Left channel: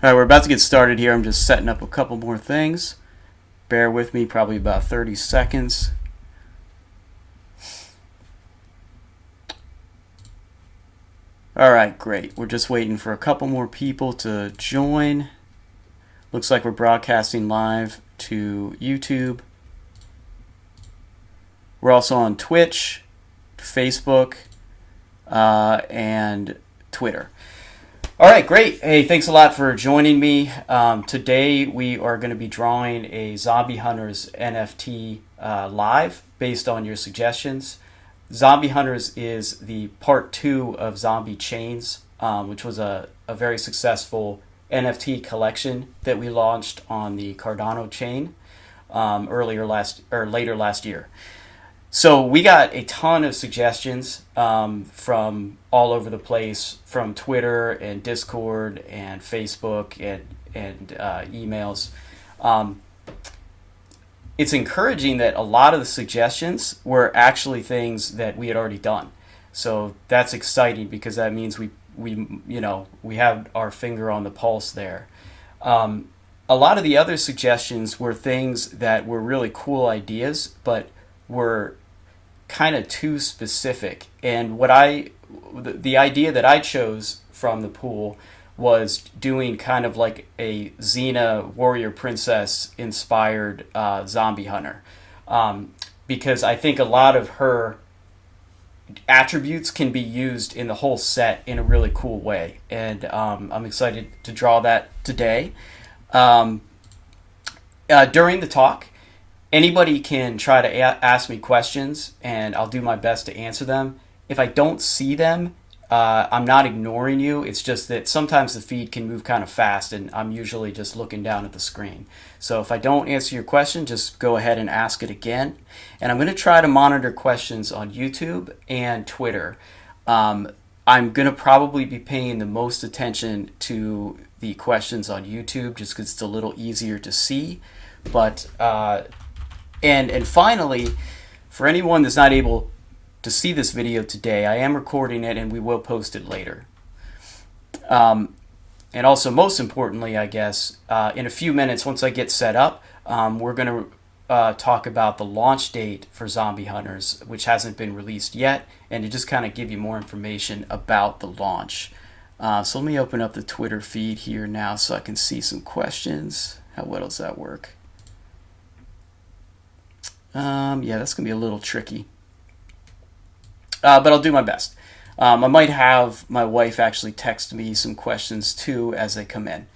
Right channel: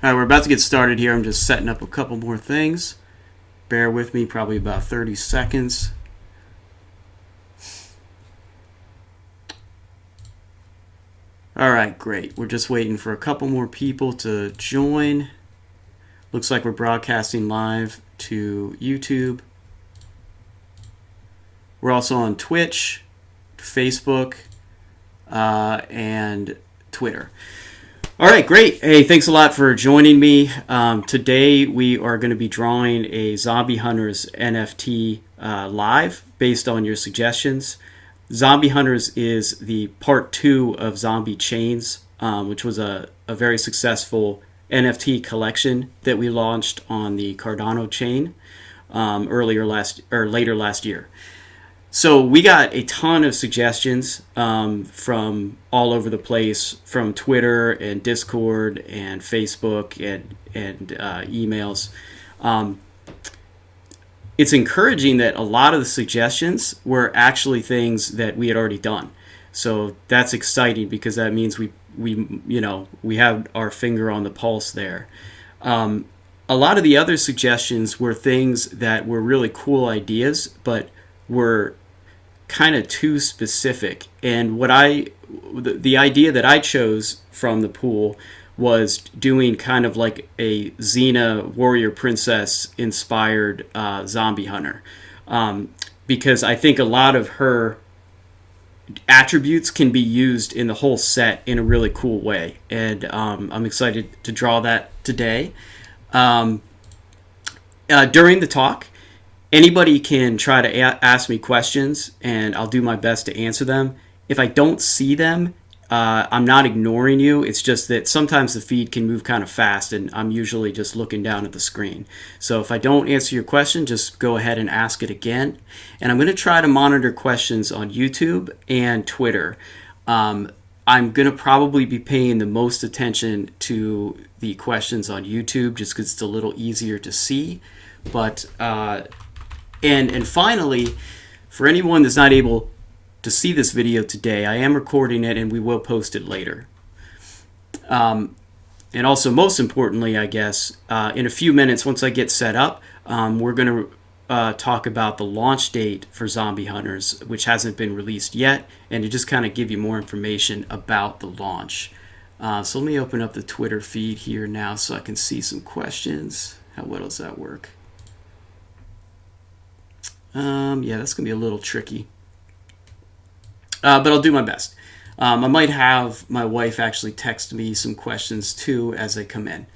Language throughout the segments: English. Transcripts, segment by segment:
All right, we're about to get started here. I'm just setting up a couple more things. Bear with me, probably about 30 seconds. All right, great. We're just waiting for a couple more people to join. Looks like we're broadcasting live to YouTube. We're also on Twitch, Facebook, and Twitter. All right, great. Hey, thanks a lot for joining me. Today we are going to be drawing a Zombie Hunters NFT live based on your suggestions. Zombie Hunters is the part 2 of Zombie Chains, which was a very successful NFT collection that we launched on the Cardano chain later last year. So we got a ton of suggestions from all over the place, from Twitter and Discord and Facebook and emails. It's encouraging that a lot of the suggestions were actually things that we had already done. So that's exciting because that means we have our finger on the pulse there. A lot of the other suggestions were things that were really cool ideas, but were kind of too specific. And the idea that I chose from the pool was doing kind of like a Xena warrior princess inspired zombie hunter, because I think a lot of her attributes can be used in the whole set in a really cool way, and I'm excited to draw that today. During the talk, anybody can try to ask me questions, and I'll do my best to answer them. If I don't see them, I'm not ignoring you. It's just that sometimes the feed can move kind of fast, and I'm usually just looking down at the screen. So if I don't answer your question, just go ahead and ask it again. And I'm going to try to monitor questions on YouTube and Twitter. I'm going to probably be paying the most attention to the questions on YouTube just because it's a little easier to see. But and finally, for anyone that's not able to see this video today, I am recording it and we will post it later. And also, most importantly, I guess, in a few minutes, once I get set up, we're going to talk about the launch date for Zombie Hunters, which hasn't been released yet, and to just kind of give you more information about the launch. So let me open up the Twitter feed here now so I can see some questions. How well does that work? Yeah, that's going to be a little tricky. But I'll do my best. I might have my wife actually text me some questions too as they come in.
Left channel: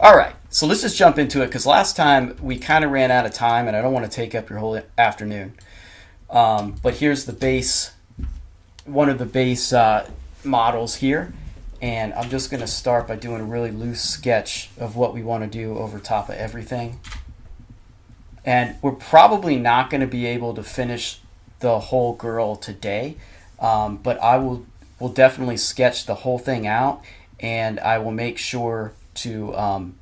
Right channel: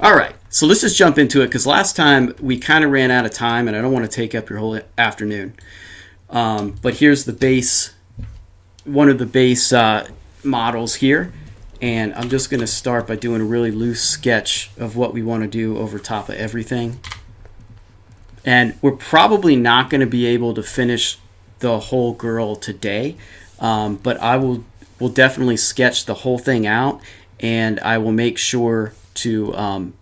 All right, so let's just jump into it because last time we kind of ran out of time and I don't want to take up your whole afternoon. But here's the base, one of the base models here. And I'm just going to start by doing a really loose sketch of what we want to do over top of everything. And we're probably not going to be able to finish the whole girl today, but I will definitely sketch the whole thing out, and I will make sure to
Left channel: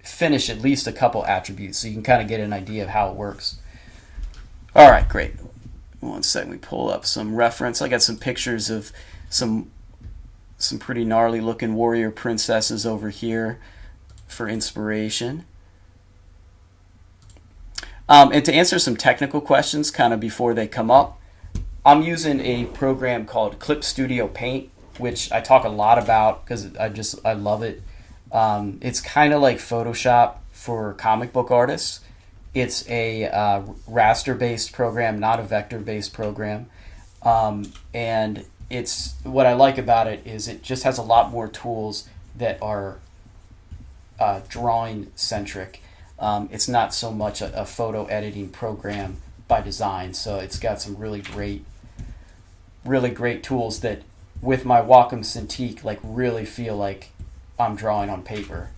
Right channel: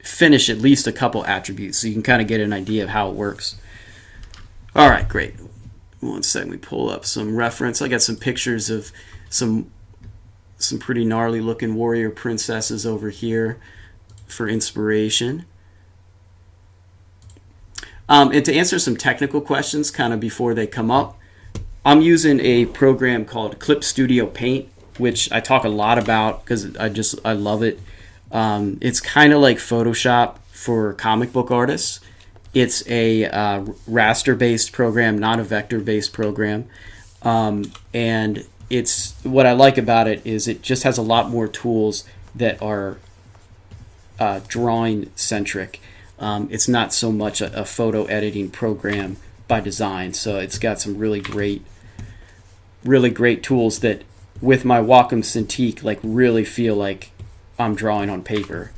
finish at least a couple attributes so you can kind of get an idea of how it works. All right, great. One second, we pull up some reference. I got some pictures of some pretty gnarly looking warrior princesses over here for inspiration. And to answer some technical questions kind of before they come up, I'm using a program called Clip Studio Paint, which I talk a lot about because I love it. It's kind of like Photoshop for comic book artists. It's a raster-based program, not a vector-based program. And it's what I like about it is it just has a lot more tools that are drawing-centric. It's not so much a photo editing program by design, so it's got some really great tools that, with my Wacom Cintiq, like really feel like I'm drawing on paper.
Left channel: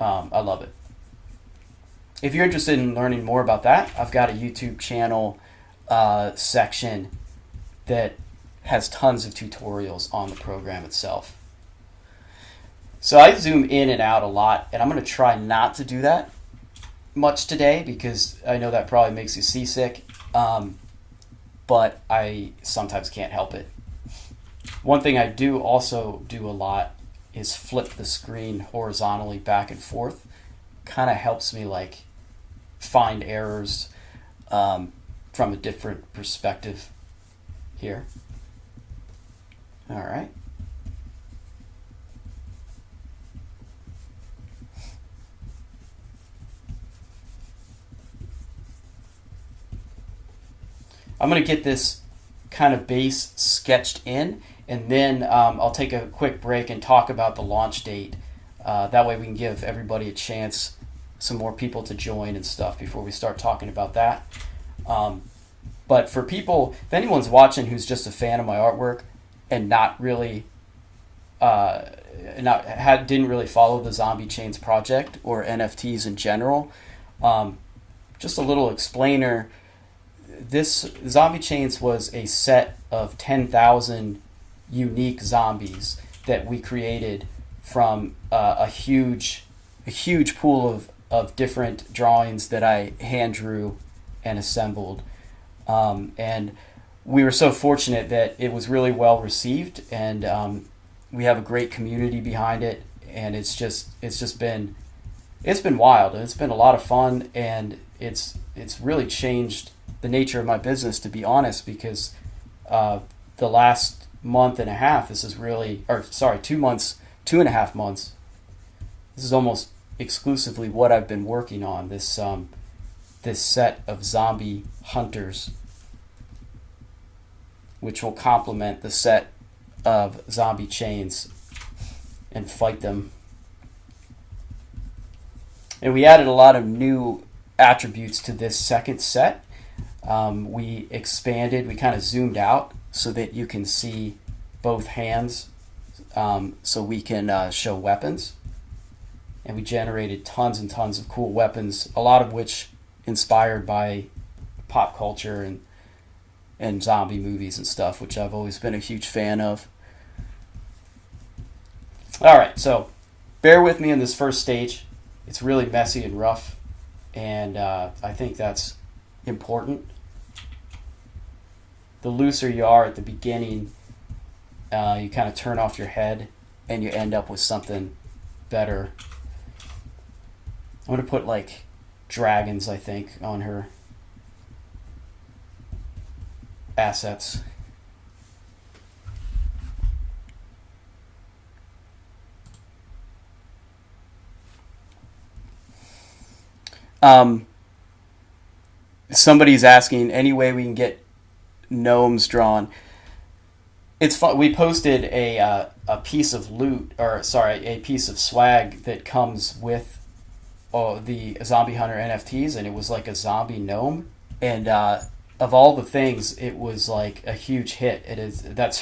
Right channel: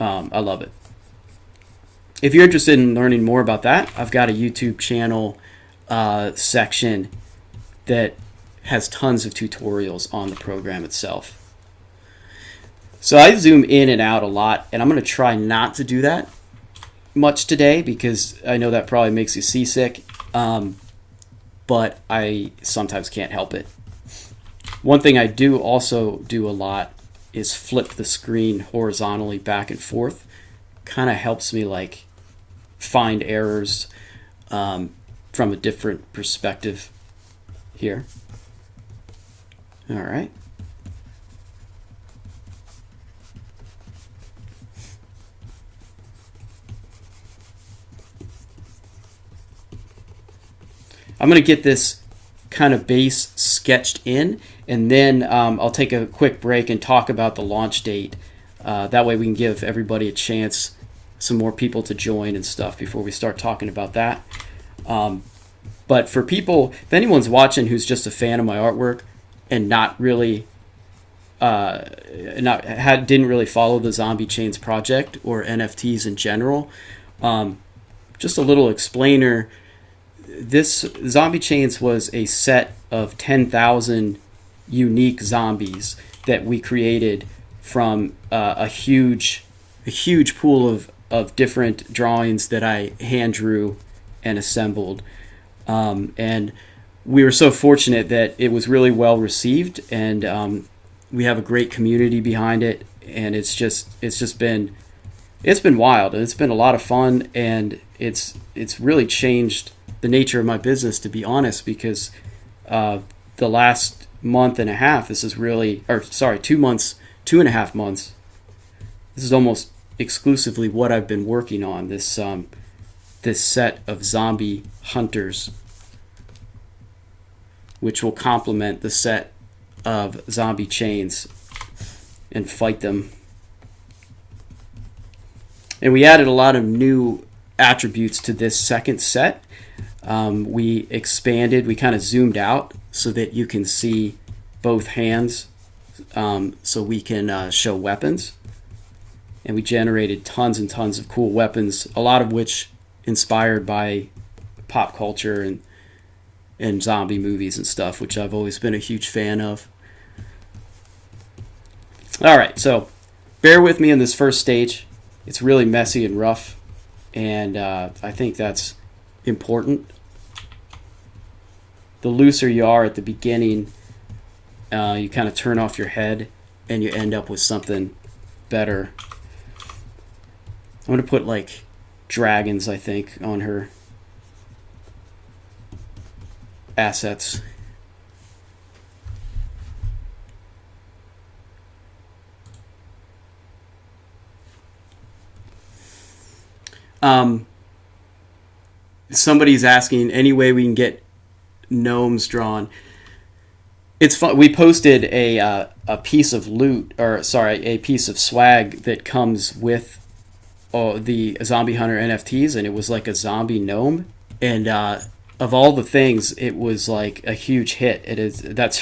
I love it. If you're interested in learning more about that, I've got a YouTube channel section that has tons of tutorials on the program itself. So I zoom in and out a lot, and I'm going to try not to do that much today because I know that probably makes you seasick, but I sometimes can't help it. One thing I do also do a lot is flip the screen horizontally back and forth. Kind of helps me like find errors from a different perspective here. All right. I'm going to get this kind of base sketched in, and then I'll take a quick break and talk about the launch date. That way we can give everybody a chance, some more people to join and stuff before we start talking about that. But for people, if anyone's watching who's just a fan of my artwork and not really, didn't really follow the Zombie Chains project or NFTs in general, just a little explainer. This Zombie Chains was a set of 10,000 unique zombies that we created from a huge pool of different drawings that I hand drew and assembled. And we were so fortunate that it was really well received, and we have a great community behind it, and it's been wild, and it's been a lot of fun, and it's really changed the nature of my business, to be honest, because the last month and a half, 2.5 months, this is almost exclusively what I've been working on, this set of zombie hunters, which will complement the set of Zombie Chains and fight them. And we added a lot of new attributes to this second set. We expanded, we kind of zoomed out so that you can see both hands, so we can show weapons. And we generated tons and tons of cool weapons, a lot of which inspired by pop culture and zombie movies and stuff, which I've always been a huge fan of. All right, so bear with me in this first stage. It's really messy and rough, and I think that's important. The looser you are at the beginning, you kind of turn off your head and you end up with something better. I'm going to put like dragons, I think, on her assets. Somebody's asking, any way we can get gnomes drawn? It's fun. We posted a piece of loot, a piece of swag that comes with the Zombie Hunter NFTs, and it was like a zombie gnome. And of all the things, it was like a huge hit. That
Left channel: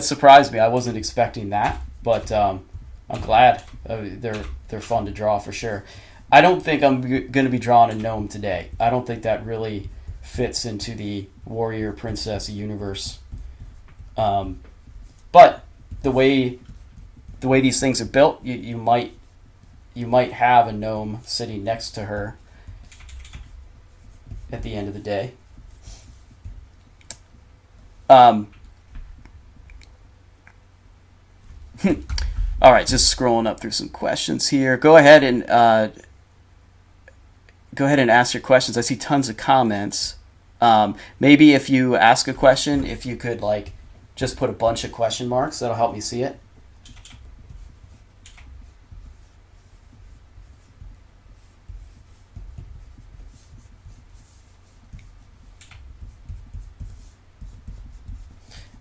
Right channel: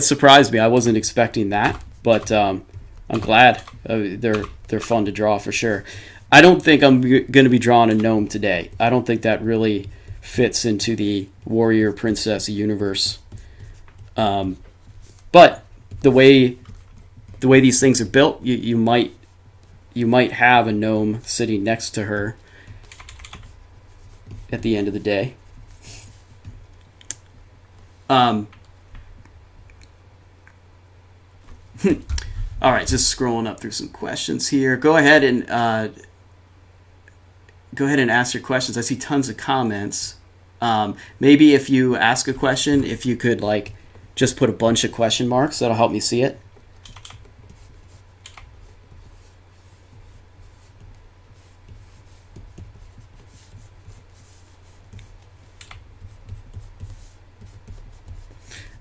surprised me. I wasn't expecting that, but I'm glad. They're fun to draw for sure. I don't think I'm going to be drawing a gnome today. I don't think that really fits into the warrior princess universe. But the way these things are built, you might have a gnome sitting next to her at the end of the day. All right, just scrolling up through some questions here. Go ahead and ask your questions. I see tons of comments. Maybe if you ask a question, if you could like just put a bunch of question marks, that'll help me see it.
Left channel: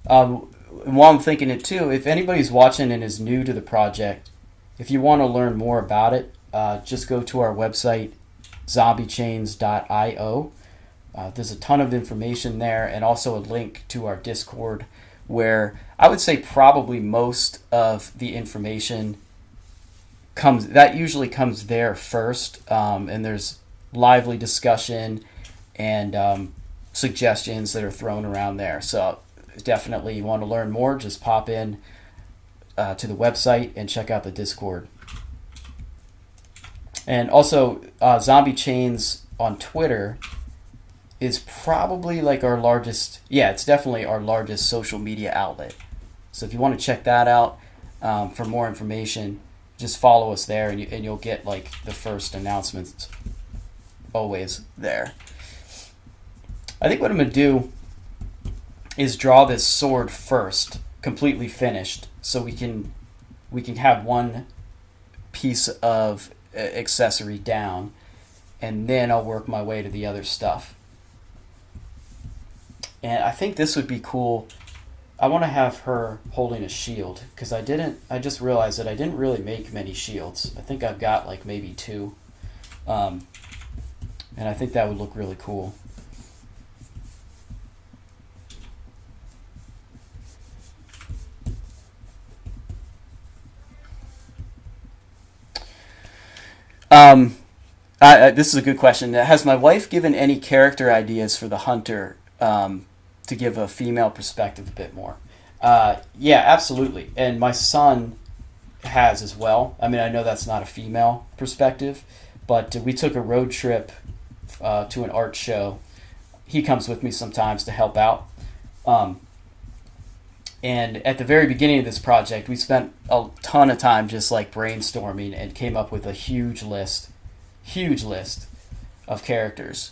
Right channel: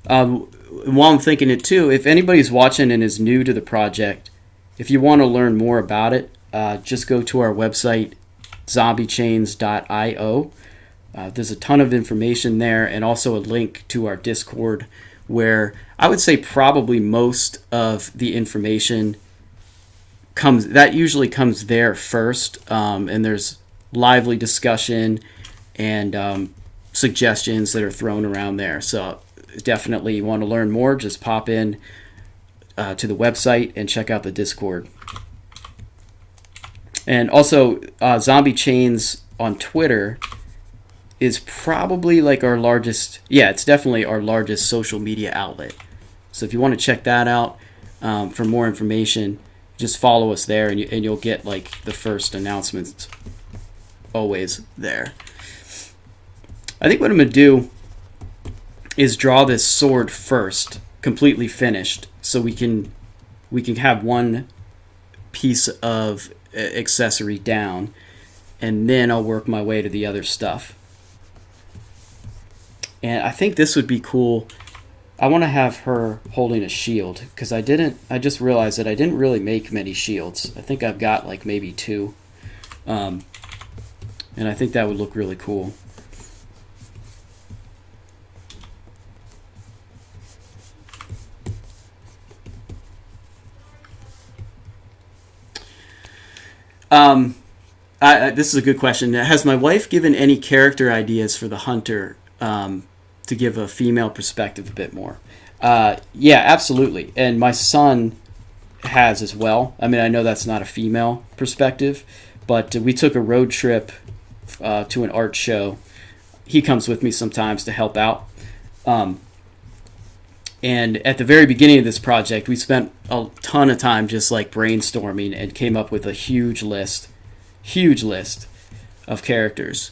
While I'm thinking it too, if anybody's watching and is new to the project, if you want to learn more about it, just go to our website, zombiechains.io. There's a ton of information there, and also a link to our Discord, where I would say probably most of the information usually comes there first, and there's lively discussion and suggestions that are thrown around there. So definitely, you want to learn more, just pop in to the website and check out the Discord. And also, Zombie Chains on Twitter is probably like our largest, it's definitely our largest social media outlet. So if you want to check that out, for more information, just follow us there, and you'll get like the first announcements always there. I think what I'm going to do is draw this sword first, completely finished, so we can have one piece of accessory down, and then I'll work my way to the other stuff. And I think this would be cool. I want to have her holding a shield, because I just realized that I didn't really make many shields. I think I've got like maybe 2. And I think that would look really cool. This is a good question. Has my wife given any character ideas for the hunter to give a female perspective a bit more? Yeah, absolutely. And my son has as well. I mean, I know that's not a female perspective, but we took a road trip to an art show. He comes with me sometimes to help out. And at the very beginning of this project, we spent a ton of time just like brainstorming and came up with a huge list of characters.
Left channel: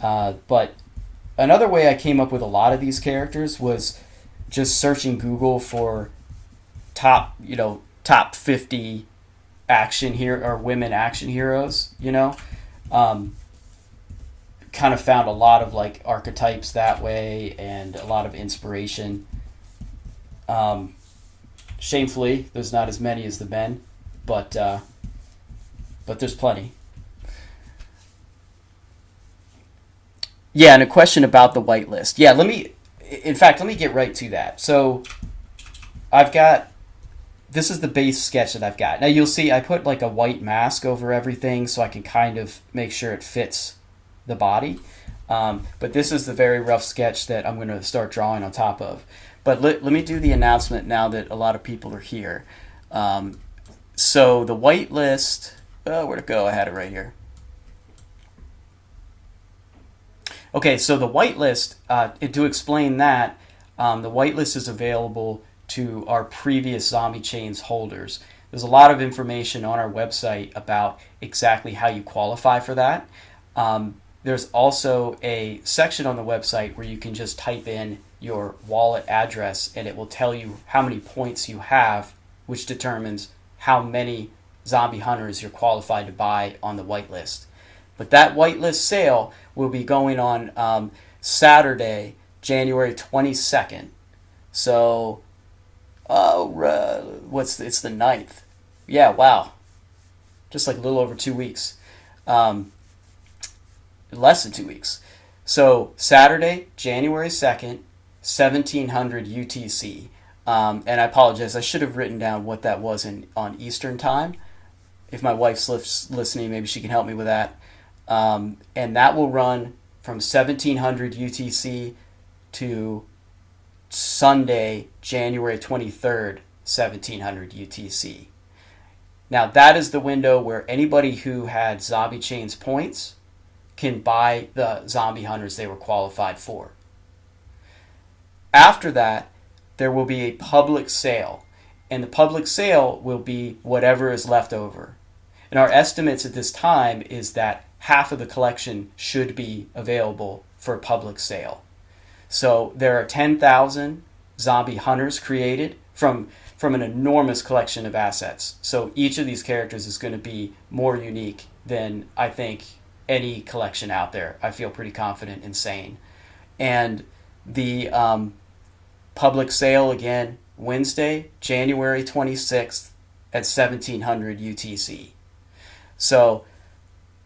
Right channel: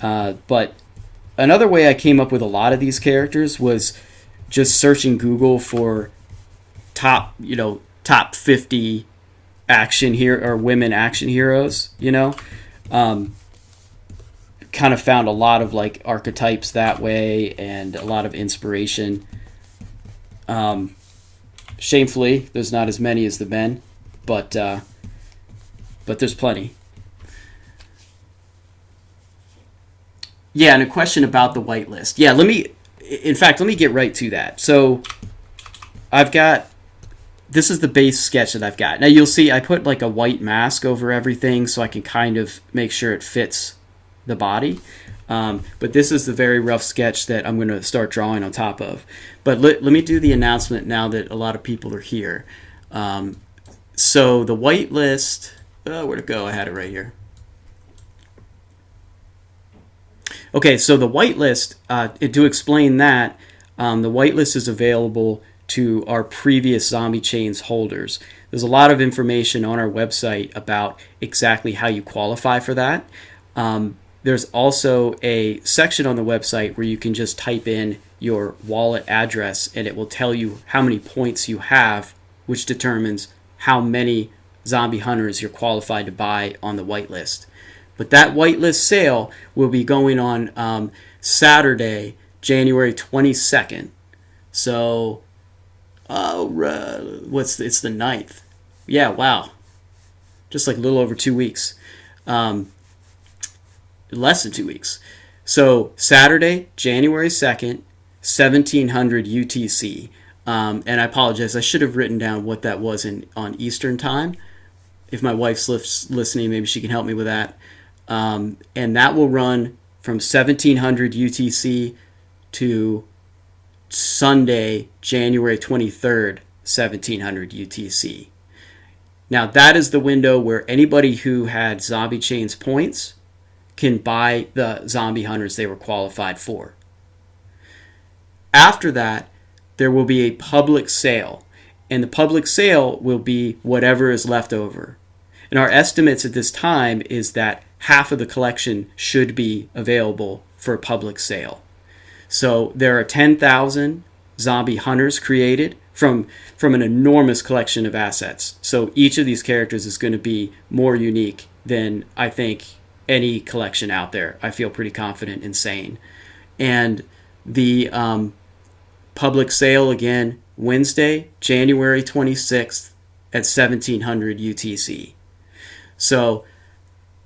But another way I came up with a lot of these characters was just searching Google for top 50 action hero or women action heroes, kind of found a lot of like archetypes that way and a lot of inspiration. Shamefully, there's not as many as the men, but there's plenty. Yeah, and a question about the whitelist. Yeah, let me get right to that. So this is the base sketch that I've got. Now you'll see I put like a white mask over everything so I can kind of make sure it fits the body. But this is the very rough sketch that I'm going to start drawing on top of. But let me do the announcement now that a lot of people are here. So the whitelist, where'd it go? I had it right here. Okay, so the whitelist, to explain that, the whitelist is available to our previous Zombie Chains holders. There's a lot of information on our website about exactly how you qualify for that. There's also a section on the website where you can just type in your wallet address and it will tell you how many points you have, which determines how many zombie hunters you're qualified to buy on the whitelist. But that whitelist sale will be going on Saturday, January 22nd. So, it's the 9th. Yeah, wow. Just like a little over 2 weeks. Less than 2 weeks. So, Saturday, January 2nd, 1700 UTC. And I apologize, I should have written down what that was on Eastern time. If my wife's listening, maybe she can help me with that. And that will run from 1700 UTC to Sunday, January 23rd, 1700 UTC. Now, that is the window where anybody who had Zombie Chains points can buy the zombie hunters they were qualified for. After that, there will be a public sale, and the public sale will be whatever is left over. And our estimates at this time is that half of the collection should be available for public sale. So there are 10,000 zombie hunters created from an enormous collection of assets. So each of these characters is going to be more unique than I think any collection out there. I feel pretty confident in saying. And the public sale again, Wednesday, January 26th at 1700 UTC. So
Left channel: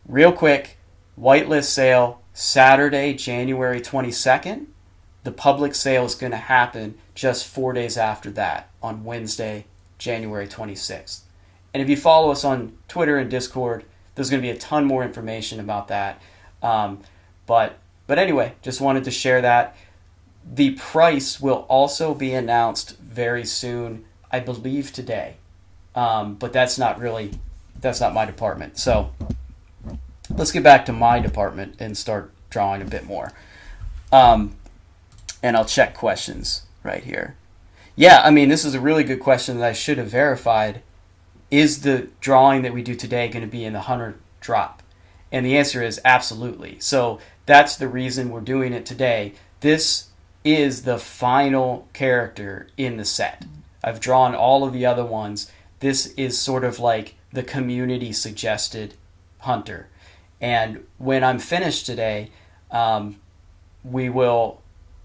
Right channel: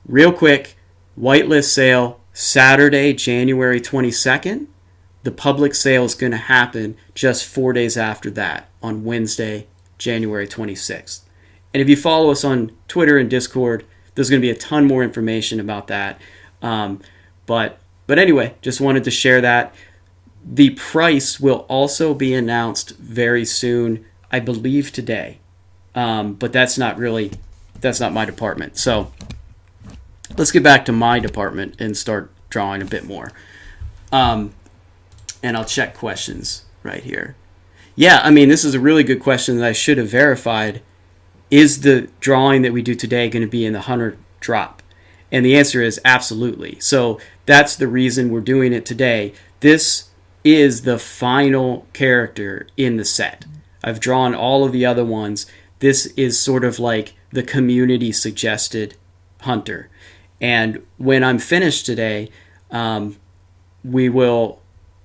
real quick, whitelist sale Saturday, January 22nd. The public sale is going to happen just 4 days after that on Wednesday, January 26th. And if you follow us on Twitter and Discord, there's going to be a ton more information about that. But anyway, just wanted to share that. The price will also be announced very soon, I believe today. But that's not my department. So let's get back to my department and start drawing a bit more. And I'll check questions right here. Yeah, I mean, this is a really good question that I should have verified. Is the drawing that we do today going to be in the 100 drop? And the answer is absolutely. So that's the reason we're doing it today. This is the final character in the set. I've drawn all of the other ones. This is sort of like the community suggested hunter. And when I'm finished today, we will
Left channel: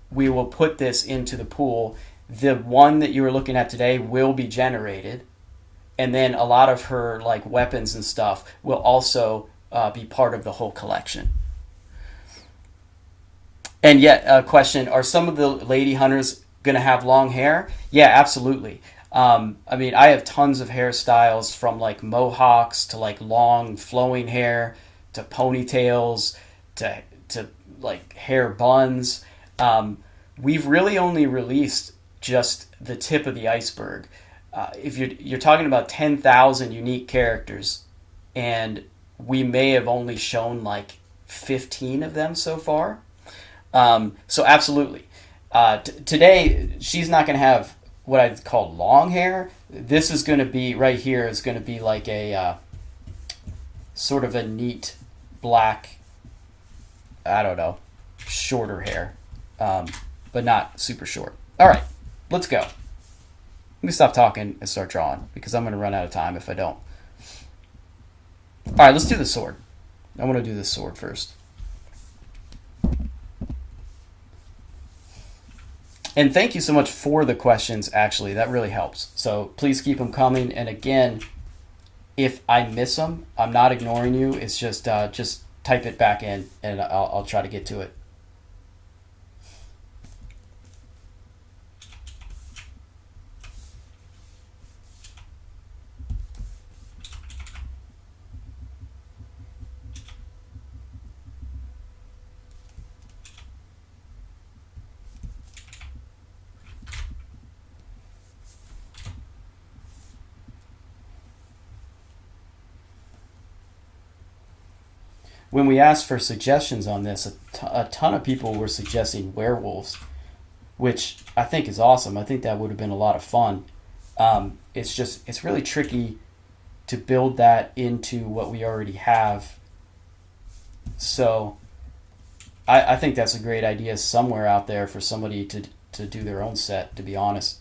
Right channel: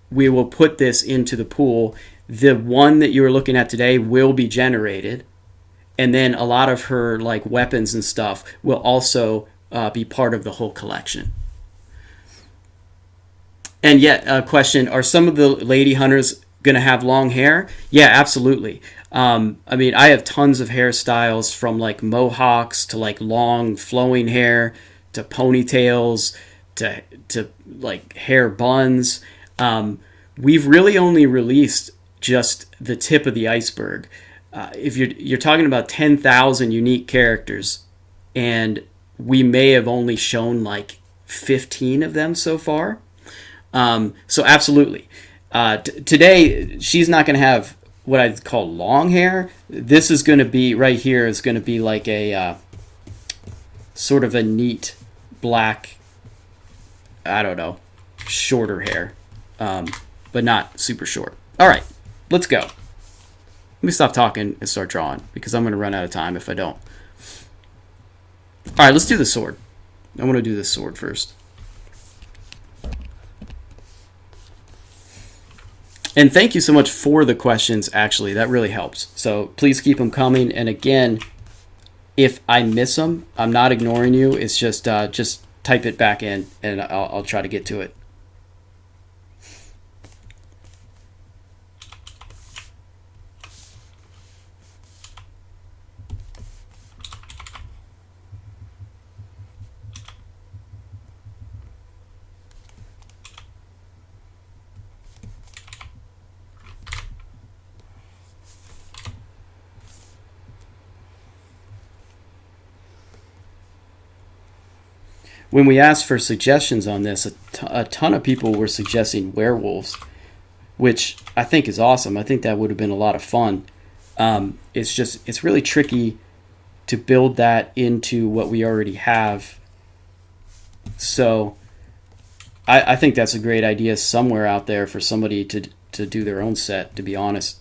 put this into the pool. The one that you were looking at today will be generated, and then a lot of her like weapons and stuff will also be part of the whole collection. And yet, a question: are some of the lady hunters going to have long hair? Yeah, absolutely. I mean, I have tons of hairstyles from like mohawks to like long flowing hair to ponytails to like hair buns. We've really only released just the tip of the iceberg. If you're talking about 10,000 unique characters, and we may have only shown like 15 of them so far. So absolutely, today she's not going to have what I'd call long hair. This is going to be right here is going to be like a sort of a neat black, I don't know, shorter hair, but not super short. All right, let's go. Let me stop talking and start drawing because I'm going to run out of time if I don't. All right, let's do the sword. I want to do this sword first. And thank you so much for the questions, actually. That really helps. So please keep them coming. And again, if I miss them, I'm not ignoring you. It's just type it back in, and I'll try to get to it. When we asked for suggestions on this, a ton of people were suggesting werewolves, which I think is awesome. I think that would have been a lot of fun. It's really tricky to build that into what we already have. So I think that's a great idea somewhere out there for somebody to do their own set, to be honest.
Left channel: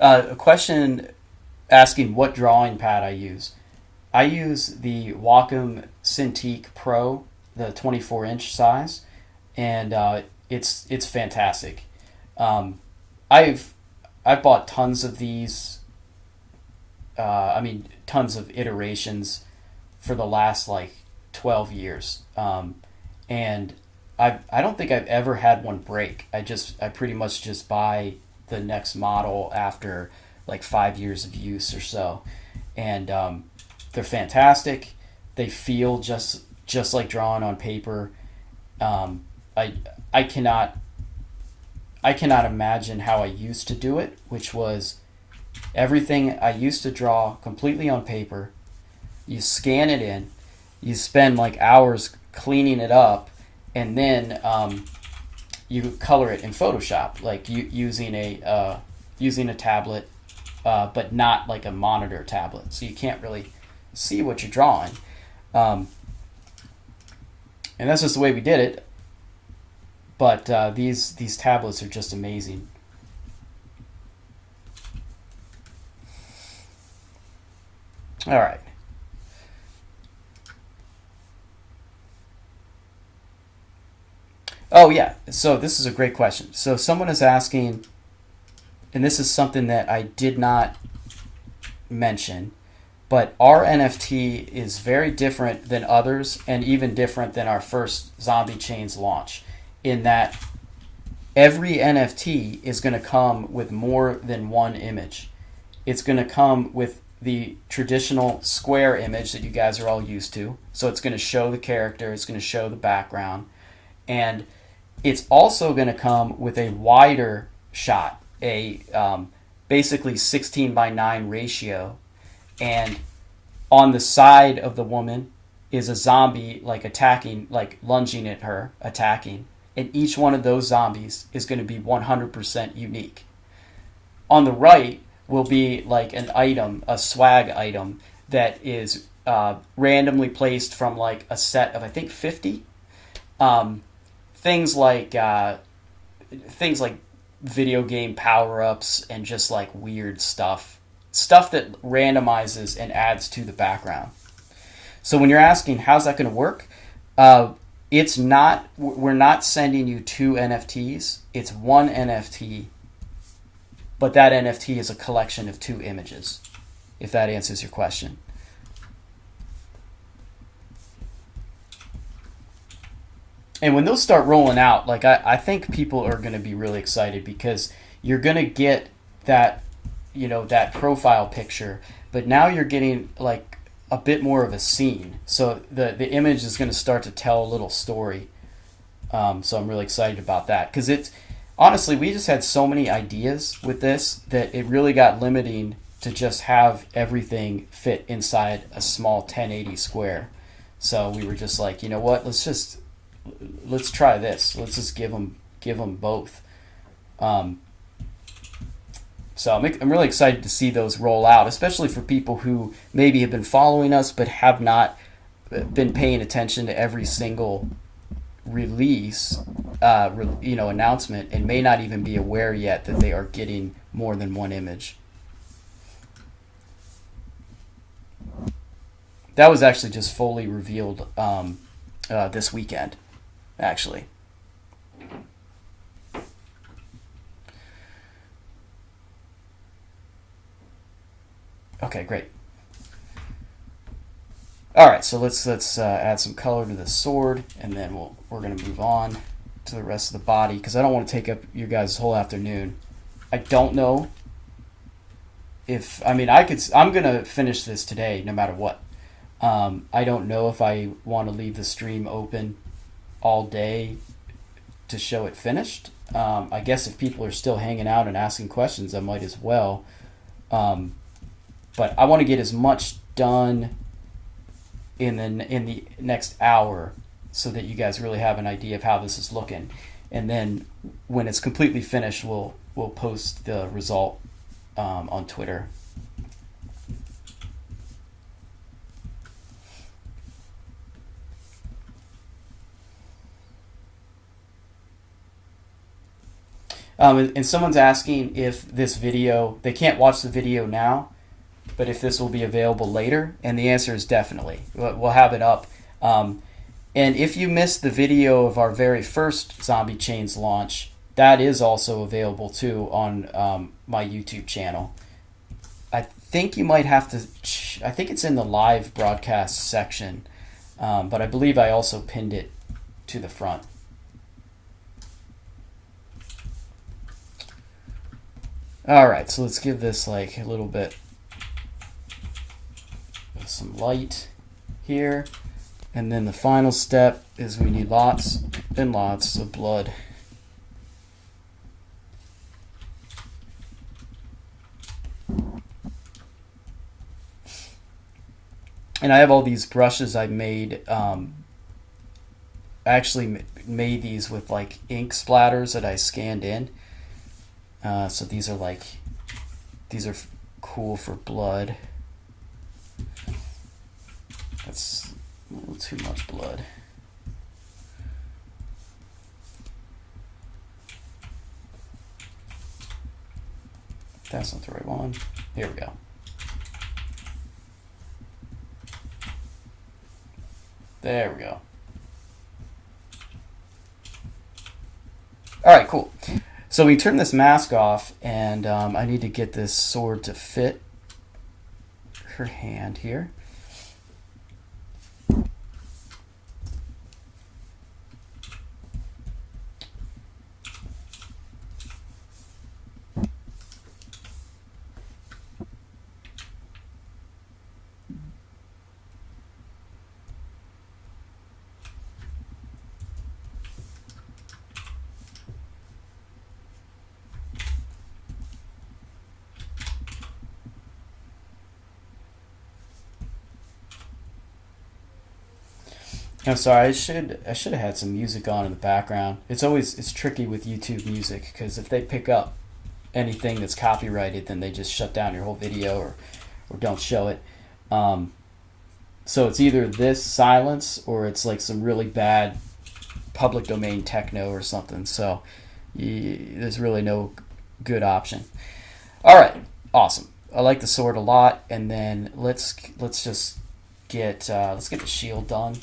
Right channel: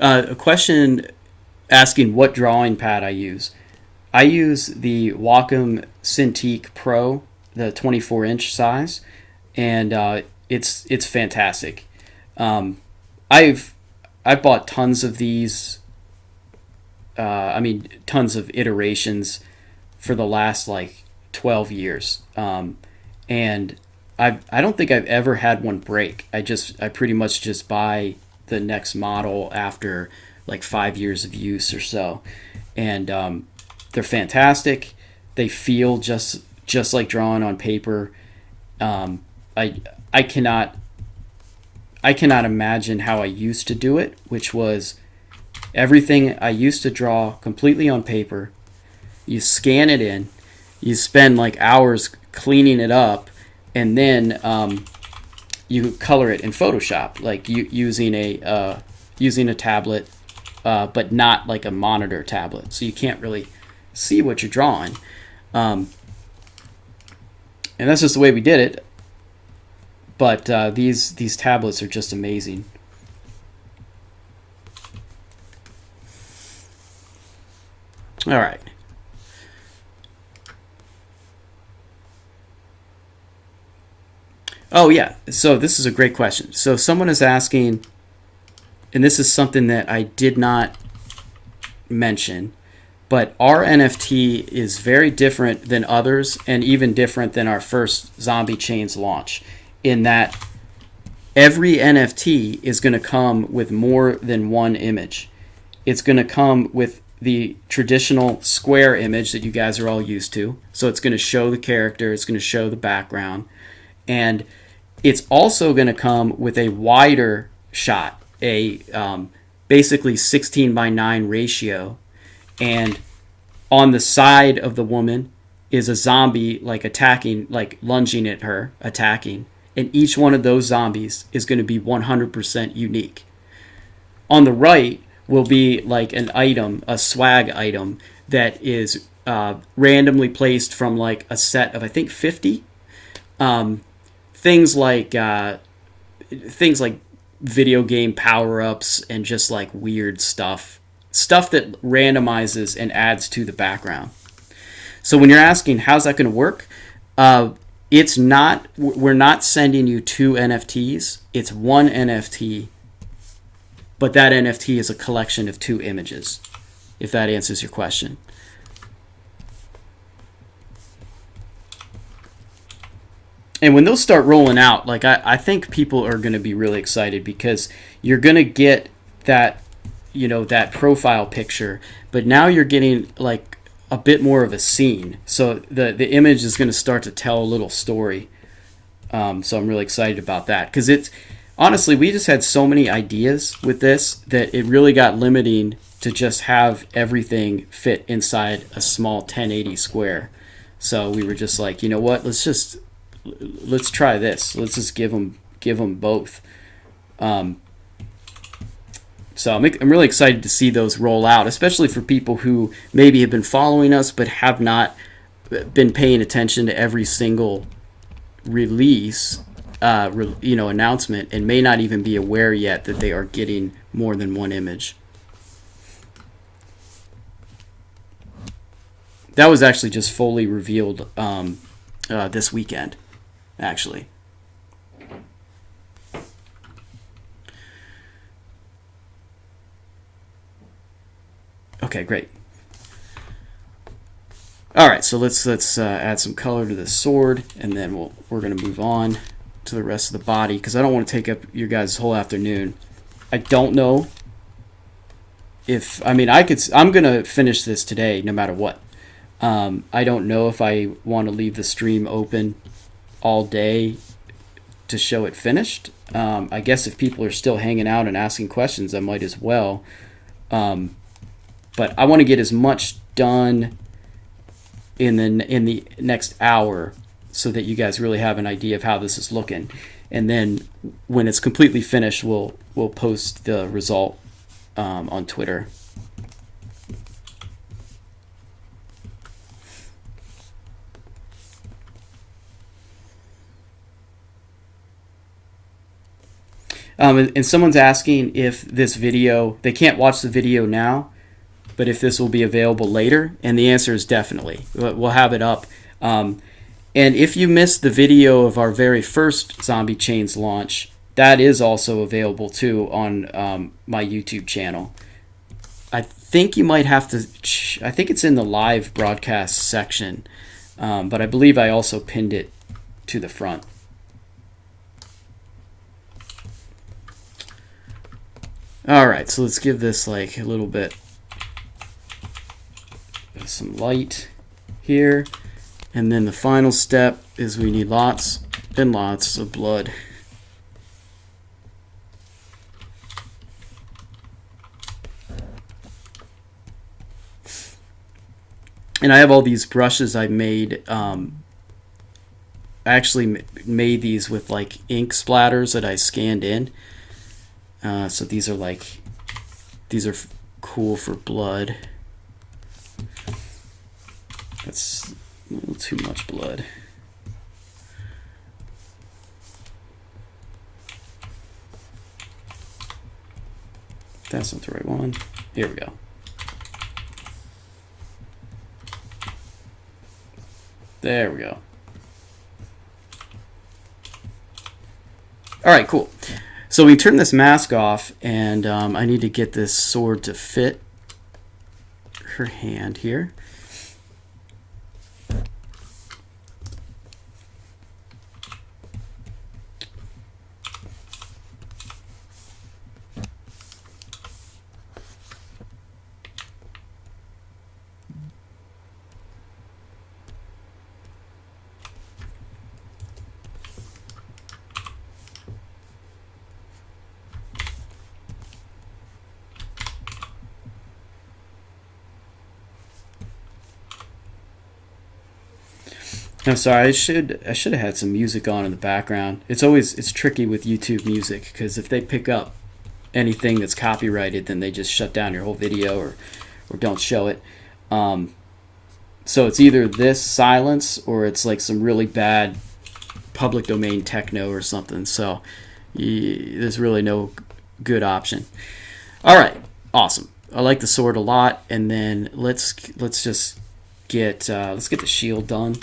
A question asking what drawing pad I use. I use the Wacom Cintiq Pro, the 24-inch size, and it's fantastic. I've bought tons of these. Tons of iterations for the last like 12 years, and I don't think I've ever had one break. I pretty much just buy the next model after like 5 years of use or so, and they're fantastic. They feel just like drawing on paper. I cannot imagine how I used to do it, which was everything I used to draw completely on paper. You scan it in, you spend like hours cleaning it up, and then you color it in Photoshop, like using a tablet, but not like a monitor tablet, so you can't really see what you're drawing. And that's just the way we did it. But these tablets are just amazing. All right. Oh, yeah. So this is a great question. So someone is asking, and this is something that I did not mention, but our NFT is very different than others and even different than our first Zombie Chains launch, in that every NFT is going to come with more than one image. It's going to come with the traditional square image that you guys are all used to. So it's going to show the character, it's going to show the background, and it's also going to come with a wider shot, a basically 16:9 ratio, and on the side of the woman is a zombie like attacking, like lunging at her, attacking, and each one of those zombies is going to be 100% unique. On the right will be like an item, a swag item that is randomly placed from like a set of, I think, 50. Things like video game power-ups and just like weird stuff that randomizes and adds to the background. So when you're asking how's that going to work, we're not sending you 2 NFTs. It's 1 NFT, but that NFT is a collection of 2 images, if that answers your question. And when those start rolling out, like I think people are going to be really excited, because you're going to get that, that profile picture, but now you're getting like a bit more of a scene. So the image is going to start to tell a little story. So I'm really excited about that, because it's honestly, we just had so many ideas with this that it really got limiting to just have everything fit inside a small 1080 square. So we were just like, you know what, let's try this. Let's just give them both. So I'm really excited to see those roll out, especially for people who maybe have been following us but have not been paying attention to every single release, announcement, and may not even be aware yet that they are getting more than 1 image. That was actually just fully revealed this weekend, actually. Okay, great. All right, so let's add some color to this sword, and then we're going to move on to the rest of the body, because I don't want to take up your guys' whole afternoon. I don't know if, I'm going to finish this today no matter what. I don't know if I want to leave the stream open all day to show it finished. I guess if people are still hanging out and asking questions, I might as well. But I want to get as much done in the next hour, so that you guys really have an idea of how this is looking. And then when it's completely finished, we'll post the result on Twitter. And someone's asking if this video, they can't watch the video now, but if this will be available later, and the answer is definitely. We'll have it up. And if you missed the video of our very first Zombie Chains launch, that is also available too on my YouTube channel. I think you might have to, I think it's in the live broadcast section, but I believe I also pinned it to the front. All right, so let's give this like a little bit of some light here. And then the final step is we need lots and lots of blood. And I have all these brushes I made. I actually made these with like ink splatters that I scanned in. So these are cool for blood. That's a little too much blood. That's not the right one. Here we go. There we go. All right, cool. So we turn this mask off, and I need to get this sword to fit her hand here. I'm sorry. I should have had some music on in the background. It's tricky with YouTube Music because if they pick up anything that's copyrighted, then they just shut down your whole video or don't show it. Um, so it's either this silence or it's like some really bad public domain techno or something. So there's really no good option. All right, awesome. I like the sword a lot, and then let's just let's get the shield done.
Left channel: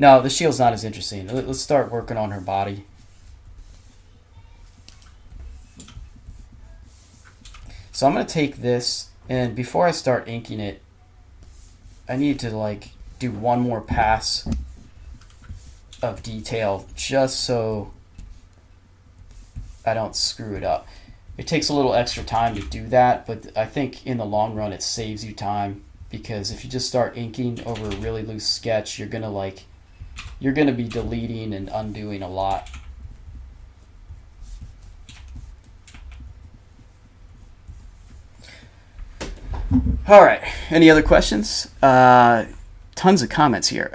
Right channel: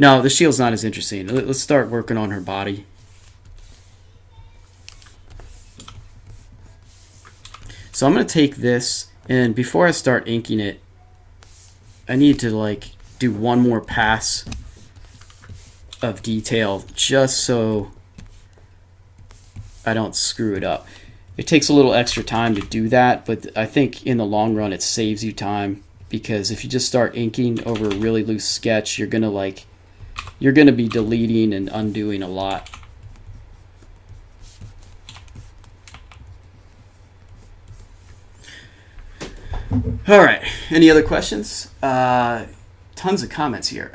No, the shield's not as interesting. Let's start working on her body. So I'm going to take this, and before I start inking it, I need to like do one more pass of detail just so I don't screw it up. It takes a little extra time to do that, but I think in the long run it saves you time, because if you just start inking over a really loose sketch, you're going to be deleting and undoing a lot. All right. Any other questions? Tons of comments here.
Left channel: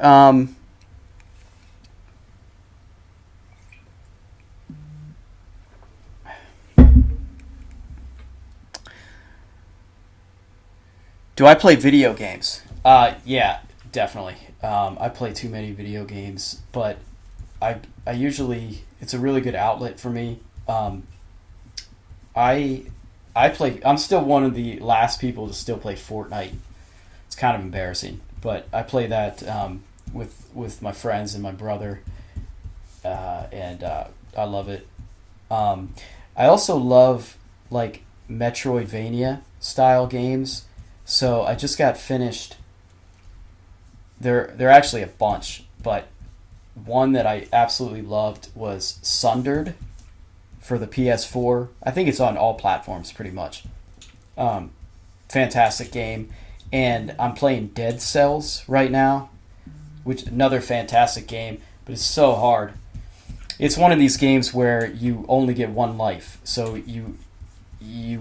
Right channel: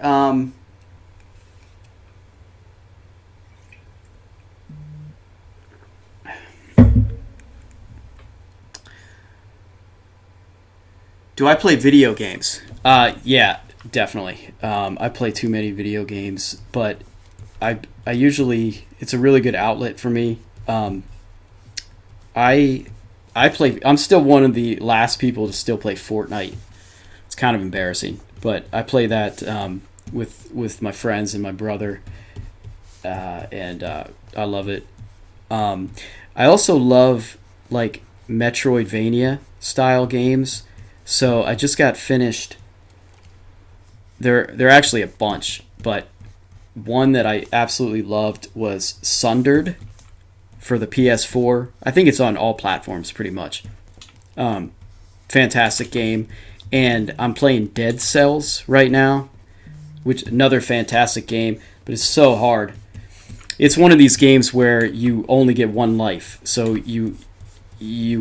Do I play video games? Yeah, definitely. I play too many video games, but I usually, it's a really good outlet for me. I I'm still one of the last people to still play Fortnite. It's kind of embarrassing, but I play that with my friends and my brother, and I love it. I also love like Metroidvania style games. So I just got finished. There are actually a bunch, but one that I absolutely loved was Sundered for the PS4. I think it's on all platforms pretty much. Fantastic game. And I'm playing Dead Cells right now, which another fantastic game, but it's so hard. It's one of these games where you only get one life, so you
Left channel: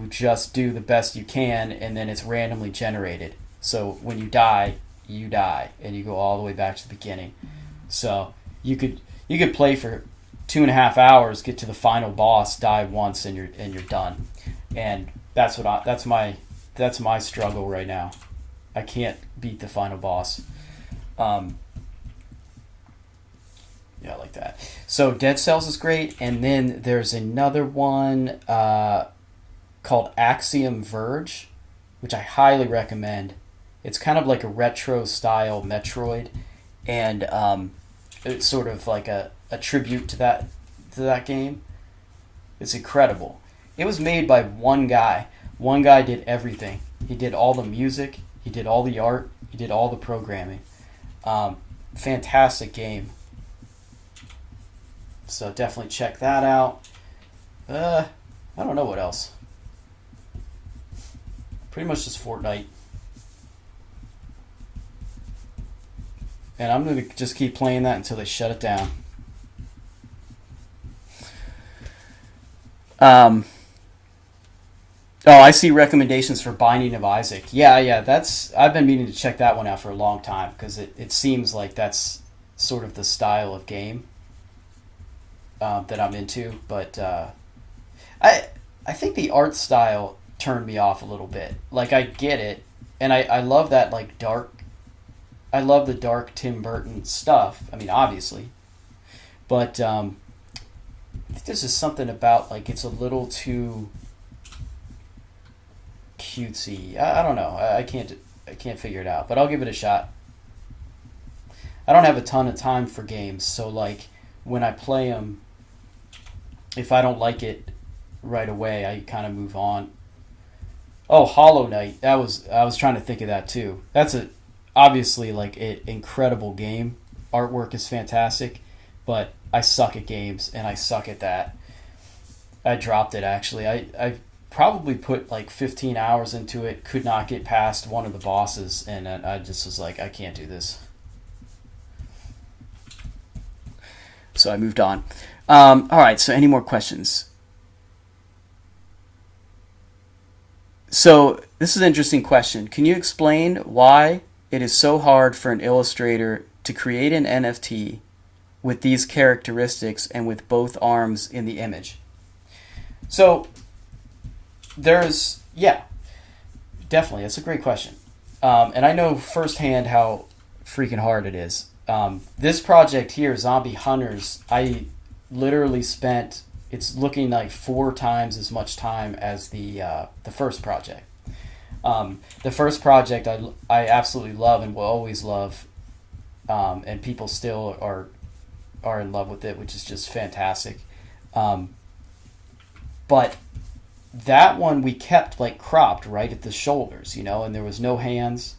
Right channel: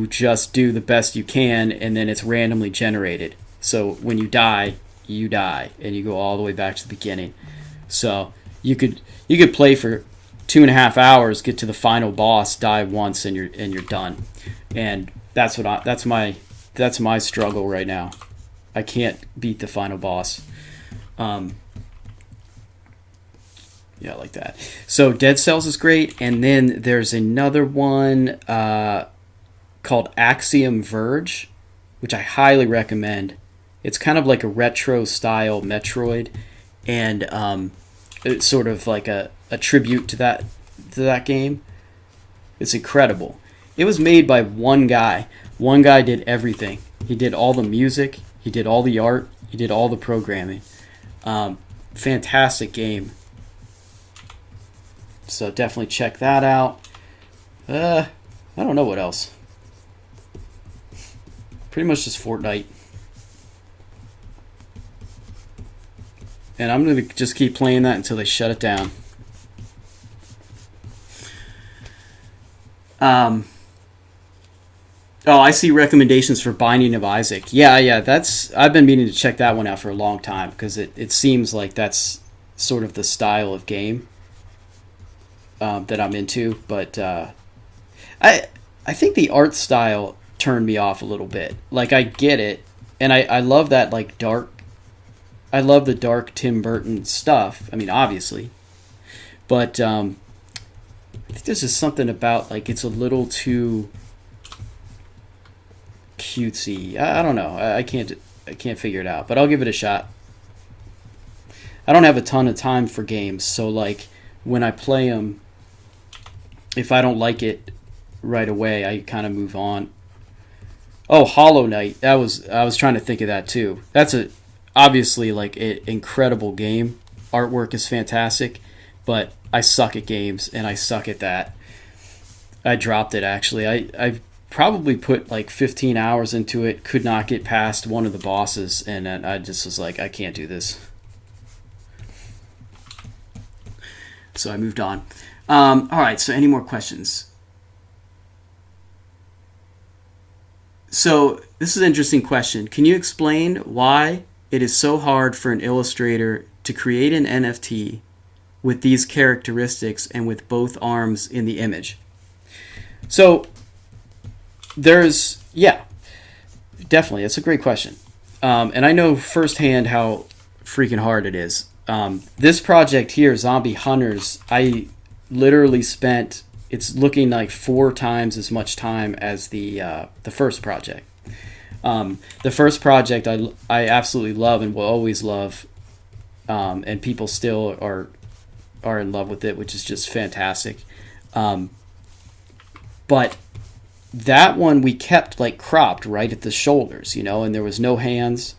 just do the best you can, and then it's randomly generated. So when you die, and you go all the way back to the beginning. So you could play for 2.5 hours, get to the final boss, die once, and you're done. And that's my struggle right now. I can't beat the final boss. Yeah, like that. So Dead Cells is great, and then there's another one called Axiom Verge, which I highly recommend. It's kind of like a retro style Metroid, and it's sort of like a tribute to that game. It's incredible. It was made by one guy. One guy did everything. He did all the music. He did all the art. He did all the programming. Fantastic game. So definitely check that out. I don't know what else. Pretty much just Fortnite. And I'm going to just keep playing that until they shut it down. Oh, I see recommendations for Binding of Isaac. Yeah, I've been meaning to check that one out for a long time, because it seems like that's sort of the style of game that I'm into. But I think the art style turned me off a little bit. Like, I get it, and I love that like dark. I love the dark Tim Burton stuff. I mean, obviously, but I think there's just something about like it's a little too cutesy. I don't know. I can't figure it out, but I'll give it a shot. I don't have a ton of time for games, so like when I play them, if I don't like it right away, I kind of move on. Oh, Hollow Knight. I was trying to think of that too. That's obviously like an incredible game. Artwork is fantastic, but I suck at games, and I suck at that. I dropped it actually. I probably put like 15 hours into it, could not get past one of the bosses, and I just was like, I can't do this. So I moved on. All right, so any more questions? So this is an interesting question. Can you explain why it is so hard for an illustrator to create an NFT with these characteristics and with both arms in the image. So there's, yeah, definitely. That's a great question. And I know firsthand how freaking hard it is. This project here, Zombie Hunters, I literally spent, it's looking like 4 times as much time as the first project. The first project I absolutely love and will always love, and people still are in love with it, which is just fantastic. But that one we kept like cropped right at the shoulders, and there was no hands,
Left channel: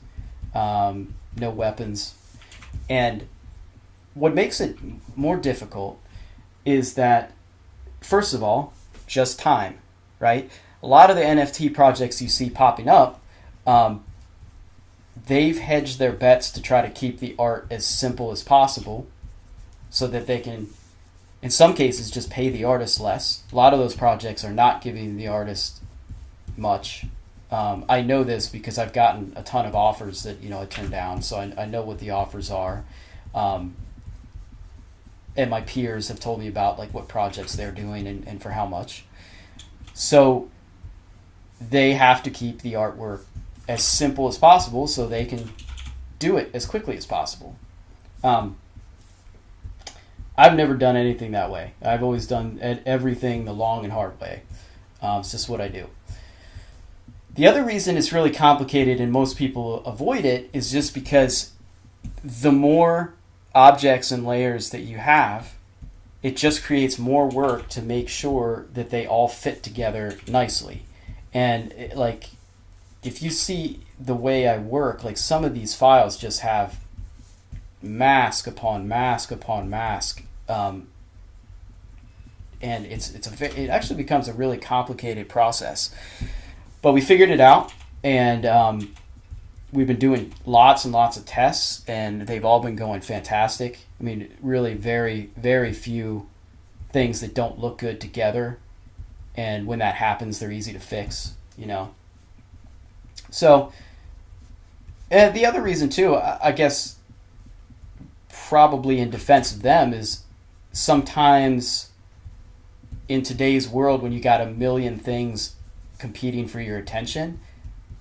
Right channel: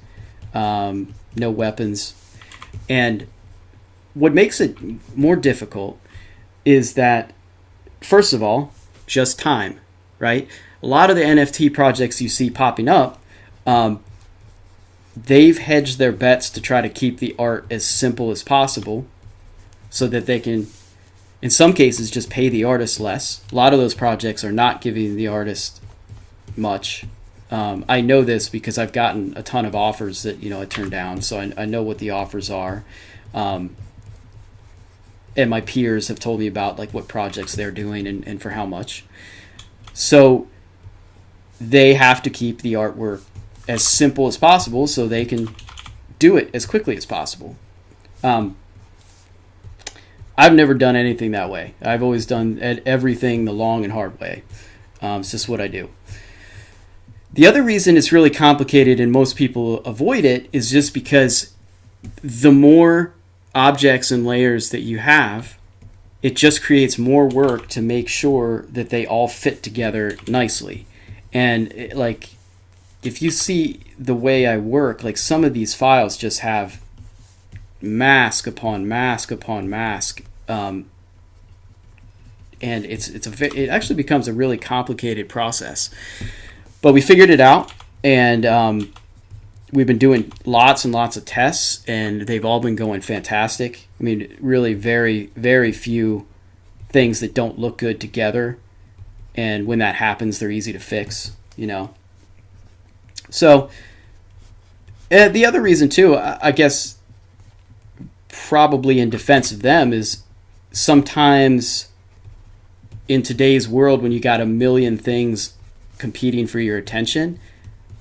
no weapons. And what makes it more difficult is that, first of all, just time, right? A lot of the NFT projects you see popping up, they've hedged their bets to try to keep the art as simple as possible so that they can, in some cases, just pay the artist less. A lot of those projects are not giving the artist much. I know this because I've gotten a ton of offers that I turned down, so I know what the offers are. And my peers have told me about like what projects they're doing and for how much. So they have to keep the artwork as simple as possible so they can do it as quickly as possible. I've never done anything that way. I've always done everything the long and hard way. It's just what I do. The other reason it's really complicated and most people avoid it is just because the more objects and layers that you have, it just creates more work to make sure that they all fit together nicely. And like, if you see the way I work, like some of these files just have mask upon mask upon mask, and it actually becomes a really complicated process. But we figured it out, and we've been doing lots and lots of tests, and they've all been going fantastic. I mean, really very, very few things that don't look good together, and when that happens, they're easy to fix, So, the other reason, too, I guess, probably in defense of them, is sometimes in today's world when you got a million things competing for your attention,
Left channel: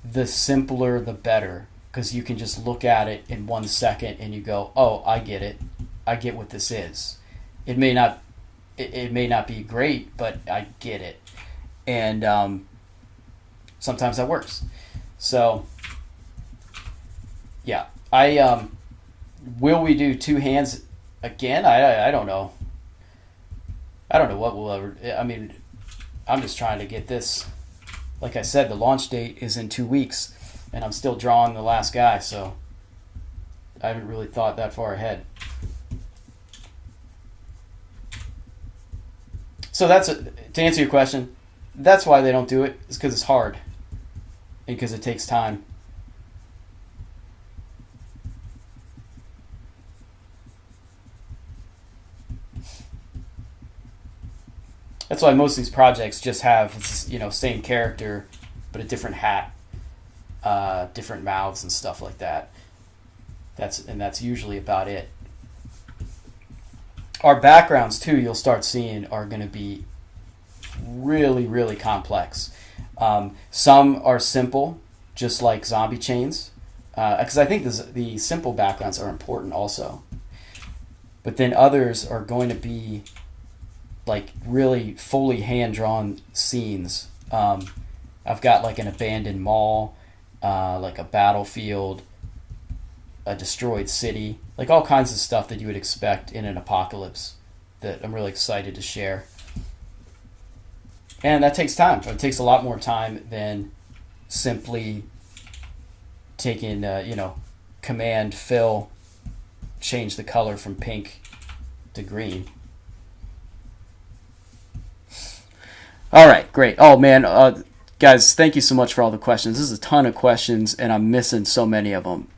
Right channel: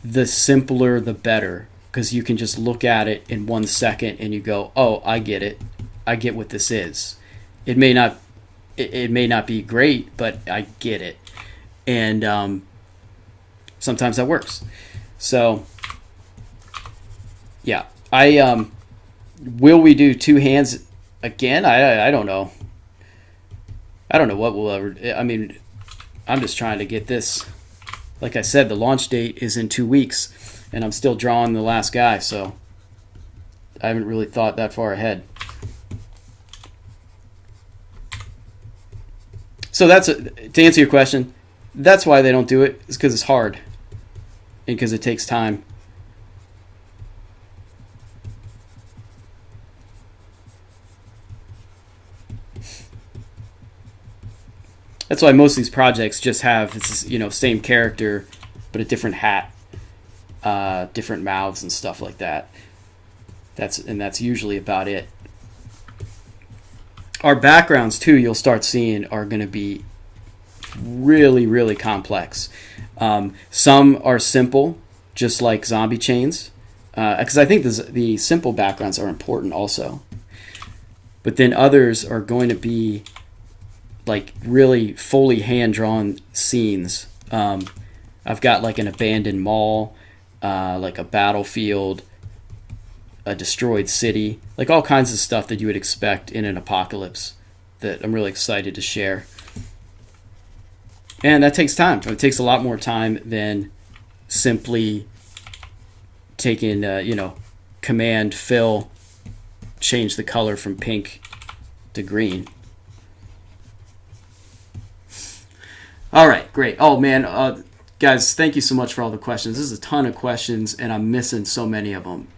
the simpler the better, because you can just look at it in 1 second and you go, oh, I get it. I get what this is. It may not be great, but I get it. And sometimes that works. So yeah, will we do 2 hands again? I don't know. I don't know what we'll ever. I mean, I'm just trying to get this. Like I said, the launch date is in 2 weeks, and I'm still drawing the last guy, so I haven't really thought that far ahead. So to answer your question, that's why they don't do it, is because it's hard and because it takes time. That's why most of these projects just have same character, but a different hat, different mouths and stuff like that. That's usually about it. Our backgrounds too, you'll start seeing, are going to be really, really complex. Some are simple, just like zombie chains, because I think the simple backgrounds are important also. But then others are going to be like really fully hand-drawn scenes. I've got like an abandoned mall, like a battlefield, a destroyed city, like all kinds of stuff that you would expect in an apocalypse that I'm really excited to share. And that takes time. It takes a lot more time than simply taking, command fill, change the color from pink to green. All right, great. Oh, man, guys, thank you so much for all the questions. This is a ton of questions, and I'm missing so many of them.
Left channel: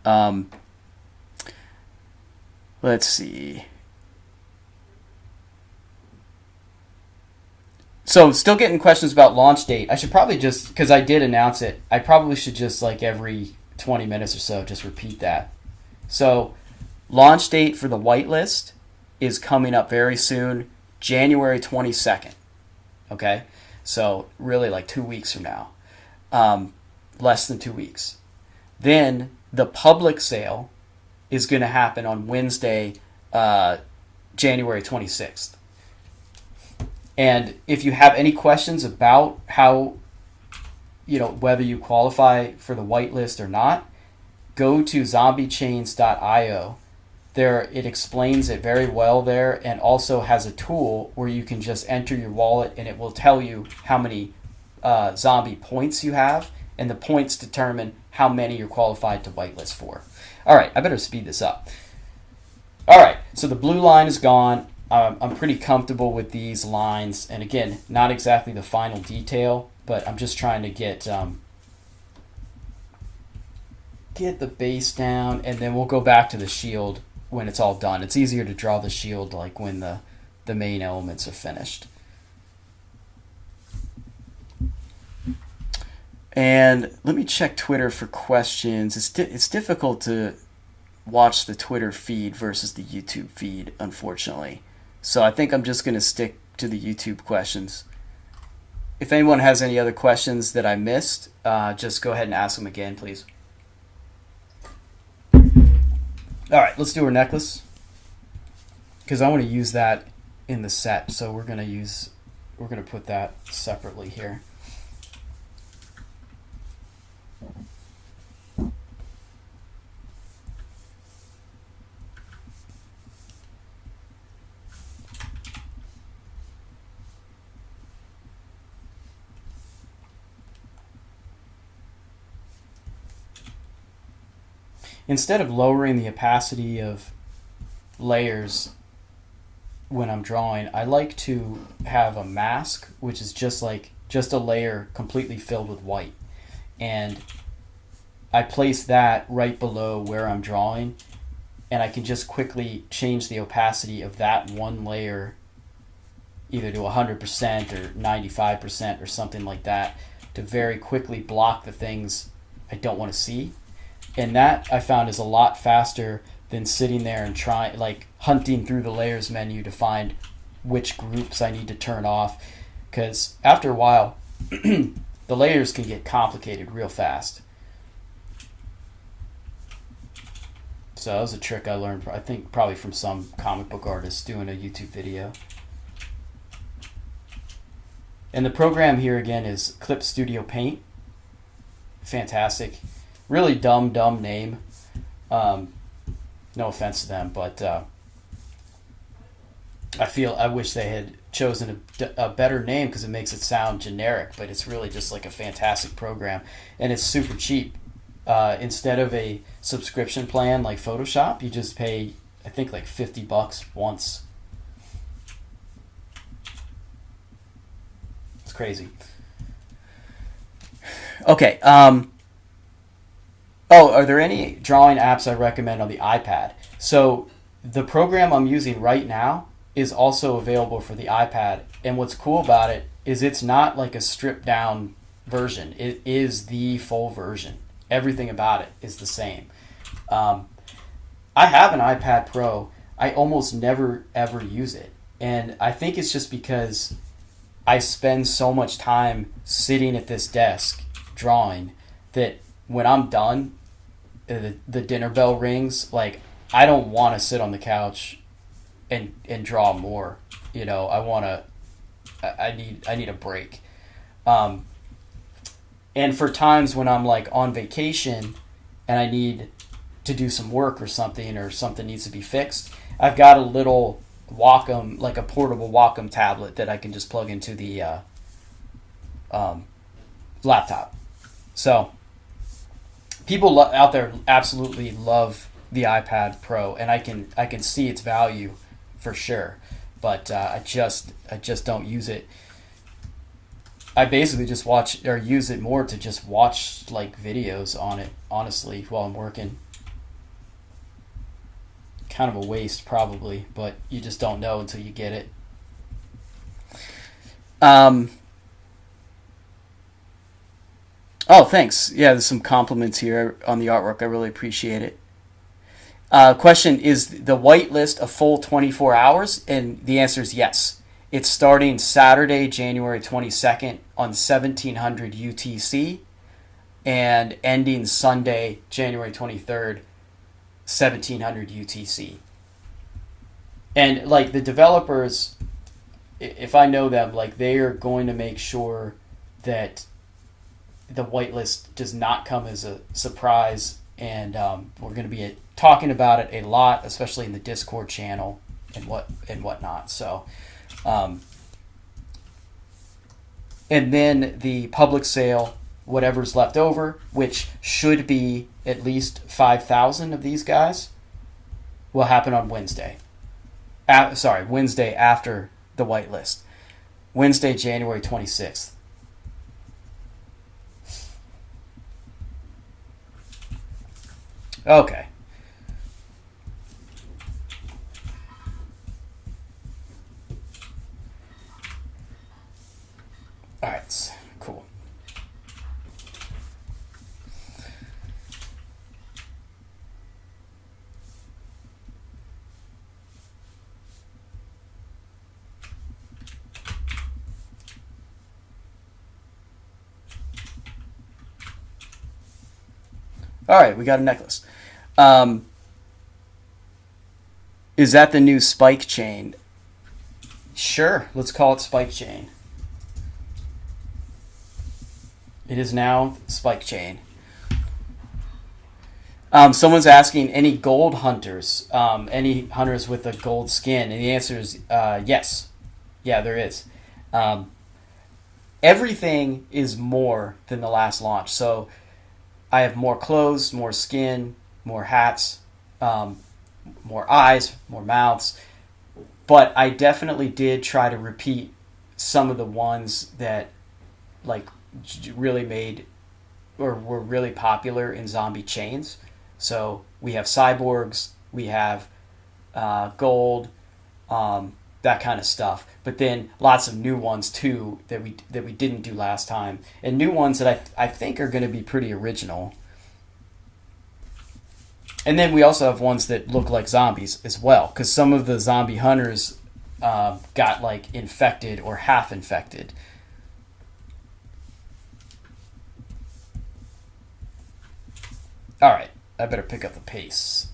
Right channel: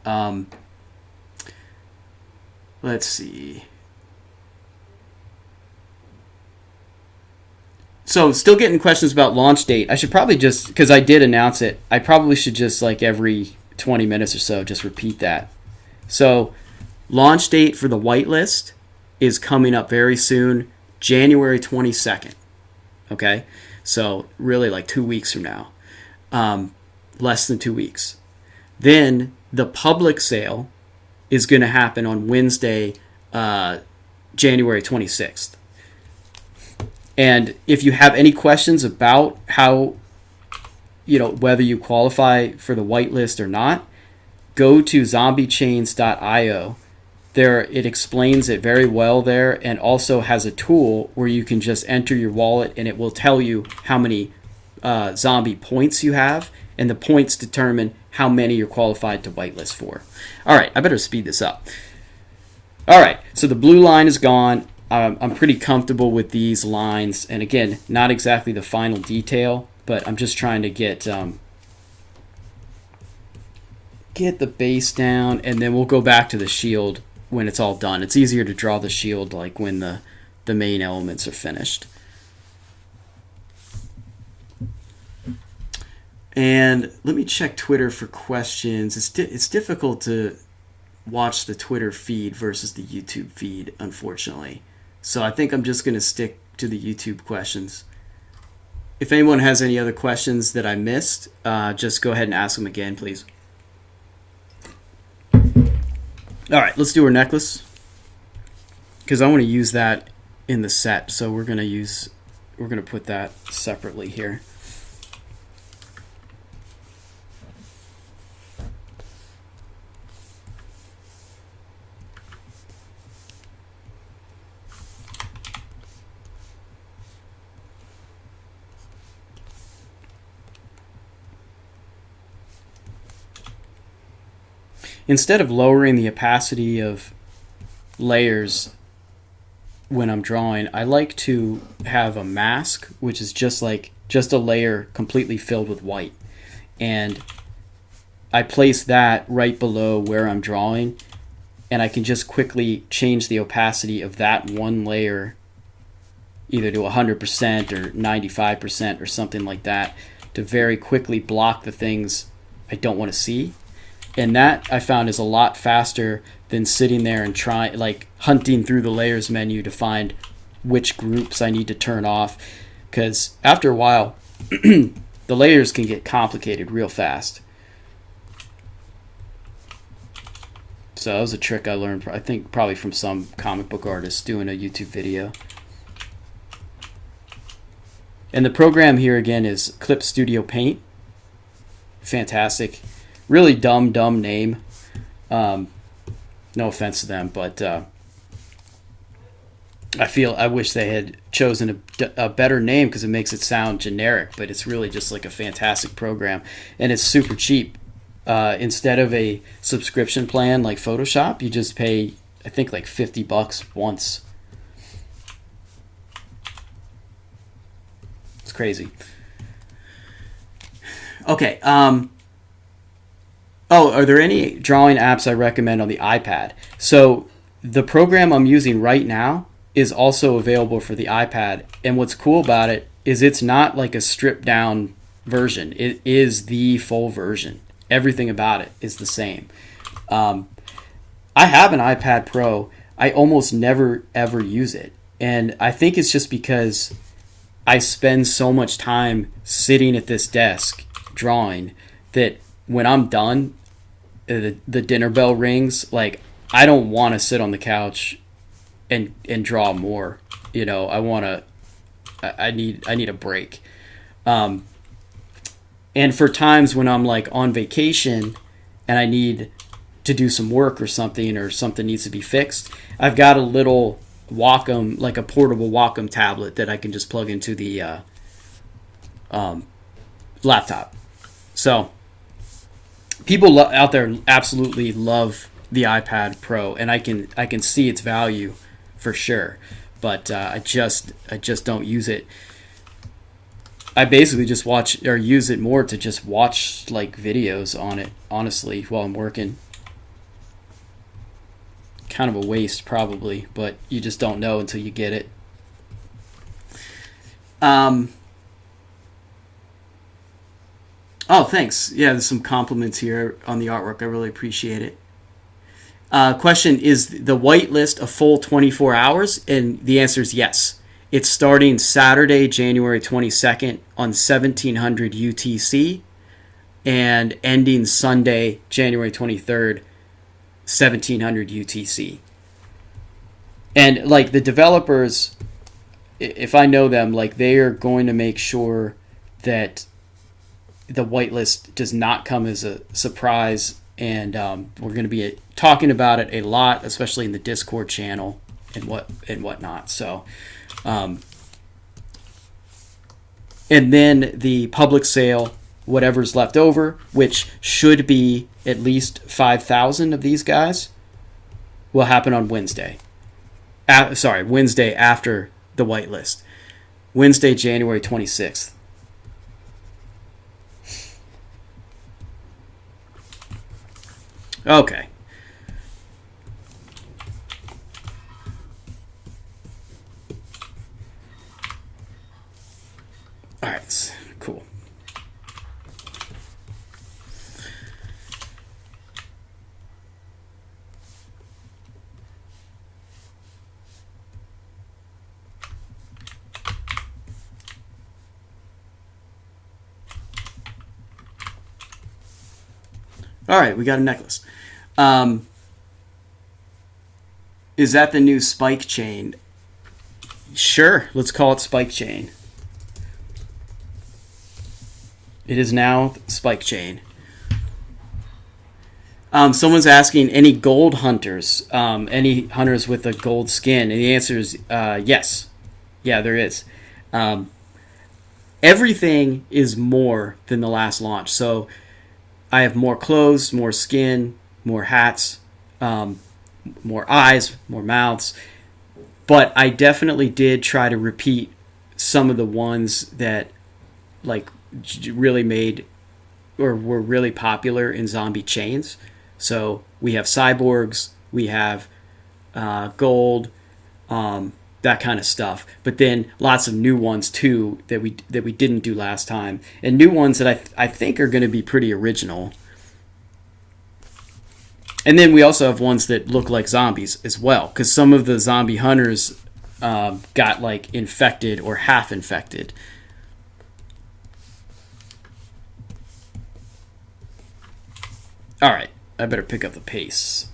Let's see. So, still getting questions about launch date. I should probably just, because I did announce it, I probably should just, like, every 20 minutes or so, just repeat that. So launch date for the whitelist is coming up very soon, January 22nd. Okay, so really like 2 weeks from now, less than 2 weeks. Then the public sale is going to happen on Wednesday, January 26th. And if you have any questions about how, whether you qualify for the whitelist or not, go to zombiechains.io. There, it explains it very well there, and also has a tool where you can just enter your wallet and it will tell you how many zombie points you have, and the points determine how many you're qualified to whitelist for. All right, I better speed this up. All right, so the blue line is gone. I'm pretty comfortable with these lines, and again, not exactly the final detail, but I'm just trying to get the base down, and then we'll go back to the shield when it's all done. It's easier to draw the shield like when the main elements are finished. And let me check Twitter for questions. It's difficult to watch the Twitter feed versus the YouTube feed, unfortunately. So I think I'm just going to stick to the YouTube questions. If anyone has any other questions that I missed, just go ahead and ask them again, please. All right, let's do our necklace, because I want to use that in the set. So we're going to put that separately here. Instead of lowering the opacity of layers when I'm drawing, I like to have a mask, which is just a layer completely filled with white. And I place that right below where I'm drawing, and I can just quickly change the opacity of that one layer either to 100% or 95% or something like that to very quickly block the things I don't want to see. And that I found is a lot faster than sitting there and hunting through the layers menu to find which groups I need to turn off. Because after a while, the layers can get complicated real fast. So that was a trick I learned, I think, probably from some comic book artist doing a YouTube video. And the program here again is Clip Studio Paint. Fantastic. Really dumb name. No offense to them, but I wish they had chosen a better name, because it makes it sound generic, but it's really just like a fantastic program, and it's super cheap. Instead of a subscription plan like Photoshop, you just pay, I think, like $50 once. It's crazy. Okay. Are there any drawing apps I recommend on the iPad? So the program I'm using right now is also available for the iPad. And what's cool about it is it's not like a stripped down version. It is the full version. Everything about it is the same. I have an iPad Pro. I almost never ever use it. And I think it's just because I spend so much time sitting at this desk drawing that when I'm done, the dinner bell rings. Like, I don't want to sit on the couch and draw more. I need a break. And for times when I'm like on vacation and I need to do some work or something needs to be fixed, I've got a little Wacom, like a portable Wacom tablet that I can just plug into the laptop. So people out there absolutely love the iPad Pro, and I can see its value for sure, but I just don't use it. I basically just watch or use it more to just watch like videos on it, honestly, while I'm working. Kind of a waste probably, but you just don't know until you get it. Oh, thanks. Yeah, there's some compliments here on the artwork. I really appreciate it. Question: is the whitelist a full 24 hours? And the answer is yes. It's starting Saturday, January 22nd on 1700 UTC and ending Sunday, January 23rd, 1700 UTC. And like the developers, if I know them, like they are going to make sure that the whitelist does not come as a surprise, and we're going to be talking about it a lot, especially in the Discord channel and whatnot. So, and then the public sale, whatever's left over, which should be at least 5,000 of these guys, will happen on Wednesday. Wednesday after the whitelist. Wednesday, January 26th. Okay. All right. Cool. All right, we got a necklace. Is that the new spike chain? Sure, let's call it spike chain. It is now spike chain. Someone's asking, any gold hunters? Any hunters with a gold skin? And the answer is yes. Yeah, there is. Everything is more than the last launch. So I have more clothes, more skin, more hats, more eyes, more mouths. But I definitely did try to repeat some of the ones that like really made or were really popular in zombie chains. So we have cyborgs, we have gold, that kind of stuff. But then lots of new ones too that we didn't do last time, and new ones that I think are going to be pretty original. And then we also have ones that look like zombies as well, because some of the zombie hunters got like infected or half infected. All right, I better pick up the pace.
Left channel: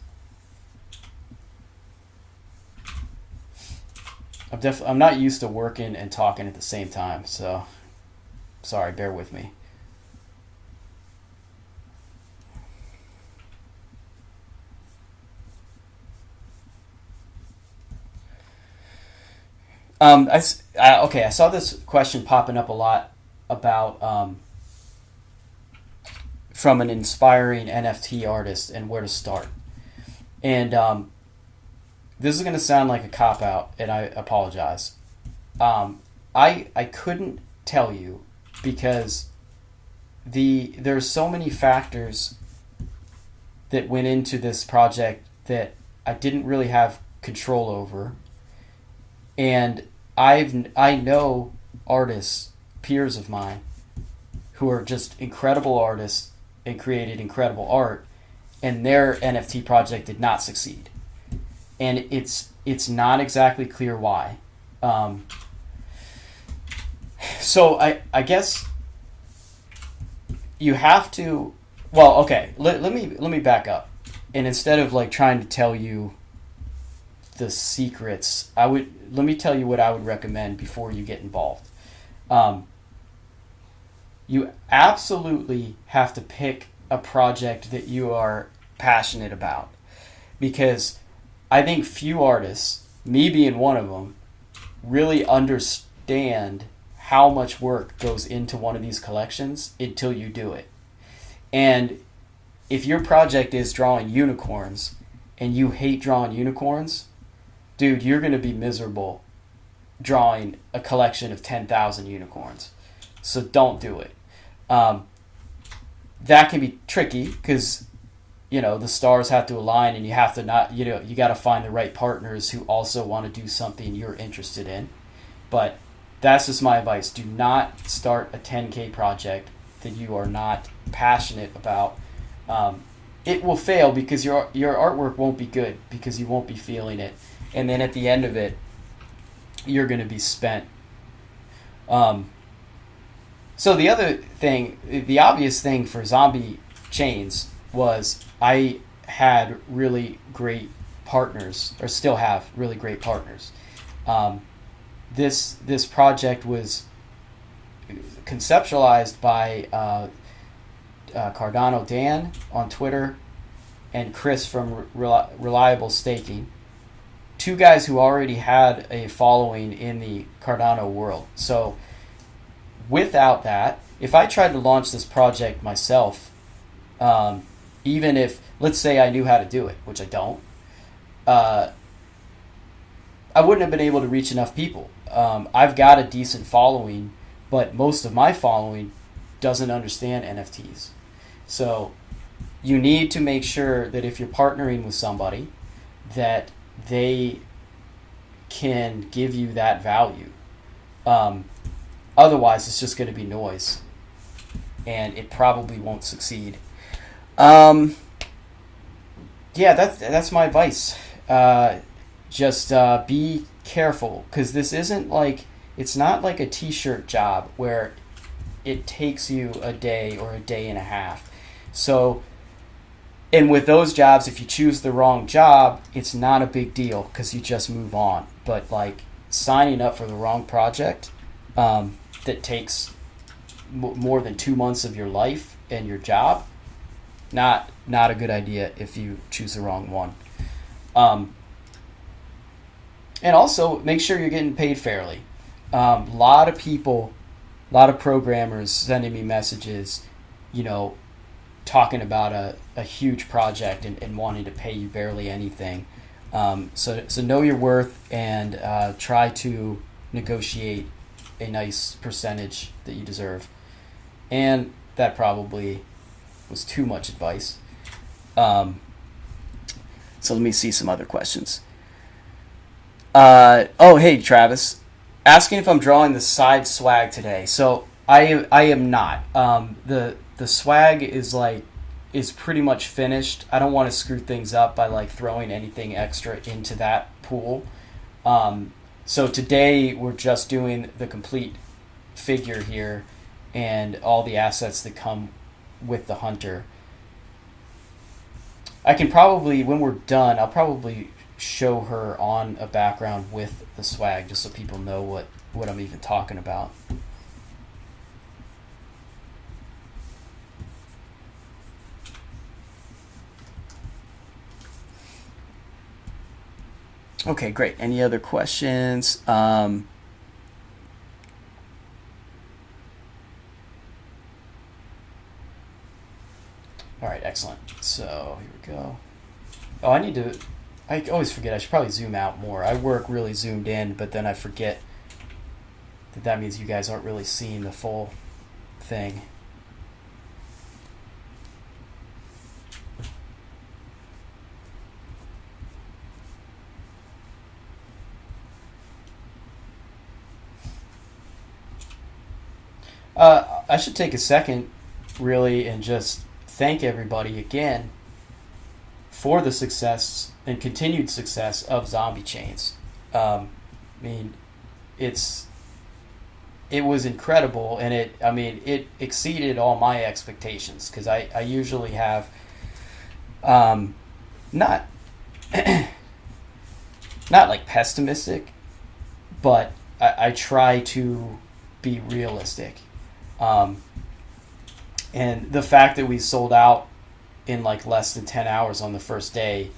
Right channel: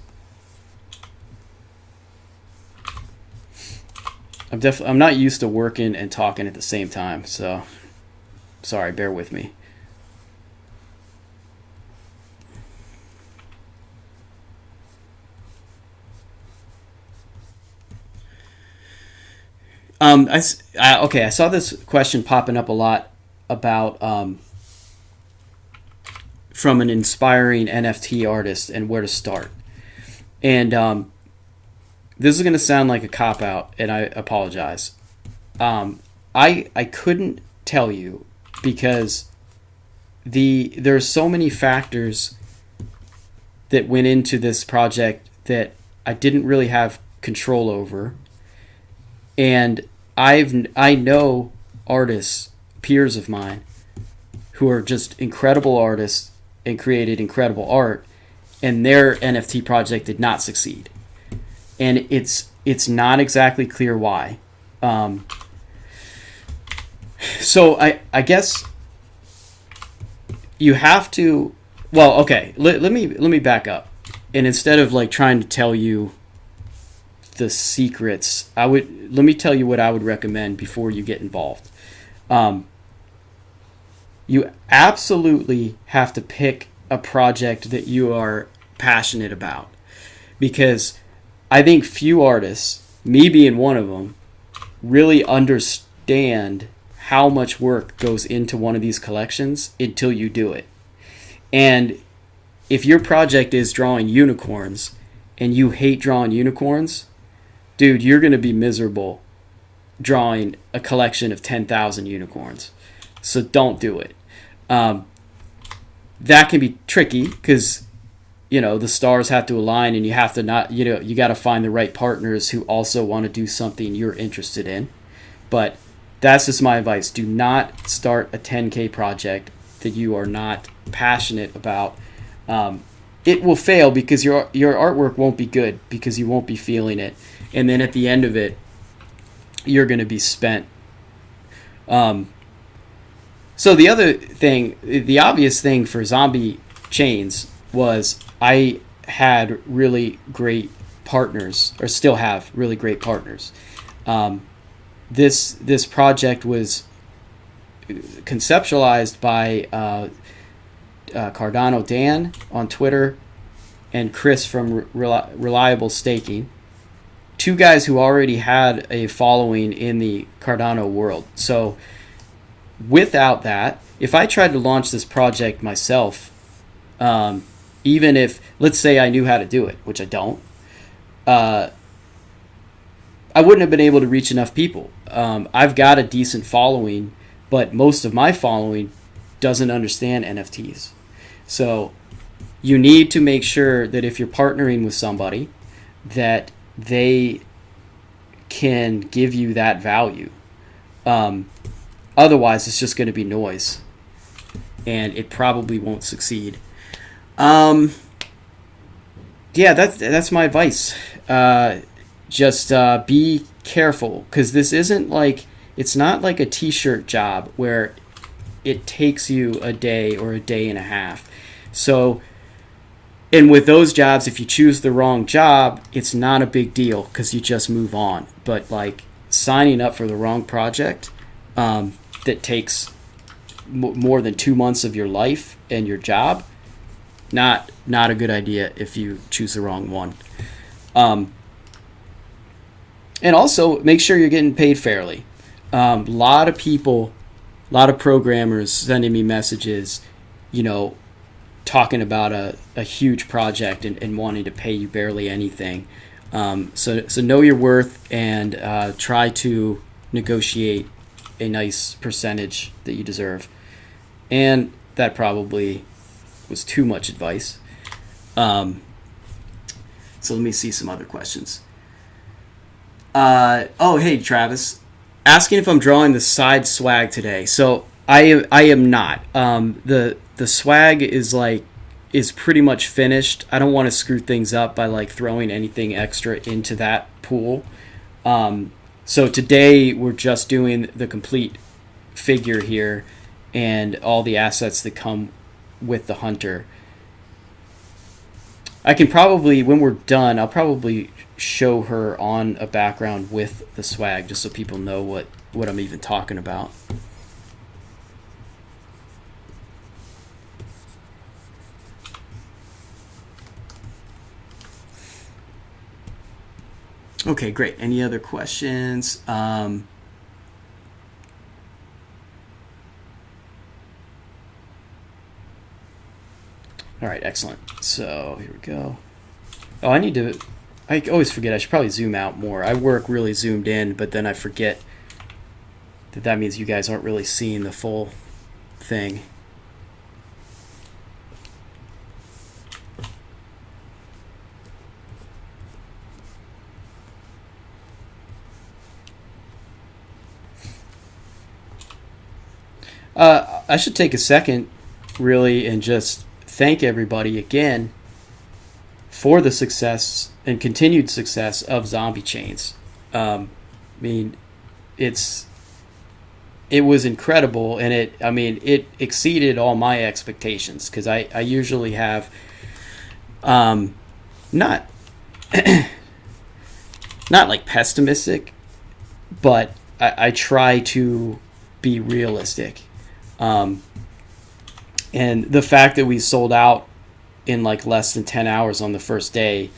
I'm not used to working and talking at the same time, so sorry, bear with me. I saw this question popping up a lot about from an inspiring NFT artist and where to start. And this is going to sound like a cop out, and I apologize. I couldn't tell you because there are so many factors that went into this project that I didn't really have control over. And I know artists, peers of mine, who are just incredible artists and created incredible art, and their NFT project did not succeed. And it's not exactly clear why. So I guess you have to. Well, okay. Let me back up, and instead of like trying to tell you the secrets, let me tell you what I would recommend before you get involved. You absolutely have to pick a project that you are passionate about, because I think few artists, me being one of them, really understand how much work goes into one of these collections until you do it. And if your project is drawing unicorns and you hate drawing unicorns, dude, you're going to be miserable drawing a collection of 10,000 unicorns. So don't do it. That can be tricky because, the stars have to align, and you have to you got to find the right partners who also want to do something you're interested in. But that's just my advice. Do not start a 10K project that you are not passionate about, it will fail because your artwork won't be good because you won't be feeling it, and then at the end of it, you're going to be spent. So the other thing, the obvious thing for zombie chains was I had really great partners, or still have really great partners. This project was conceptualized by Cardano Dan on Twitter and Chris from Reliable Staking, two guys who already had a following in the Cardano world. So without that, if I tried to launch this project myself, even if, let's say I knew how to do it, which I don't, I wouldn't have been able to reach enough people. I've got a decent following, but most of my following doesn't understand NFTs. So you need to make sure that if you're partnering with somebody, that they can give you that value. Otherwise, it's just going to be noise, and it probably won't succeed. Yeah, that's my advice. Just be careful, because this isn't like, it's not like a t-shirt job where it takes you a day or a day and a half. So, and with those jobs, if you choose the wrong job, it's not a big deal because you just move on. But like signing up for the wrong project that takes more than 2 months of your life and your job, not a good idea if you choose the wrong one. And also make sure you're getting paid fairly. A lot of people, a lot of programmers sending me messages, talking about a huge project and wanting to pay you barely anything. So know your worth and try to negotiate a nice percentage that you deserve. And that probably was too much advice. So let me see some other questions. Hey, Travis. Asking if I'm drawing the side swag today. So I am not. The swag is pretty much finished. I don't want to screw things up by like throwing anything extra into that pool. So today we're just doing the complete figure here and all the assets that come with the hunter. I can probably, when we're done, I'll probably show her on a background with the swag just so people know what I'm even talking about. Okay, great. Any other questions? All right, excellent. So here we go. Oh, I always forget. I should probably zoom out more. I work really zoomed in, but then I forget that means you guys aren't really seeing the full thing. I should take a second, really, and just thank everybody again for the success and continued success of zombie chains. I mean, it was incredible, and it exceeded all my expectations, because I usually have not not like pessimistic, but I try to be realistic. And the fact that we sold out in like less than 10 hours on the first day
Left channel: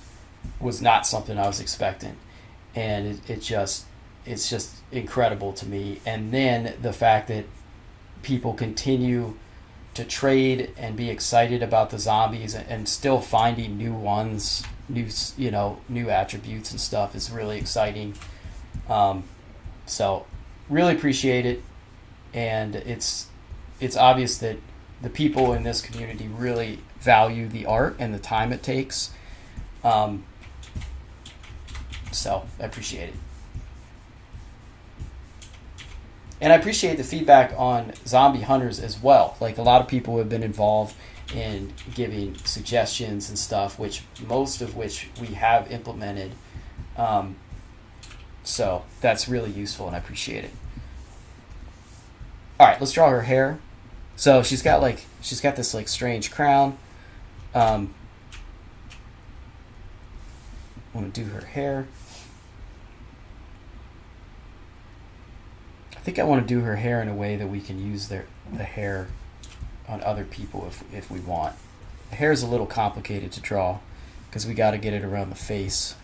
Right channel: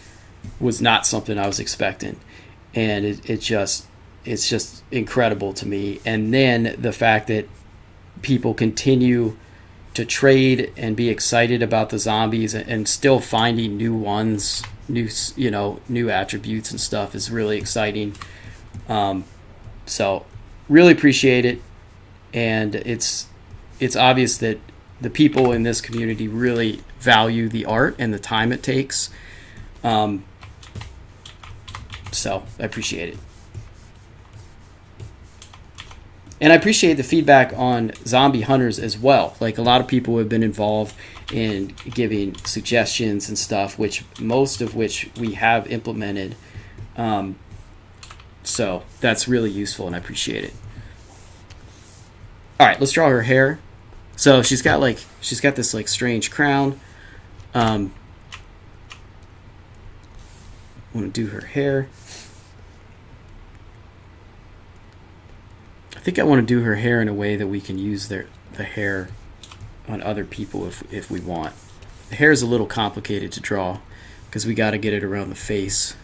was not something I was expecting. And it's just incredible to me. And then the fact that people continue to trade and be excited about the zombies and still finding new ones, new attributes and stuff is really exciting. So really appreciate it. And it's obvious that the people in this community really value the art and the time it takes. So I appreciate it. And I appreciate the feedback on zombie hunters as well. Like a lot of people have been involved in giving suggestions and stuff, which most of which we have implemented. So that's really useful, and I appreciate it. All right, let's draw her hair. So she's got this like strange crown. I want to do her hair. I think I want to do her hair in a way that we can use the hair on other people if we want. The hair is a little complicated to draw because we got to get it around the face.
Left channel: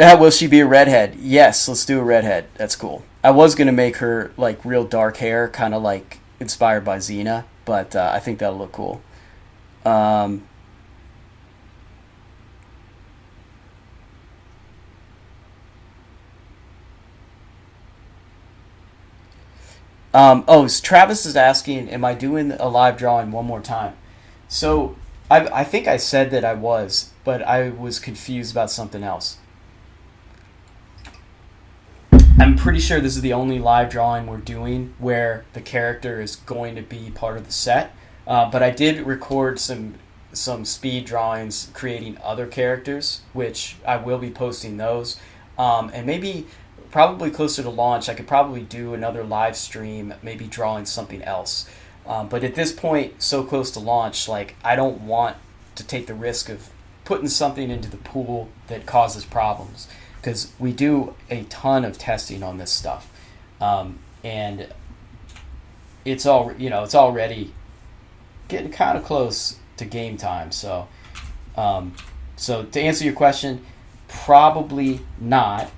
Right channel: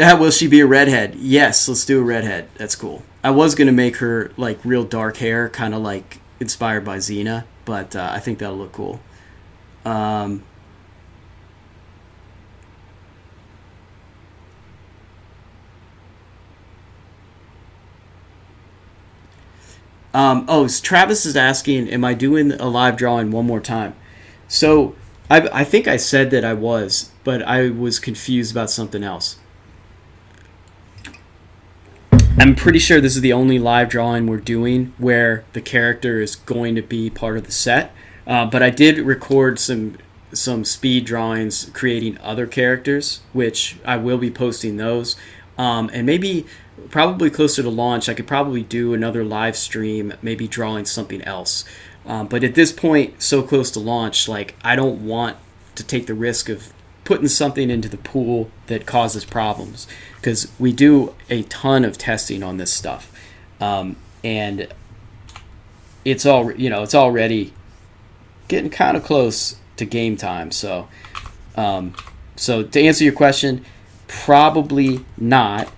Will she be a redhead? Yes, let's do a redhead. That's cool. I was going to make her like real dark hair, kind of like inspired by Xena, but I think that'll look cool. Travis is asking, am I doing a live drawing one more time? So I think I said that I was, but I was confused about something else. I'm pretty sure this is the only live drawing we're doing where the character is going to be part of the set. But I did record some speed drawings creating other characters, which I will be posting those. And maybe probably closer to launch, I could probably do another live stream, maybe drawing something else. But at this point, so close to launch, like I don't want to take the risk of putting something into the pool that causes problems, because we do a ton of testing on this stuff, and it's already getting kind of close to game time. So to answer your question, probably not.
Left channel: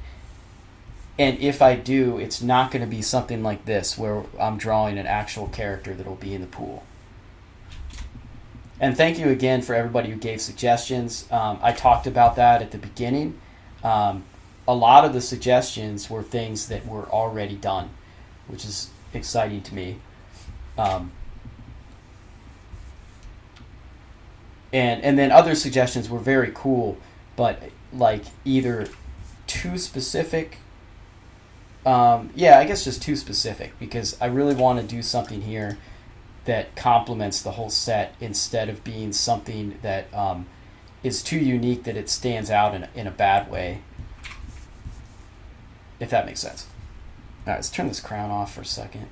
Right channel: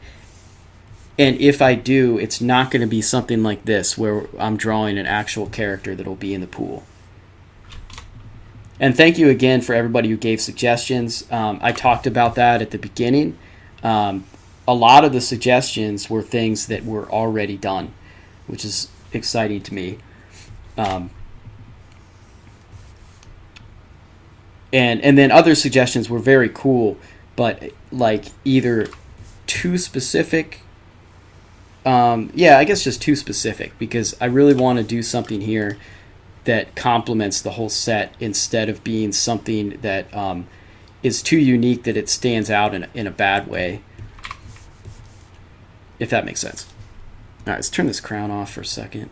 And if I do, it's not going to be something like this where I'm drawing an actual character that'll be in the pool. And thank you again for everybody who gave suggestions. I talked about that at the beginning. A lot of the suggestions were things that were already done, which is exciting to me. And then other suggestions were very cool, but like either too specific. I guess just too specific, because I really want to do something here that complements the whole set instead of being something that is too unique that it stands out in a bad way, if that makes sense. All right, let's turn this crown off for a second.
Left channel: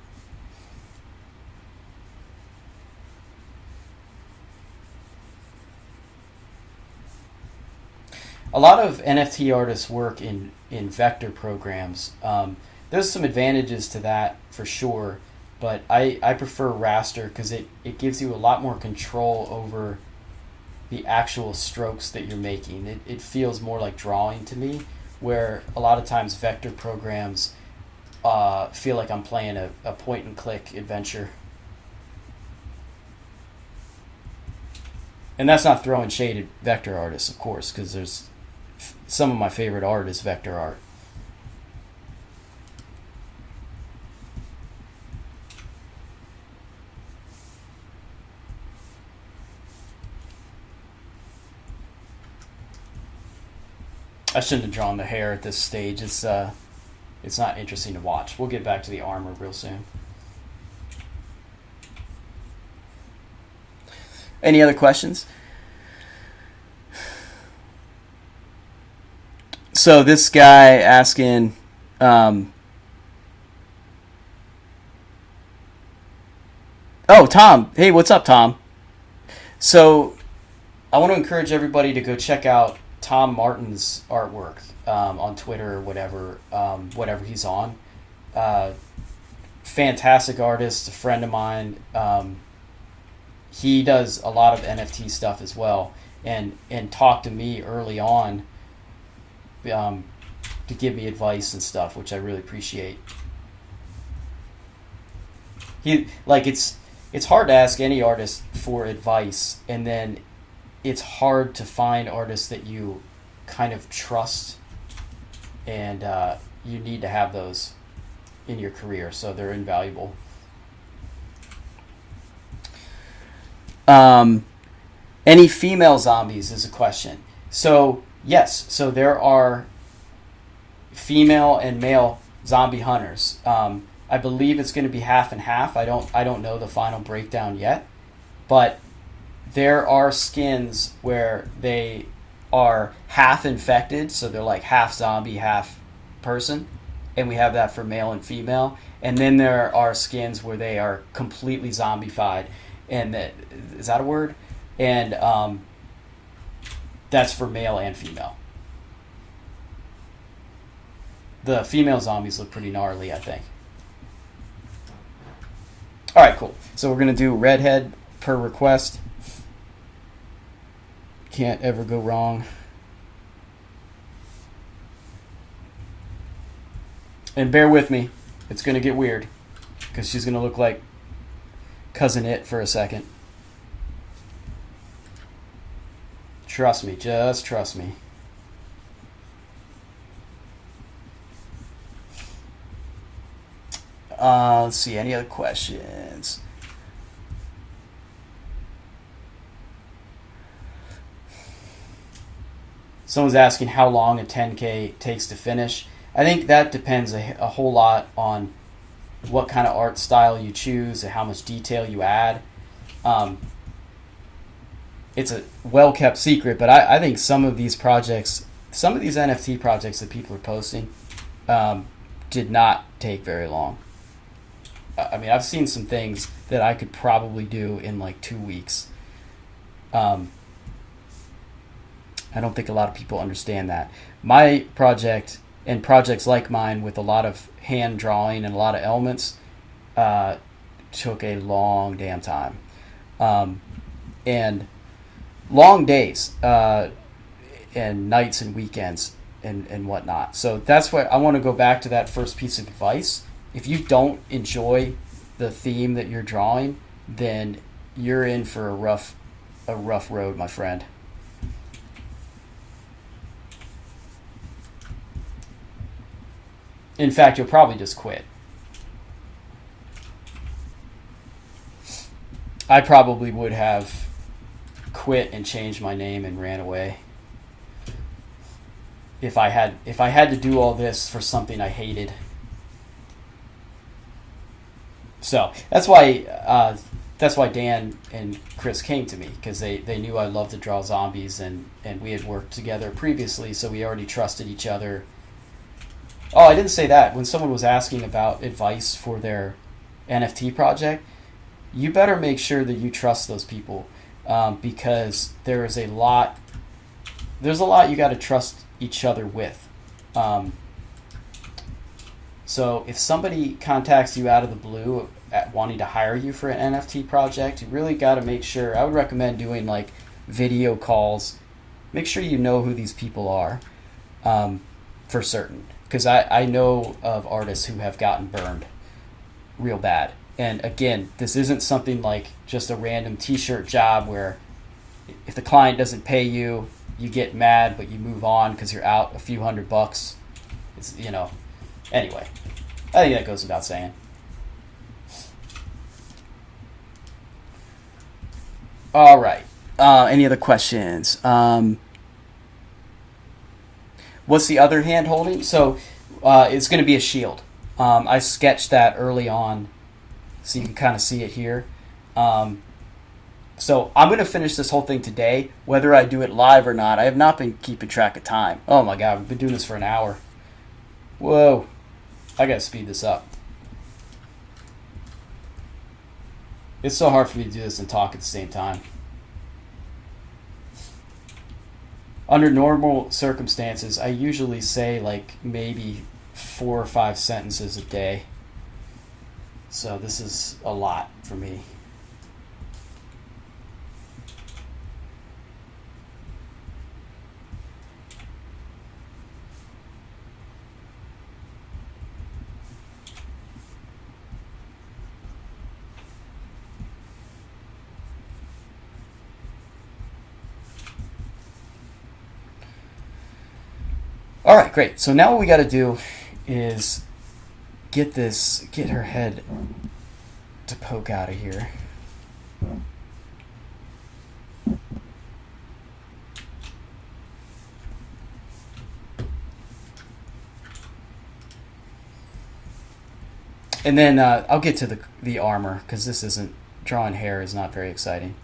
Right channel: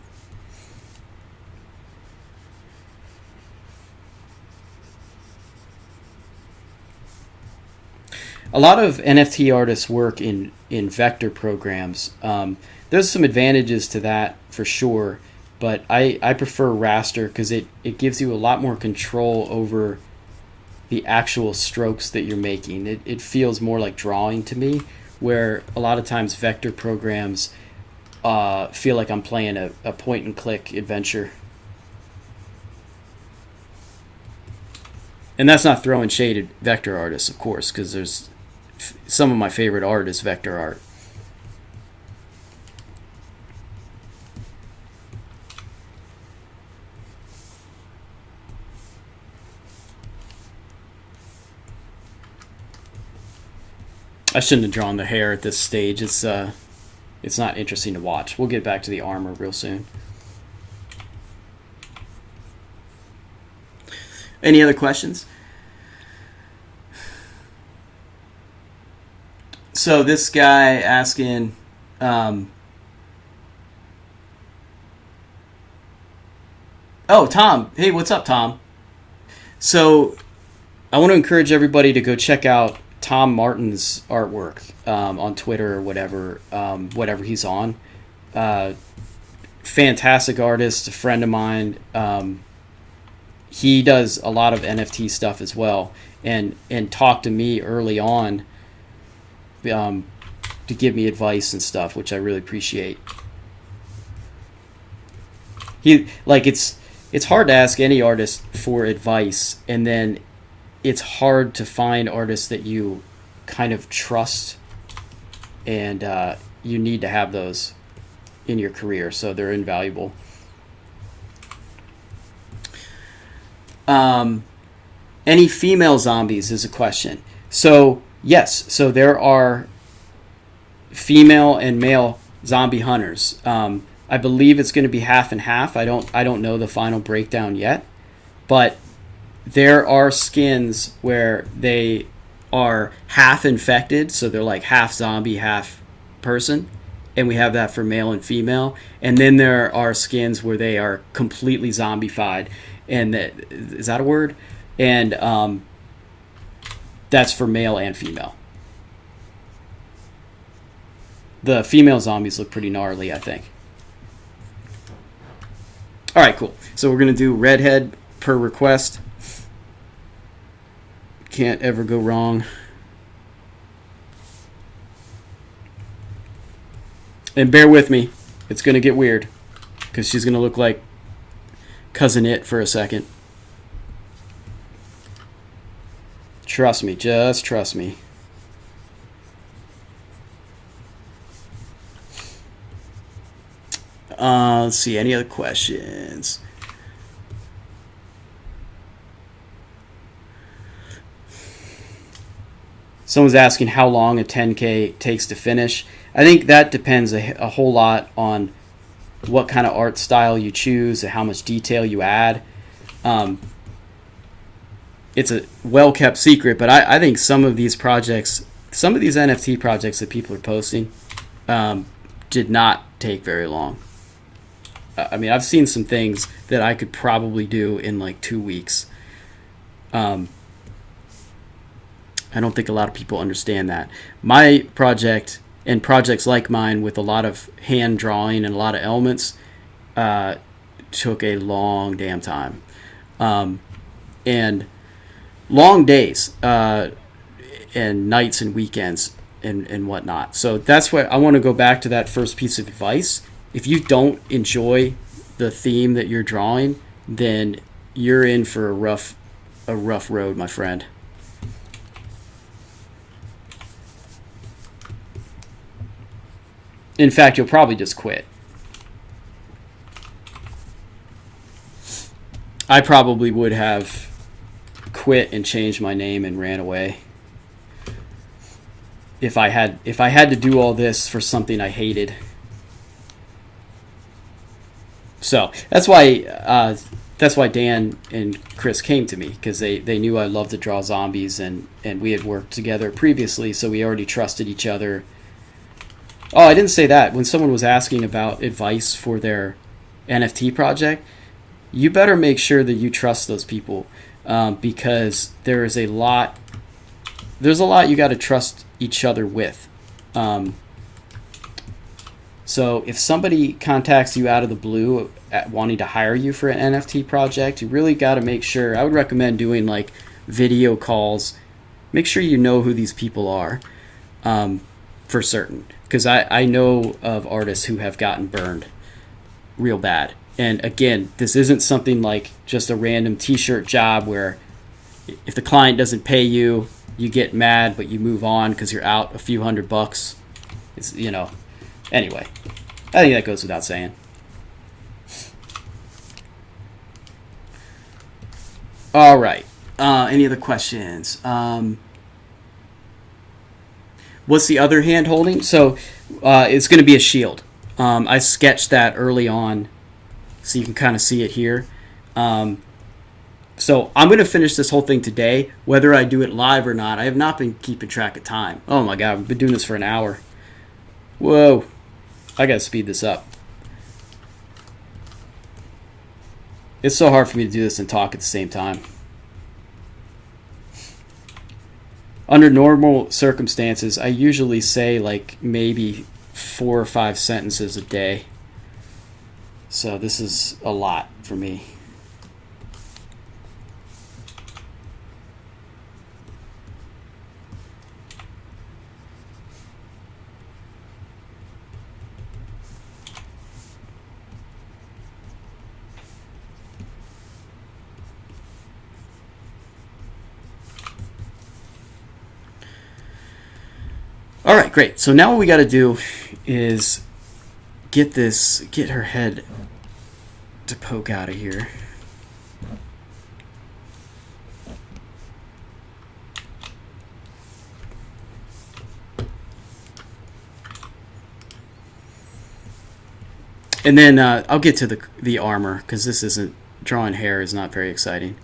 A lot of NFT artists work in vector programs. There's some advantages to that for sure, but I prefer raster because it gives you a lot more control over the actual strokes that you're making. It feels more like drawing to me, where a lot of times vector programs feel like I'm playing a point-and-click adventure. And that's not throwing shade at vector artists, of course, because there's some of my favorite art is vector art. I shouldn't have drawn the hair at this stage. It's not interesting to watch. We'll get back to the armor real soon. Any other questions? So this guy asking, oh, Tom. Hey, what's up, Tom? So I want to encourage everybody to go check out Tom Martin's artwork on Twitter or whatever he's on. Fantastic artist, a friend of mine. He does a lot of NFT stuff as well, and talked to me early on to give me advice and stuff, which I really appreciate. It's hard to ask any artist for advice, and then it's hard to find artists that you kind of trust, and you need to have those in your career, so they're invaluable. Any female zombies is a question. So yes, so there are female and male zombie hunters. I believe it's going to be half and half. I don't know the final breakdown yet, but there are skins where they are half infected, so they're like half zombie, half person, and we have that for male and female. And then there are skins where they are completely zombified, and is that a word? And that's for male and female. The female zombies look pretty gnarly, I think. All right, cool. So we're going to do redhead per request. Can't ever go wrong. And bear with me. It's going to get weird because she's going to look like Cousin It for a second. Trust me. Just trust me. Let's see. Any other questions? Someone's asking how long a 10K takes to finish. I think that depends a whole lot on what kind of art style you choose and how much detail you add. It's a well-kept secret, but I think some of these projects, some of these NFT projects that people are posting did not take very long. I mean, I've seen some things that I could probably do in like 2 weeks. I don't think a lot of people understand that. My project and projects like mine with a lot of hand drawing and a lot of elements took a long damn time. And long days and nights and weekends and whatnot. So that's why I want to go back to that first piece of advice. If you don't enjoy the theme that you're drawing, then you're in for a rough road, my friend. In fact, you'll probably just quit. I probably would have quit and changed my name and ran away if I had to do all this for something I hated. So that's why Dan and Chris came to me, because they knew I loved to draw zombies, and we had worked together previously, so we already trusted each other. Oh, I didn't say that. When someone was asking about advice for their NFT project, you better make sure that you trust those people, because there's a lot you got to trust each other with. So if somebody contacts you out of the blue wanting to hire you for an NFT project, you really got to make sure. I would recommend doing like video calls. Make sure you know who these people are, for certain. Because I know of artists who have gotten burned real bad. And again, this isn't something like just a random t-shirt job where if the client doesn't pay you, you get mad, but you move on because you're out a few $100. It's, anyway, I think that goes without saying. All right. Any other questions? What's the other hand holding? So it's going to be a shield. I sketched that early on, so you can kind of see it here. So I'm going to finish this whole thing today, whether I do it live or not. I have not been keeping track of time. Oh my God, we've been doing this for an hour. Whoa, I got to speed this up. It's so hard for me to do this and talk at the same time. Under normal circumstances, I usually say like maybe 4 or 5 sentences a day. So this is a lot for me. All right, great. So now what we got to do is get her head to poke out of here. And then I'll get to the armor, because this isn't, drawing hair is not very exciting.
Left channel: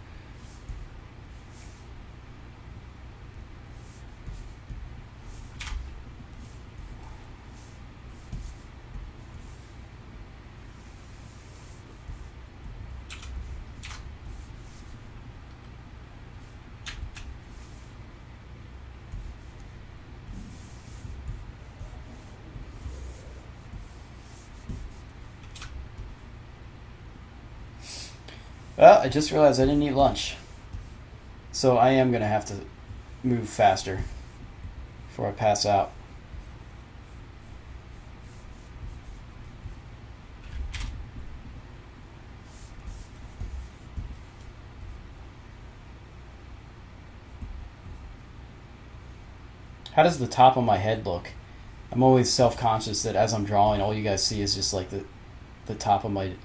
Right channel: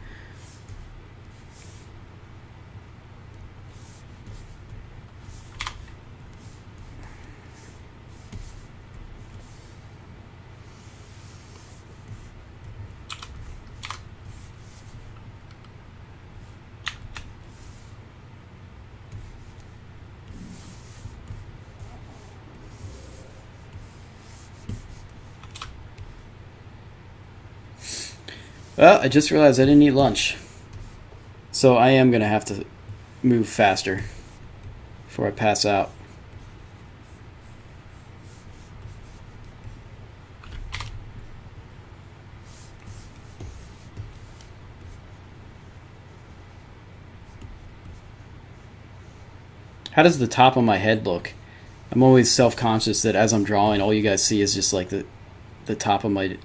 Well, I just realized I didn't eat lunch. So I am going to have to move faster before I pass out. How does the top of my head look? I'm always self-conscious that as I'm drawing, all you guys see is just like the top of my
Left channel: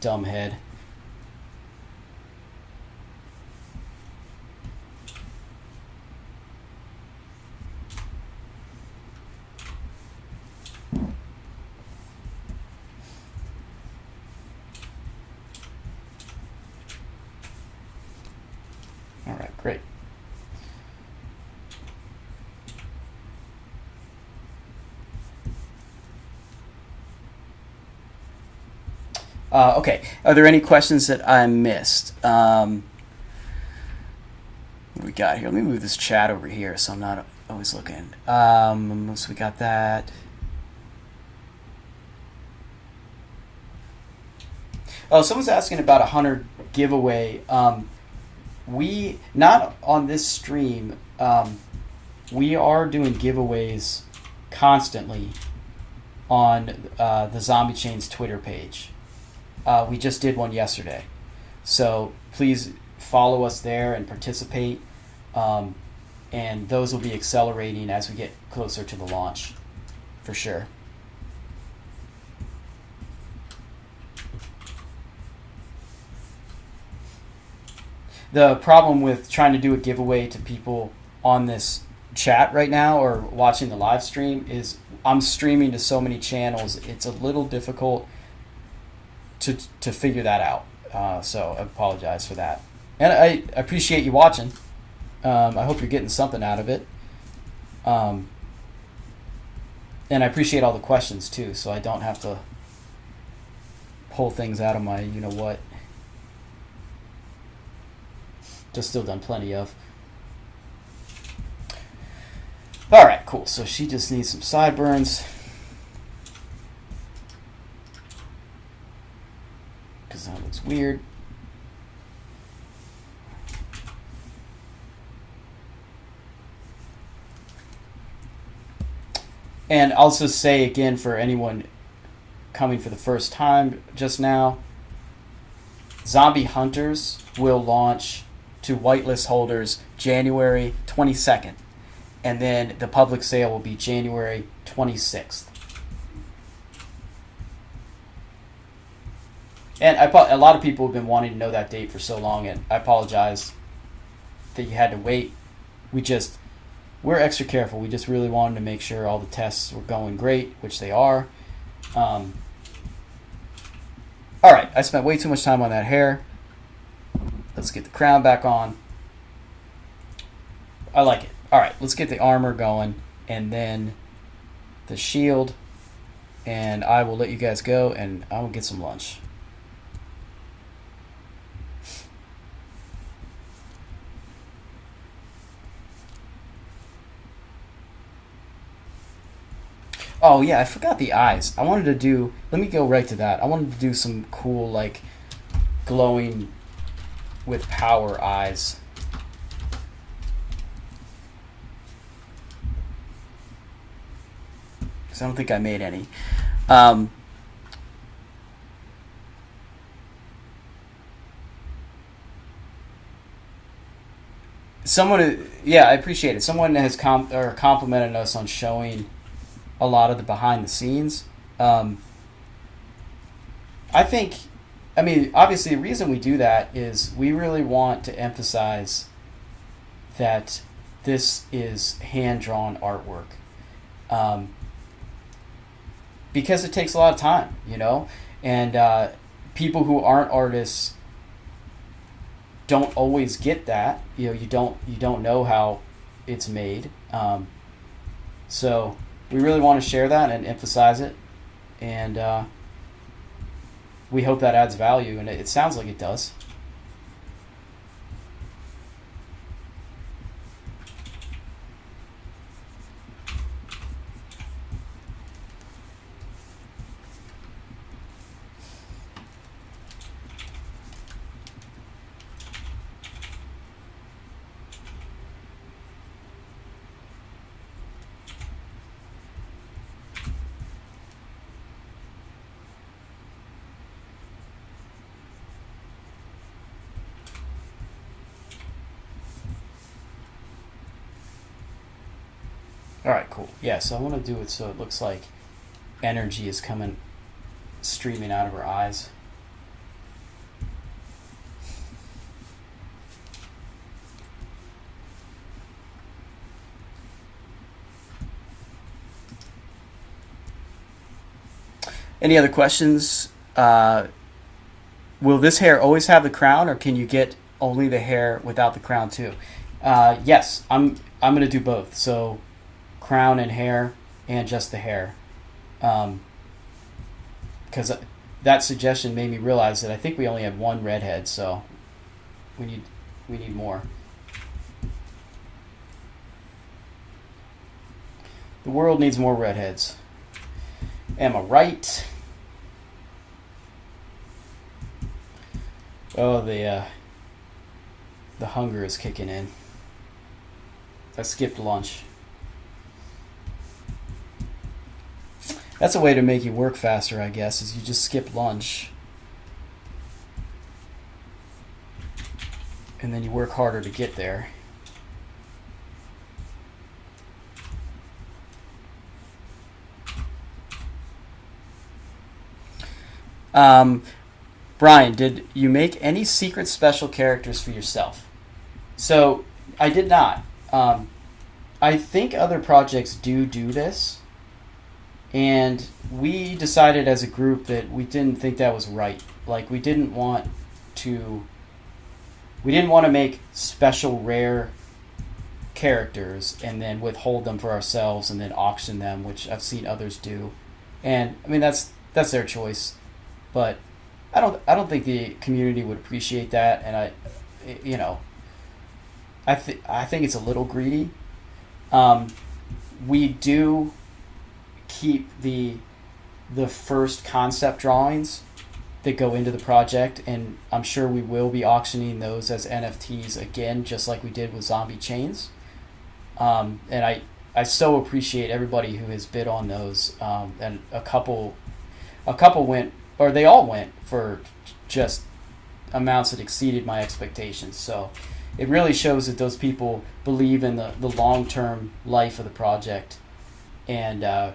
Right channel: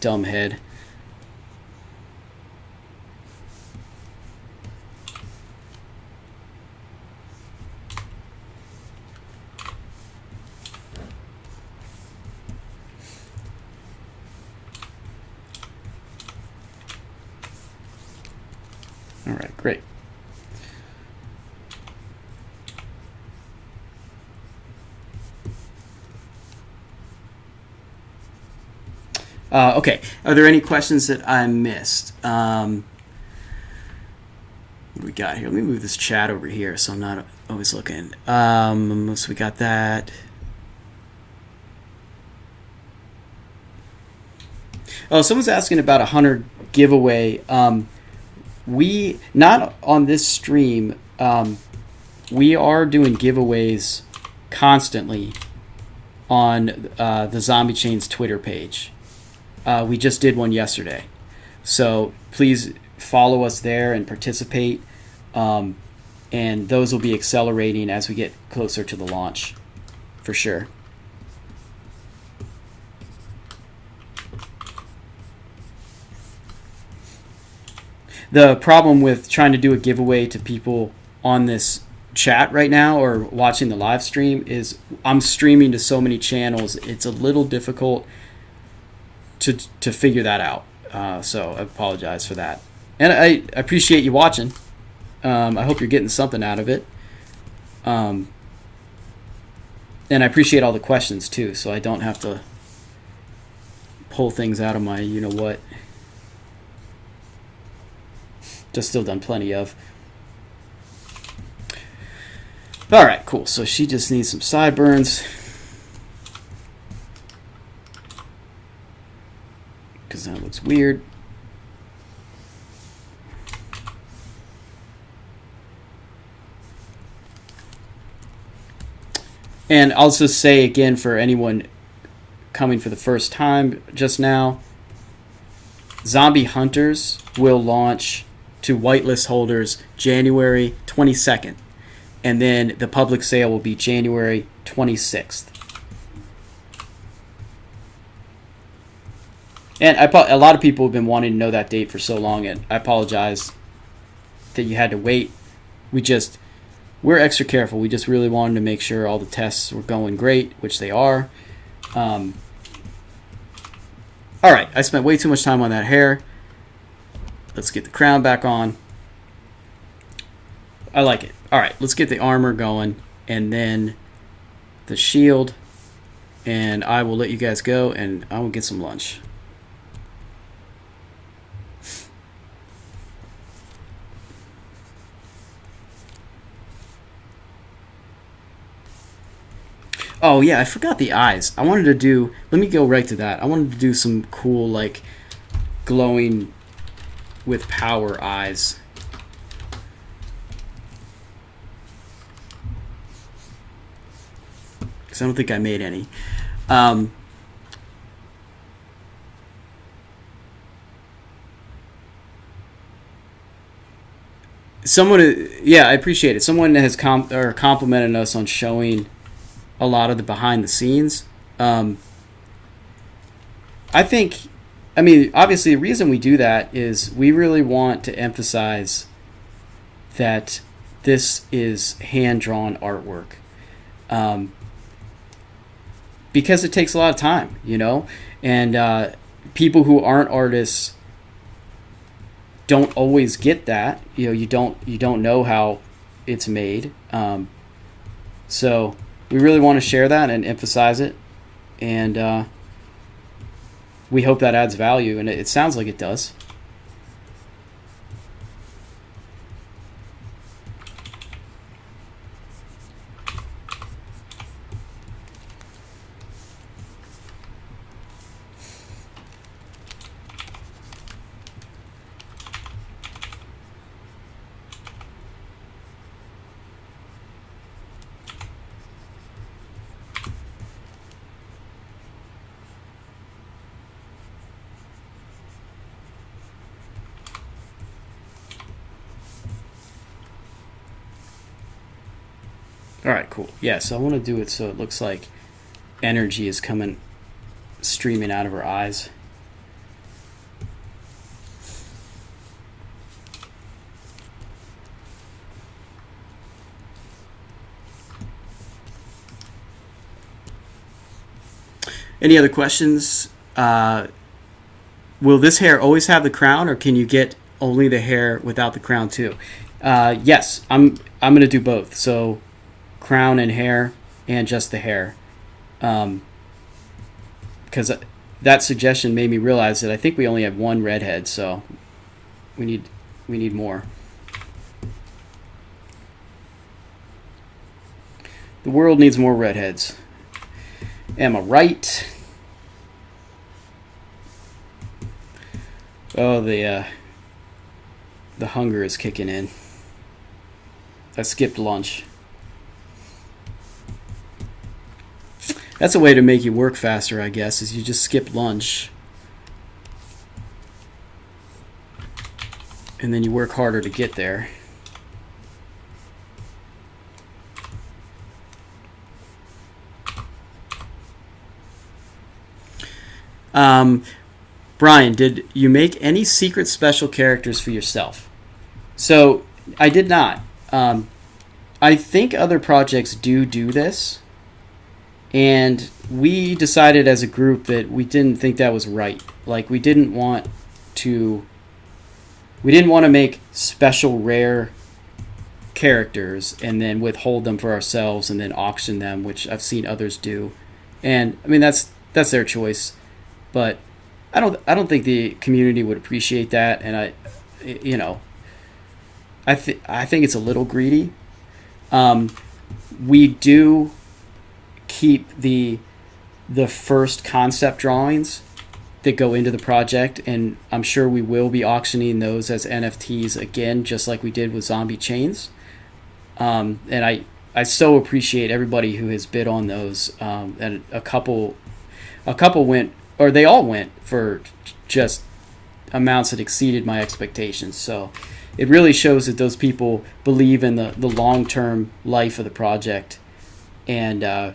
dumb head. All right, great. Okay, are there any questions that I missed? What do we got here? Let me move this chat over here so I'm not always looking. So we got that. Oh, someone's asking about a hunter giveaway. We, not on this stream, we are doing giveaways constantly on the Zombie Chain's Twitter page. We just did one yesterday. So please follow us there and participate. And those will be accelerating as we get closer to the launch, for sure. The problem with trying to do a giveaway to people on this chat right now or watching the live stream is I'm streaming to so many channels. It's a little difficult to figure that out. So I apologize for that. And I appreciate you watching. I hope you're getting something out of it. And I appreciate all the questions too, so I don't have to pull things out of my you-know-what. Just still done plenty of. All right, cool. So she just needs some sideburns. Because that looks weird. And I'll just say again for anyone coming for the first time just now, Zombie Hunters will launch to whitelist holders January 22nd. And then the public sale will be January 26th. And a lot of people have been wanting to know that date for so long, and I apologize that you had to wait. We're extra careful. We just really wanted to make sure all the tests were going great, which they are. All right, I spent way too much time on that hair. Let's get the crown back on. I like it. All right, let's get the armor going, and then the shield, and I will let you guys go, and I will get some lunch. Oh yeah, I forgot the eyes. I wanted to do, let me go right to that. I wanted to do some cool, like, glowing with power eyes. Because I don't think I made any. Someone, yeah, I appreciate it. Someone has complimented us on showing a lot of the behind the scenes. I mean, obviously the reason we do that is we really want to emphasize that this is hand-drawn artwork. because it takes a lot of time, and people who aren't artists don't always get that. You don't know how it's made. So we really want to share that and emphasize it, and we hope that adds value, and it sounds like it does. All right, cool. Yeah, so I want to do it so it looks like energy is coming, streaming out of her eyes. Any other questions? Will this hair always have the crown, or can you get only the hair without the crown too? Yes, I'm going to do both. So crown and hair, and just the hair, because that suggestion made me realize that I think we only have one redhead, so we need more. The world needs more redheads. Am I right? Oh, the hunger is kicking in. I skipped lunch. That's a way to make you work faster, I guess, is you just skip lunch. And then you work harder to get there. Brian, did you make any secret special characters for yourself? So, I did not. I think other projects do this. And we decided as a group that we didn't think that was right. Like, we didn't want to make special rare characters and then withhold them for ourselves and then auction them, which I've seen others do. And I mean, that's their choice, but I don't think the community would appreciate that. And I think it's a little greedy. We do keep the first concept drawings that go into the project, and I'm sure we will be auctioning those as NFTs again, just like we did with Zombie Chains. And I so appreciate everybody who has bid on those. And a couple went, or they all went, for just amounts that exceeded my expectations. So it really shows that those people believe in the long-term life of the project. And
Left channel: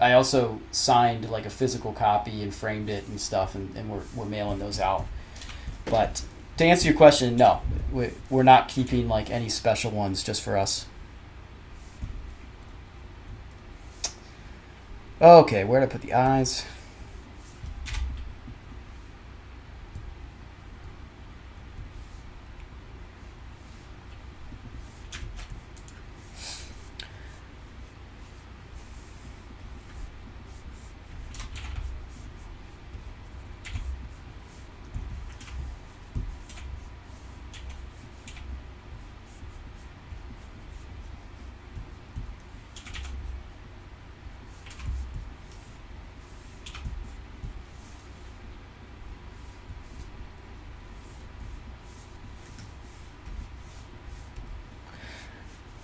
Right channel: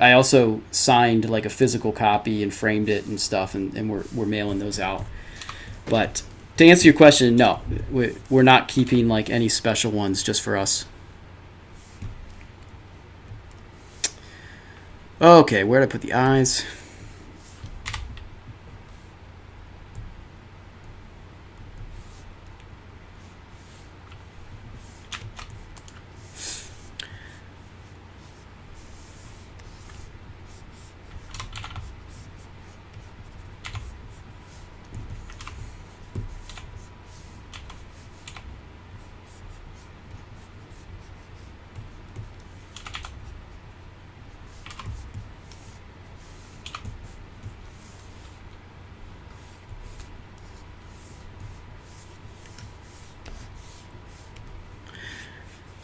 I also signed like a physical copy and framed it and stuff, and we're mailing those out. But to answer your question, no, we're not keeping like any special ones just for us. Okay, where did I put the eyes?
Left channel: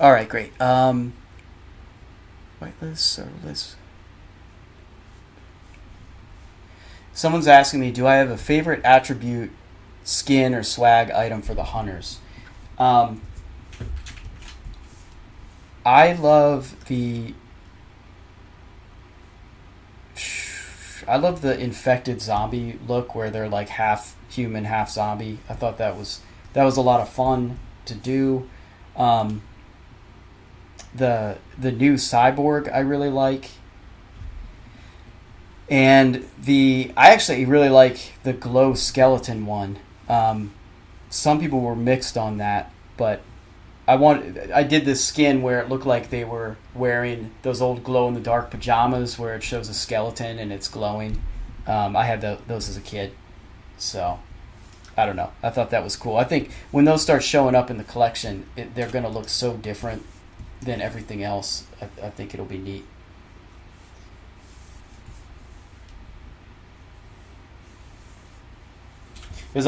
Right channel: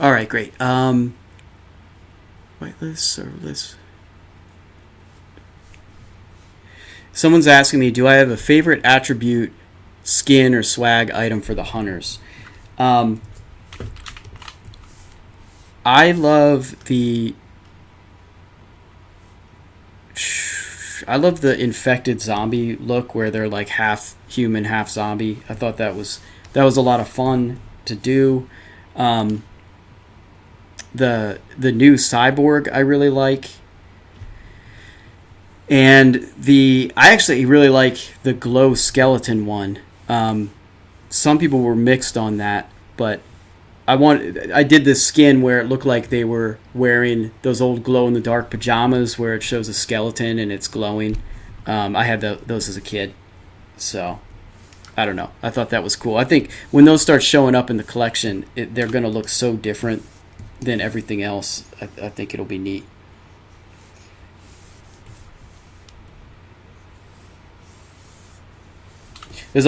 All right, great. Whitelist, serverless. Someone's asking me, do I have a favorite attribute, skin, or swag item for the hunters? I love the infected zombie look where they're like half human, half zombie. I thought that was a lot of fun to do. The new cyborg I really like. And I actually really like the glow skeleton one. Some people were mixed on that, but I did this skin where it looked like they were wearing those old glow in the dark pajamas where it shows a skeleton and it's glowing. I had those as a kid, so I don't know. I thought that was cool. I think when those start showing up in the collection, they're going to look so different than everything else. I think it'll be neat. There's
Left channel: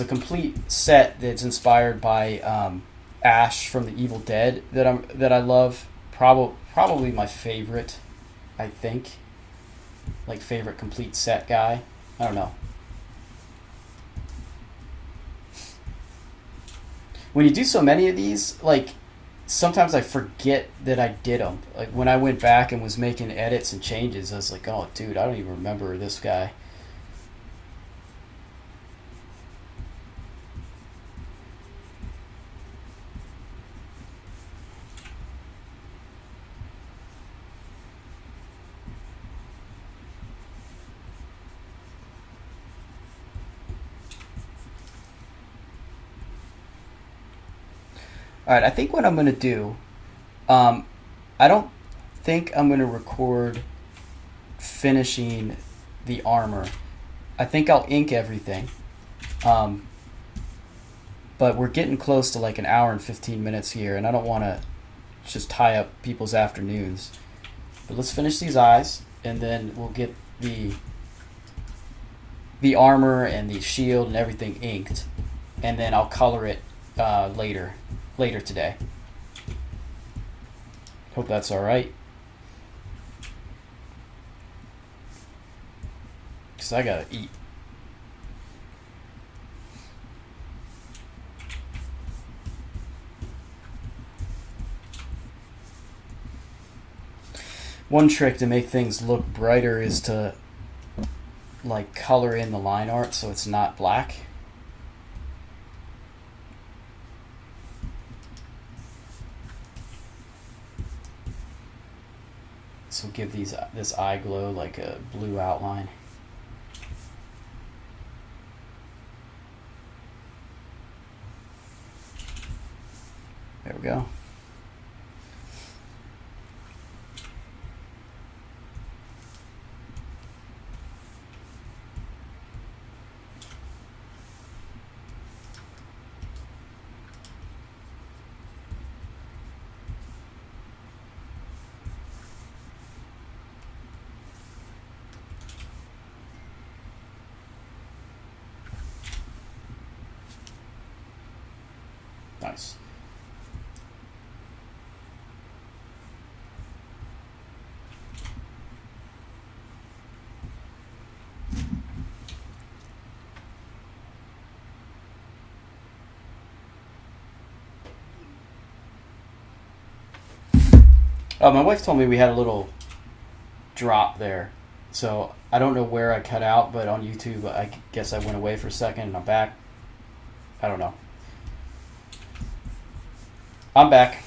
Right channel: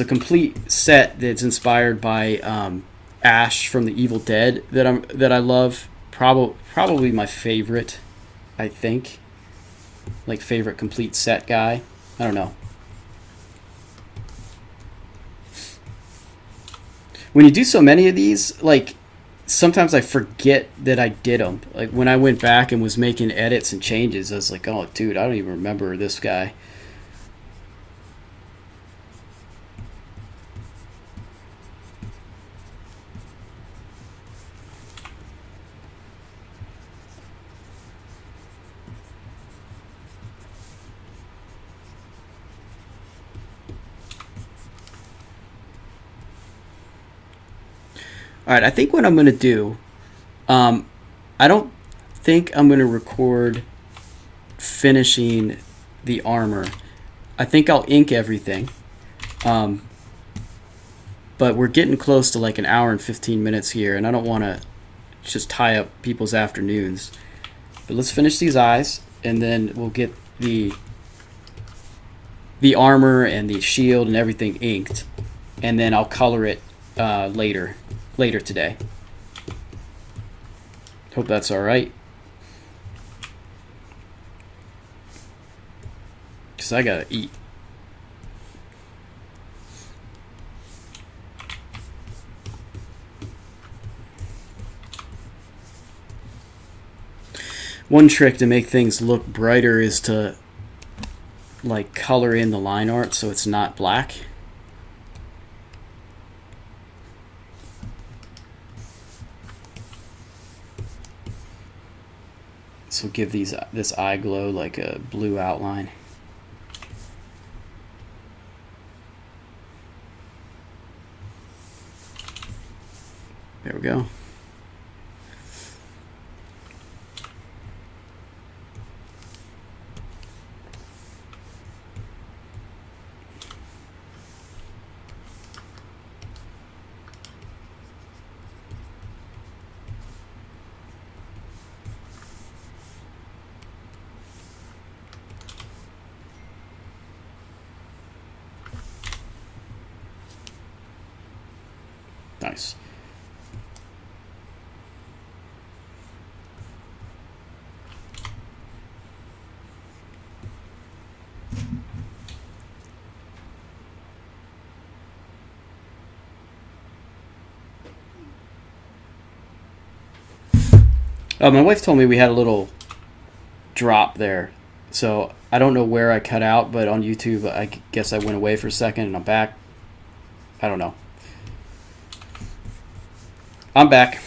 a complete set that's inspired by Ash from the Evil Dead that I love. Probably my favorite, I think. Like favorite complete set guy. I don't know. When you do so many of these, like sometimes I forget that I did them. Like when I went back and was making edits and changes, I was like, oh dude, I don't even remember this guy. All right, I think what I'm going to do, I don't think I'm going to record finishing the armor. I think I'll ink everything. But we're getting close to like an hour and 15 minutes here, and I don't want to just tie up people's afternoons. But let's finish these eyes, and then we'll get the armor and the shield and everything inked, and then I'll color it later today. Hope that's all right. Because I gotta eat. One trick to make things look brighter is to like color in the line art so it's not black. So give this eye glow like a blue outline. There we go. Nice. My wife told me we had a little drop there, so I don't know where I cut out, but on YouTube I guess I went away for a second and I'm back. I don't know. I'm back.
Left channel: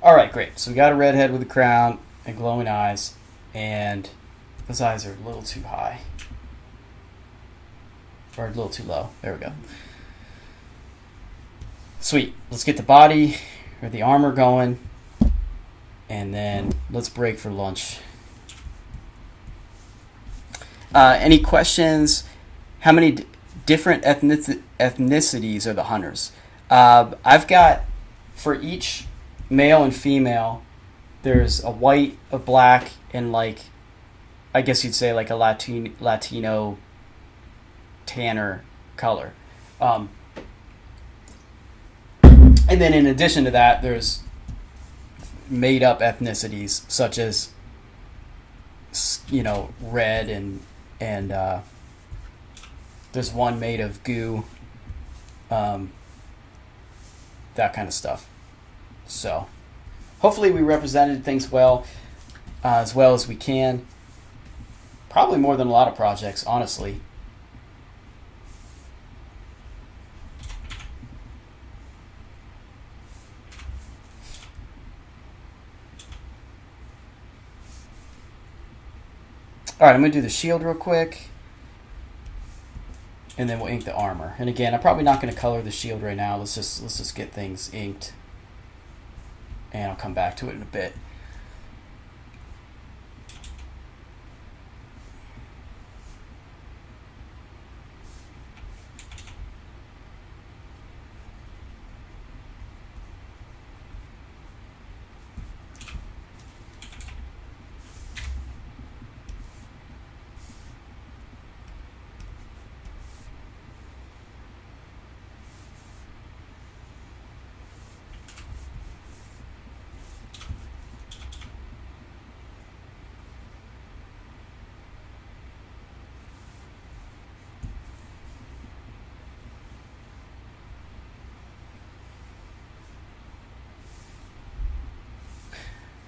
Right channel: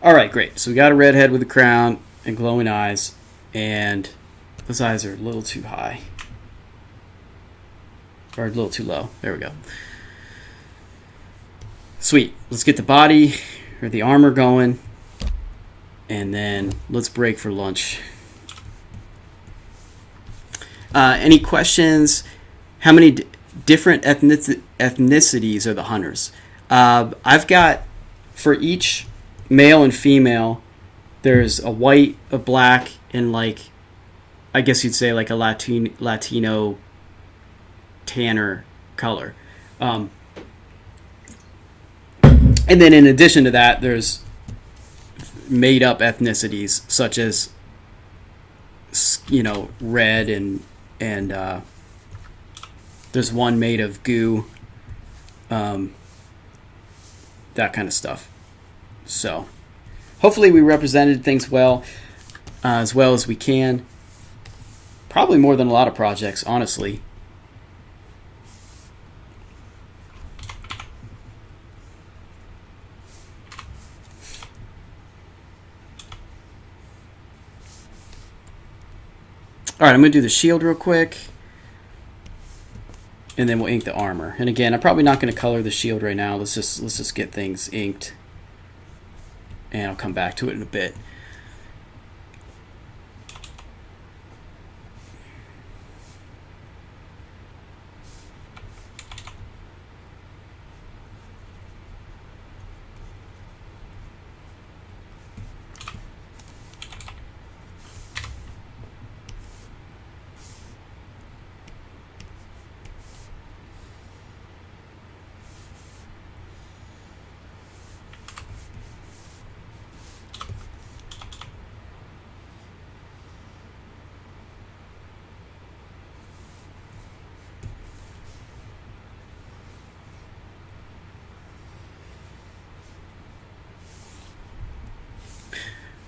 All right, great. So we got a redhead with a crown and glowing eyes, and those eyes are a little too high. Or a little too low. There we go. Sweet. Let's get the body or the armor going, and then let's break for lunch. Any questions? How many different ethnicities are the hunters? I've got, for each male and female, there's a white, a black, and like, I guess you'd say like a Latino tanner color. And then in addition to that, there's made up ethnicities such as, red, and there's one made of goo, that kind of stuff. So hopefully we represented things well as we can. Probably more than a lot of projects, honestly. All right, I'm going to do the shield real quick, and then we'll ink the armor. And again, I'm probably not going to color the shield right now. Let's just get things inked, and I'll come back to it in a bit.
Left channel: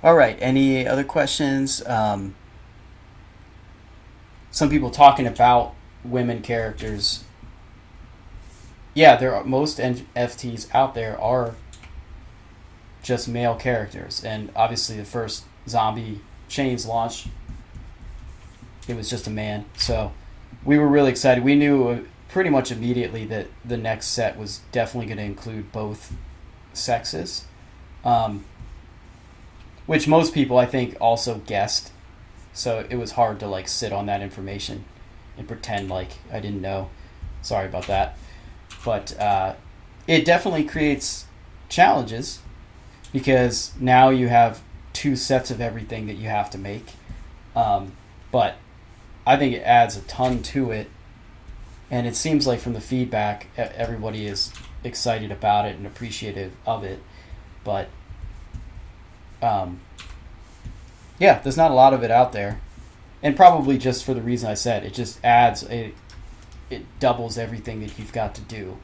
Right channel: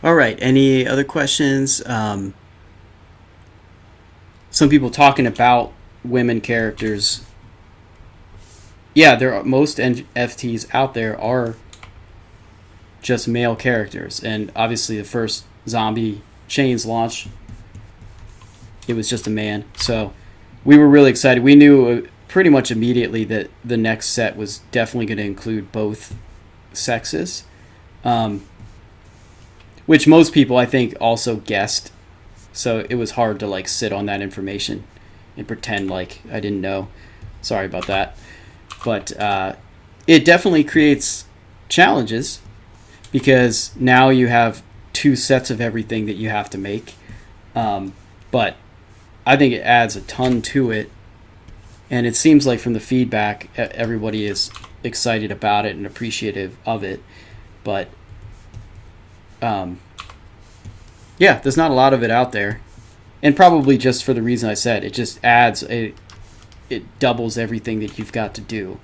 All right, any other questions? Some people talking about women characters. Yeah, most NFTs out there are just male characters, and obviously the first Zombie Chains launch, it was just a man. So we were really excited. We knew pretty much immediately that the next set was definitely going to include both sexes. Which most people, I think, also guessed. So it was hard to sit on that information and pretend like I didn't know. Sorry about that. But it definitely creates challenges, because now you have 2 sets of everything that you have to make. But I think it adds a ton to it. And it seems like from the feedback, everybody is excited about it and appreciative of it. But yeah, there's not a lot of it out there, and probably just for the reason I said, it just it doubles everything that you've got to do.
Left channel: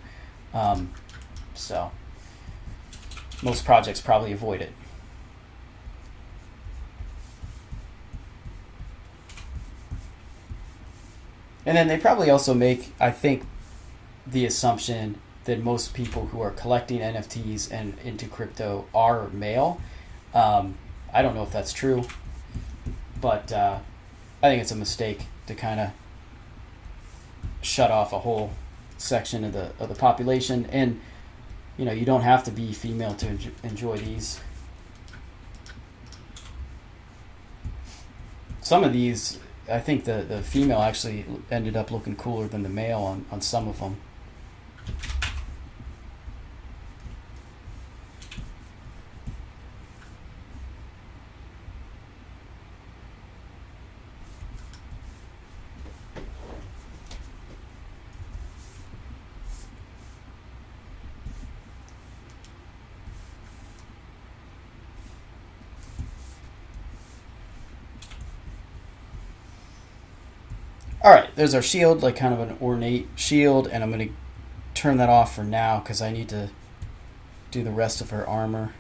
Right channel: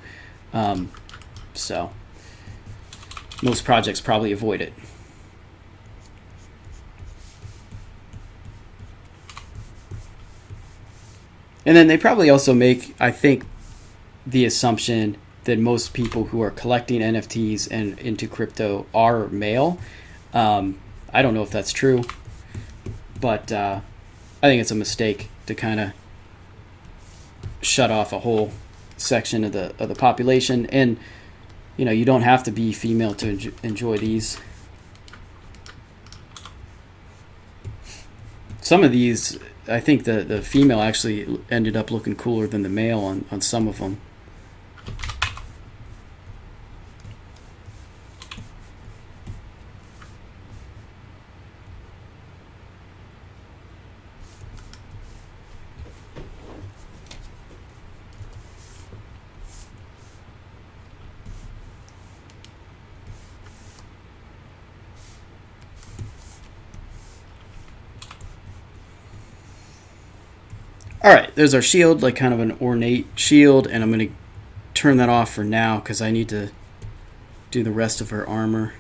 So most projects probably avoid it. And then they probably also make, I think, the assumption that most people who are collecting NFTs and into crypto are male. I don't know if that's true, but I think it's a mistake to kind of shut off a whole section of the population. And you don't have to be female to enjoy these. Some of these, I think the female actually ended up looking cooler than the male on some of them. Alright, there's our shield, kind of an ornate shield, and I'm going to turn that off for now because I need to do the rest of her armor.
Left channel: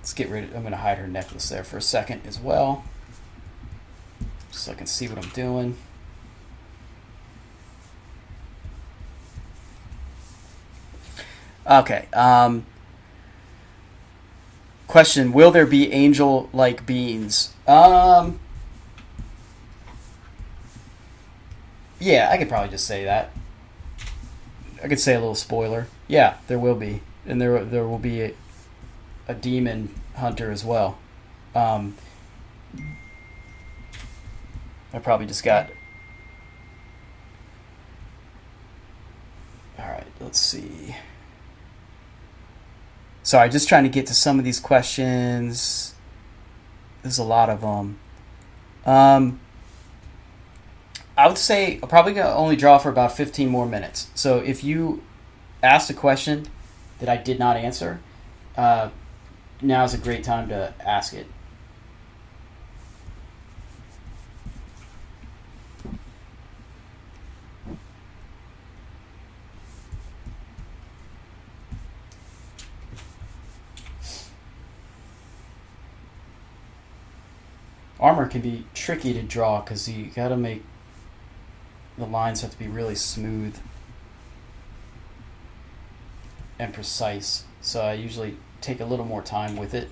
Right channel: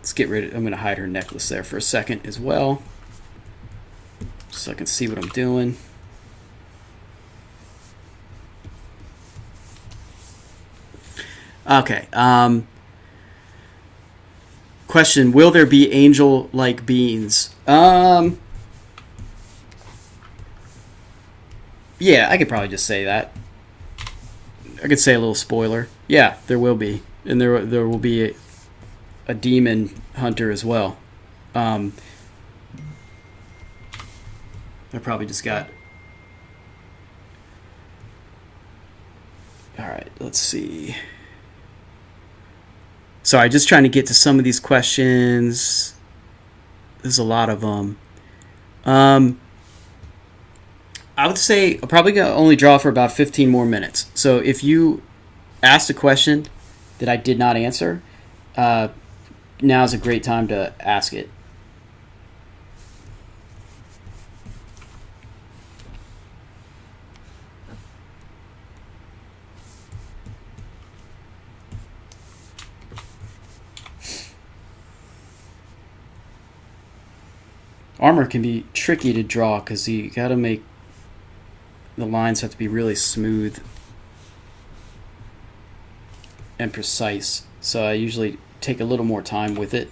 Let's get rid of, I'm going to hide her necklace there for a second as well, so I can see what I'm doing. Okay, question, will there be angel-like beings? Yeah, I could probably just say that. I could say a little spoiler. Yeah, there will be. And there will be a demon hunter as well. I probably just got... Alright, let's see. Sorry, just trying to get to some of these questions. There's a lot of them. I would say I'm probably gonna only draw for about 15 more minutes. So if you asked a question that I did not answer, uh, now is a great time to ask it. Armor can be tricky to draw because you got to make the lines have to be really smooth and precise. So I usually take a little more time with it.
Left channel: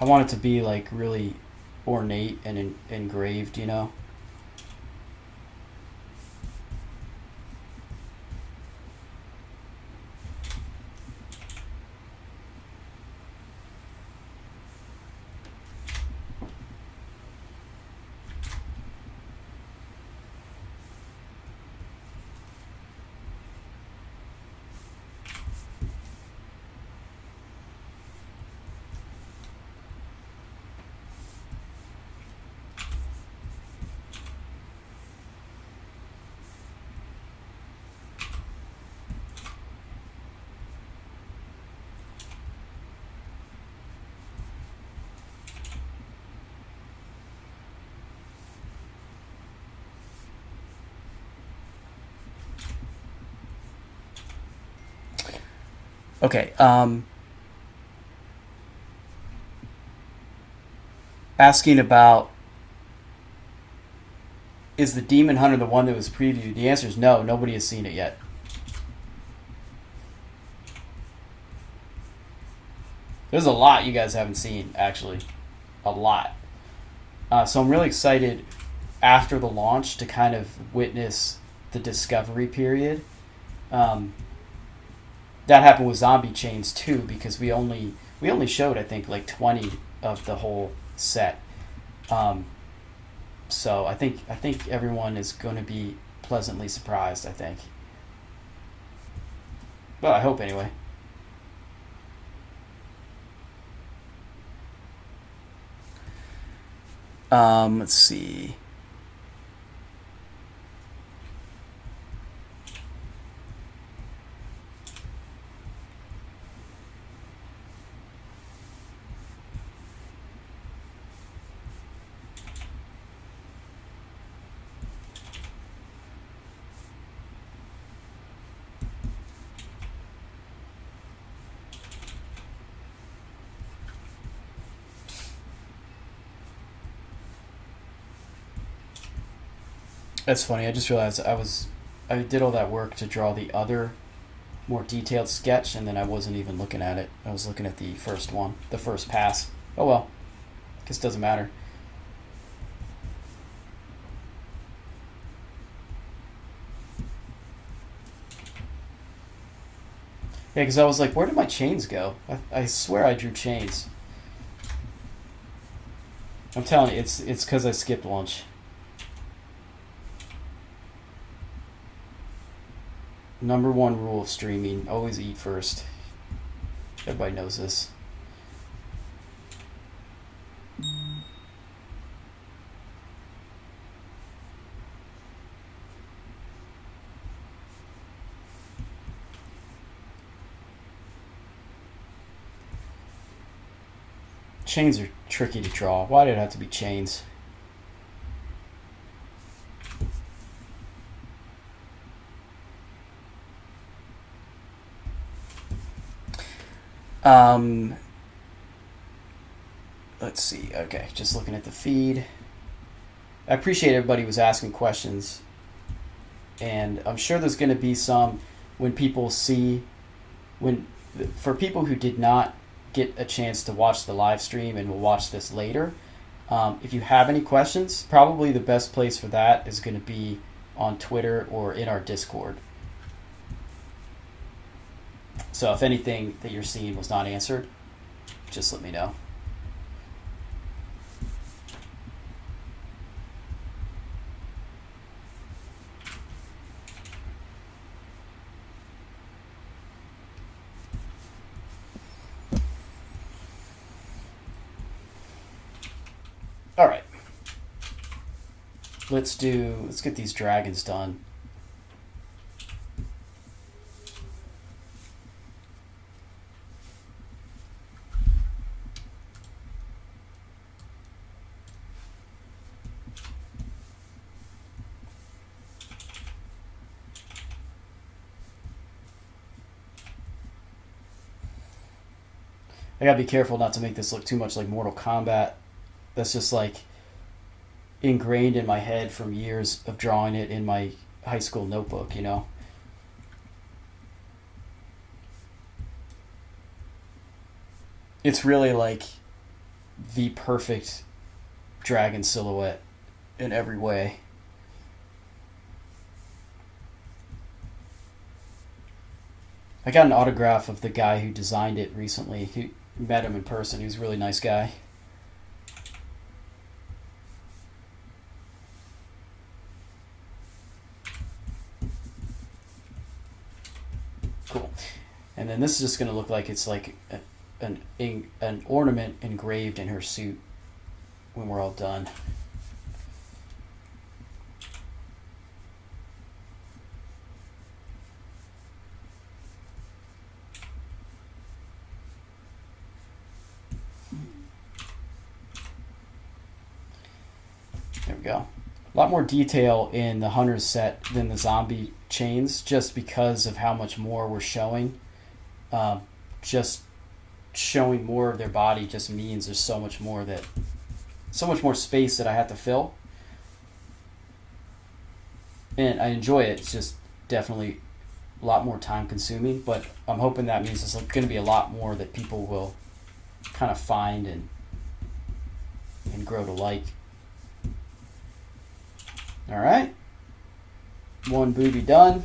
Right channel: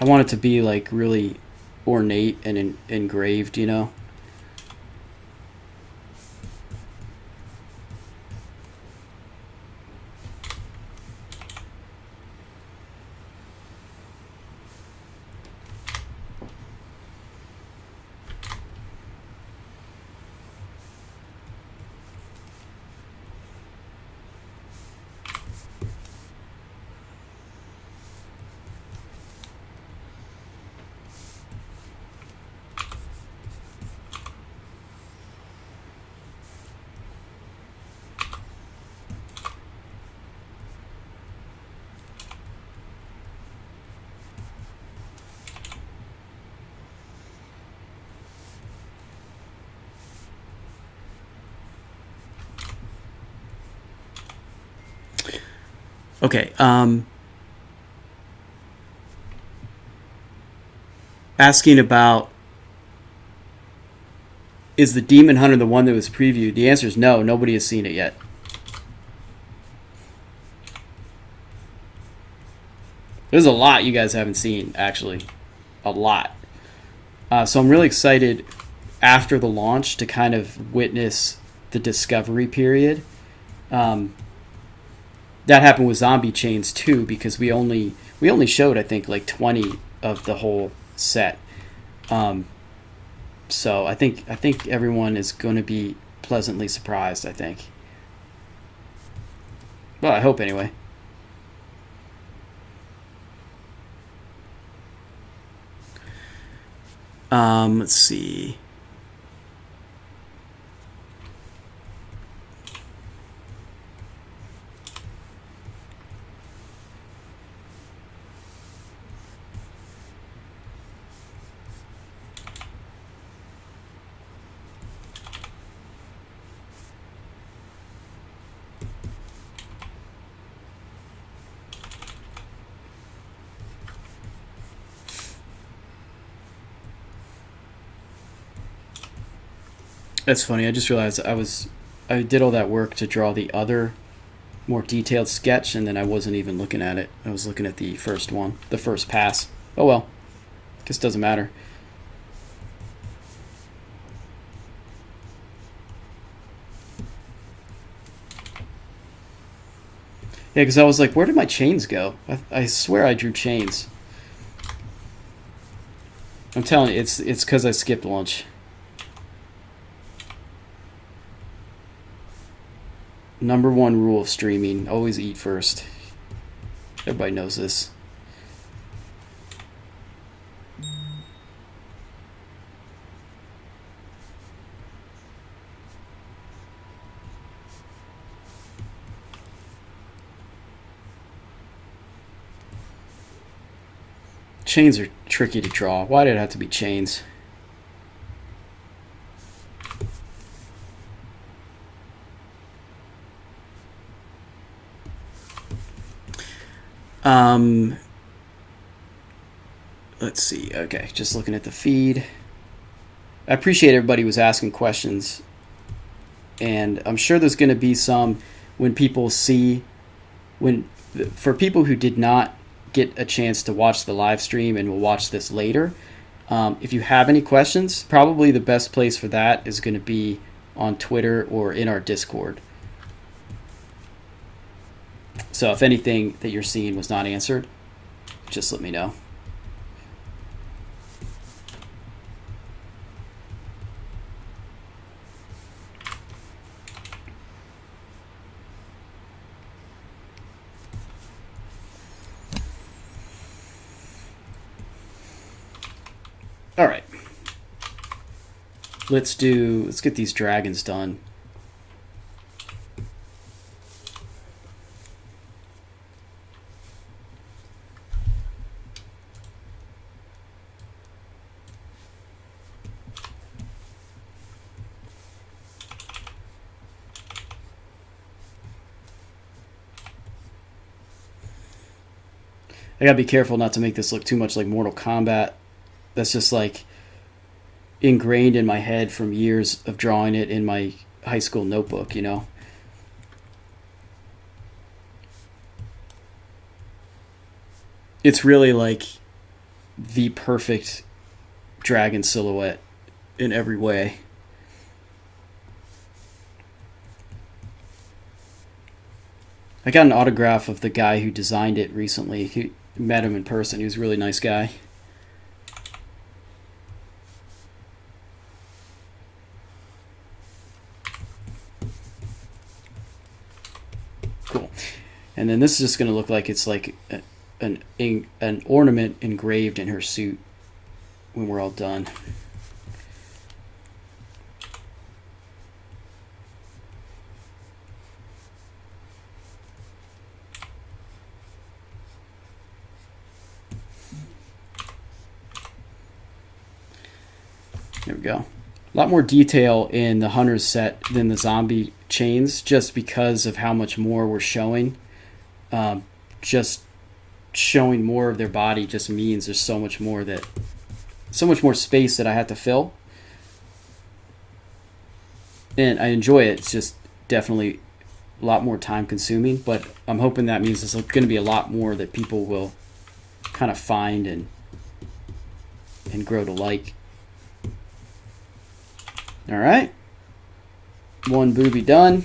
I want it to be like really ornate and engraved, you know. Okay. Asking about, is the Demon Hunter the one that was previewed? The answer is no. Nobody has seen it yet. There's a lot you guys haven't seen, actually. A lot. So I'm really excited after the launch to kind of witness the discovery period. That happened with Zombie Chains too, because we only showed, I think, like 20 of the whole set. So I think everyone is going to be pleasantly surprised, I think. Well, I hope anyway. Let's see. That's funny. I just realized I did all that work to draw the other more detailed sketch, and then I wasn't even looking at it. I was looking at the first one, the first pass. Oh well, guess it doesn't matter. Yeah, because I was like, where did my chains go? I swear I drew chains. I'm telling you, it's because I skipped lunch. Number one rule of streaming: always eat first. Everybody knows this. Chains are tricky to draw. Why did it have to be chains? Let's see. Okay, just looking at the feed. I appreciate everybody who was asking questions, and I'm sure there's going to be some when people see when for people who did not get a chance to watch the live stream and will watch this later. If you have any questions, probably the best place for that is going to be on Twitter or in our Discord. So if anything that you're seeing was not answered, just let me know. All right. Let's get these dragons done. I gotta be careful not to make this look too much like Mortal Kombat. That's just like ingrained in my head from years of drawing it in my high school notebook, you know? It's really like the perfect dragon silhouette in every way. I got an autograph of the guy who designed it recently. He met him in person. He was a really nice guy. Cool. And then this is just going to look like it's like an ornament engraved in her suit when we're all done. There we go. A lot more detail in the Hunter's set than the zombie chains, just because of how much more we're showing. Just showing more of their body just means there's so much more space that I have to fill. And I enjoy it. It's just definitely a lot more time consuming, but I'm hoping that means there's going to be a lot more that people will kind of find and grow to like. All right, one booby done.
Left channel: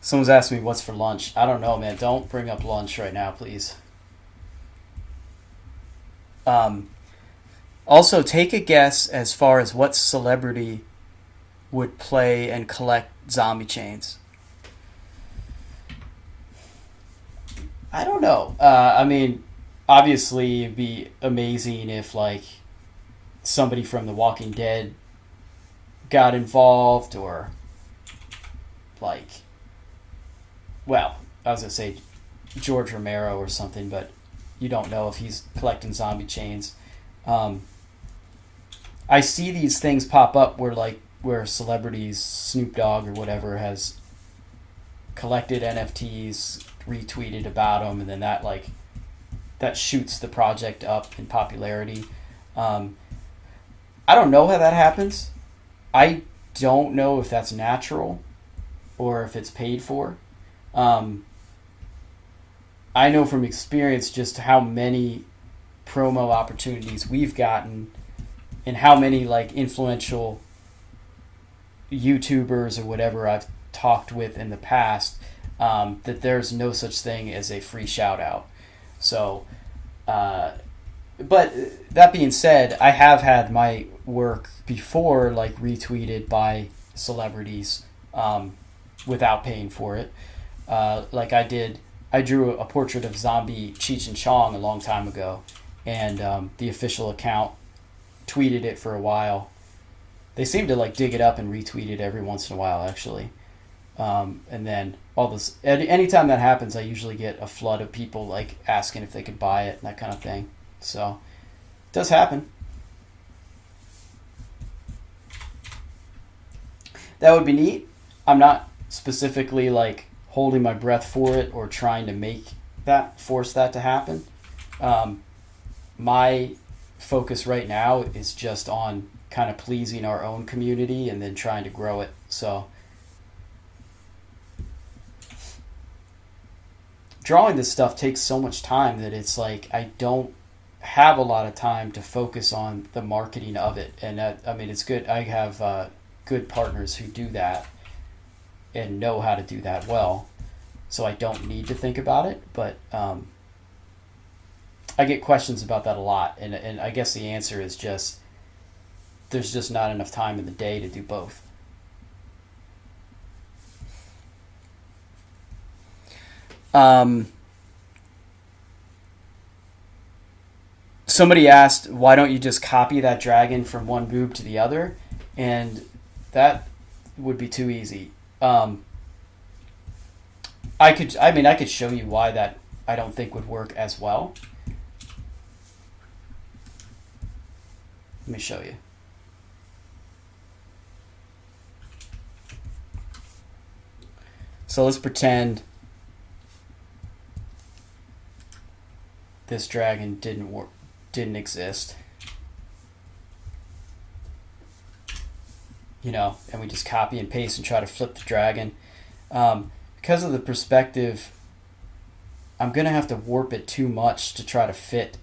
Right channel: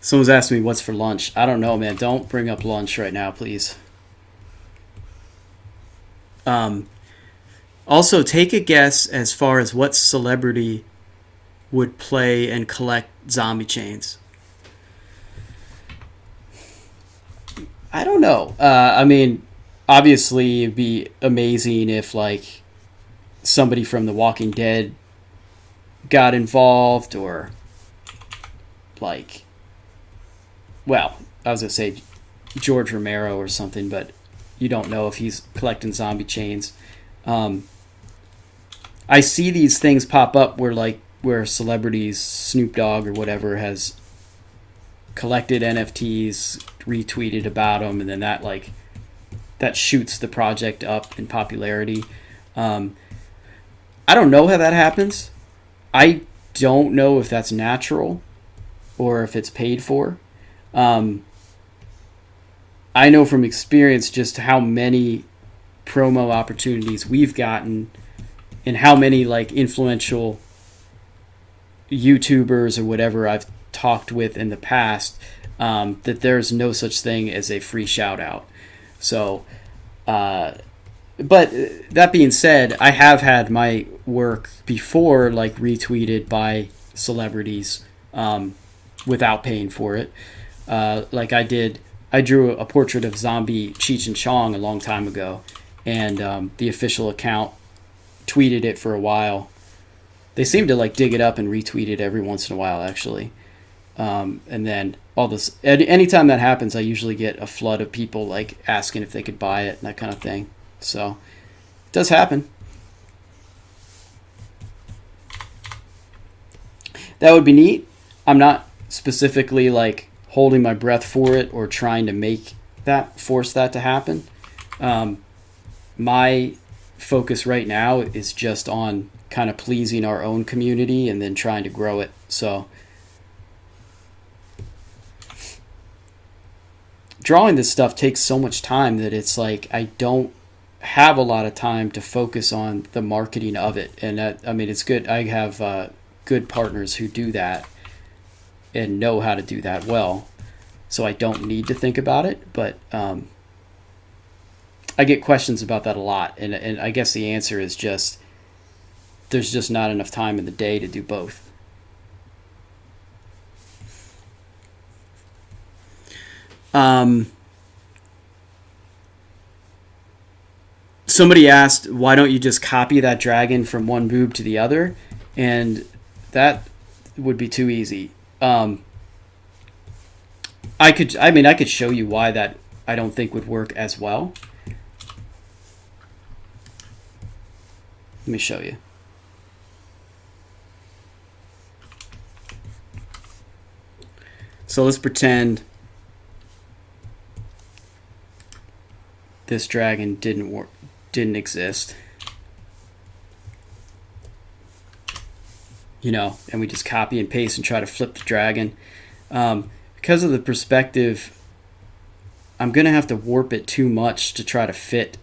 Someone's asking me what's for lunch. I don't know, man. Don't bring up lunch right now, please. Also, take a guess as far as what celebrity would play and collect zombie chains. I don't know. I mean, obviously, it'd be amazing if, like, somebody from The Walking Dead got involved, or, like, well, I was going to say George Romero or something, but you don't know if he's collecting zombie chains. I see these things pop up where celebrities, Snoop Dogg or whatever, has collected NFTs, retweeted about them, and then that shoots the project up in popularity. I don't know how that happens. I don't know if that's natural or if it's paid for. I know from experience just how many promo opportunities we've gotten and how many like influential YouTubers or whatever I've talked with in the past, that there's no such thing as a free shout out. So, but that being said, I have had my work before like retweeted by celebrities without paying for it. Like I drew a portrait of zombie Cheech and Chong a long time ago, and the official account tweeted it for a while. They seem to like dig it up and retweet it every once in a while, actually. And then all this, anytime that happens, I usually get a flood of people like asking if they could buy it and that kind of thing. So it does happen. That would be neat. I'm not specifically like holding my breath for it or trying to force that to happen. My focus right now is just on kind of pleasing our own community and then trying to grow it. So drawing this stuff takes so much time that it's like I don't have a lot of time to focus on the marketing of it. And I mean, it's good. I have good partners who do that and know how to do that well. So I don't need to think about it, but I get questions about that a lot. And I guess the answer is just, there's just not enough time in the day to do both. Somebody asked, why don't you just copy that dragon from one boob to the other? And that would be too easy. I could show you why that I don't think would work as well. Let me show you. So let's pretend this dragon didn't exist. You know, and we just copy and paste and try to flip the dragon. Because of the perspective, I'm going to have to warp it too much to try to fit.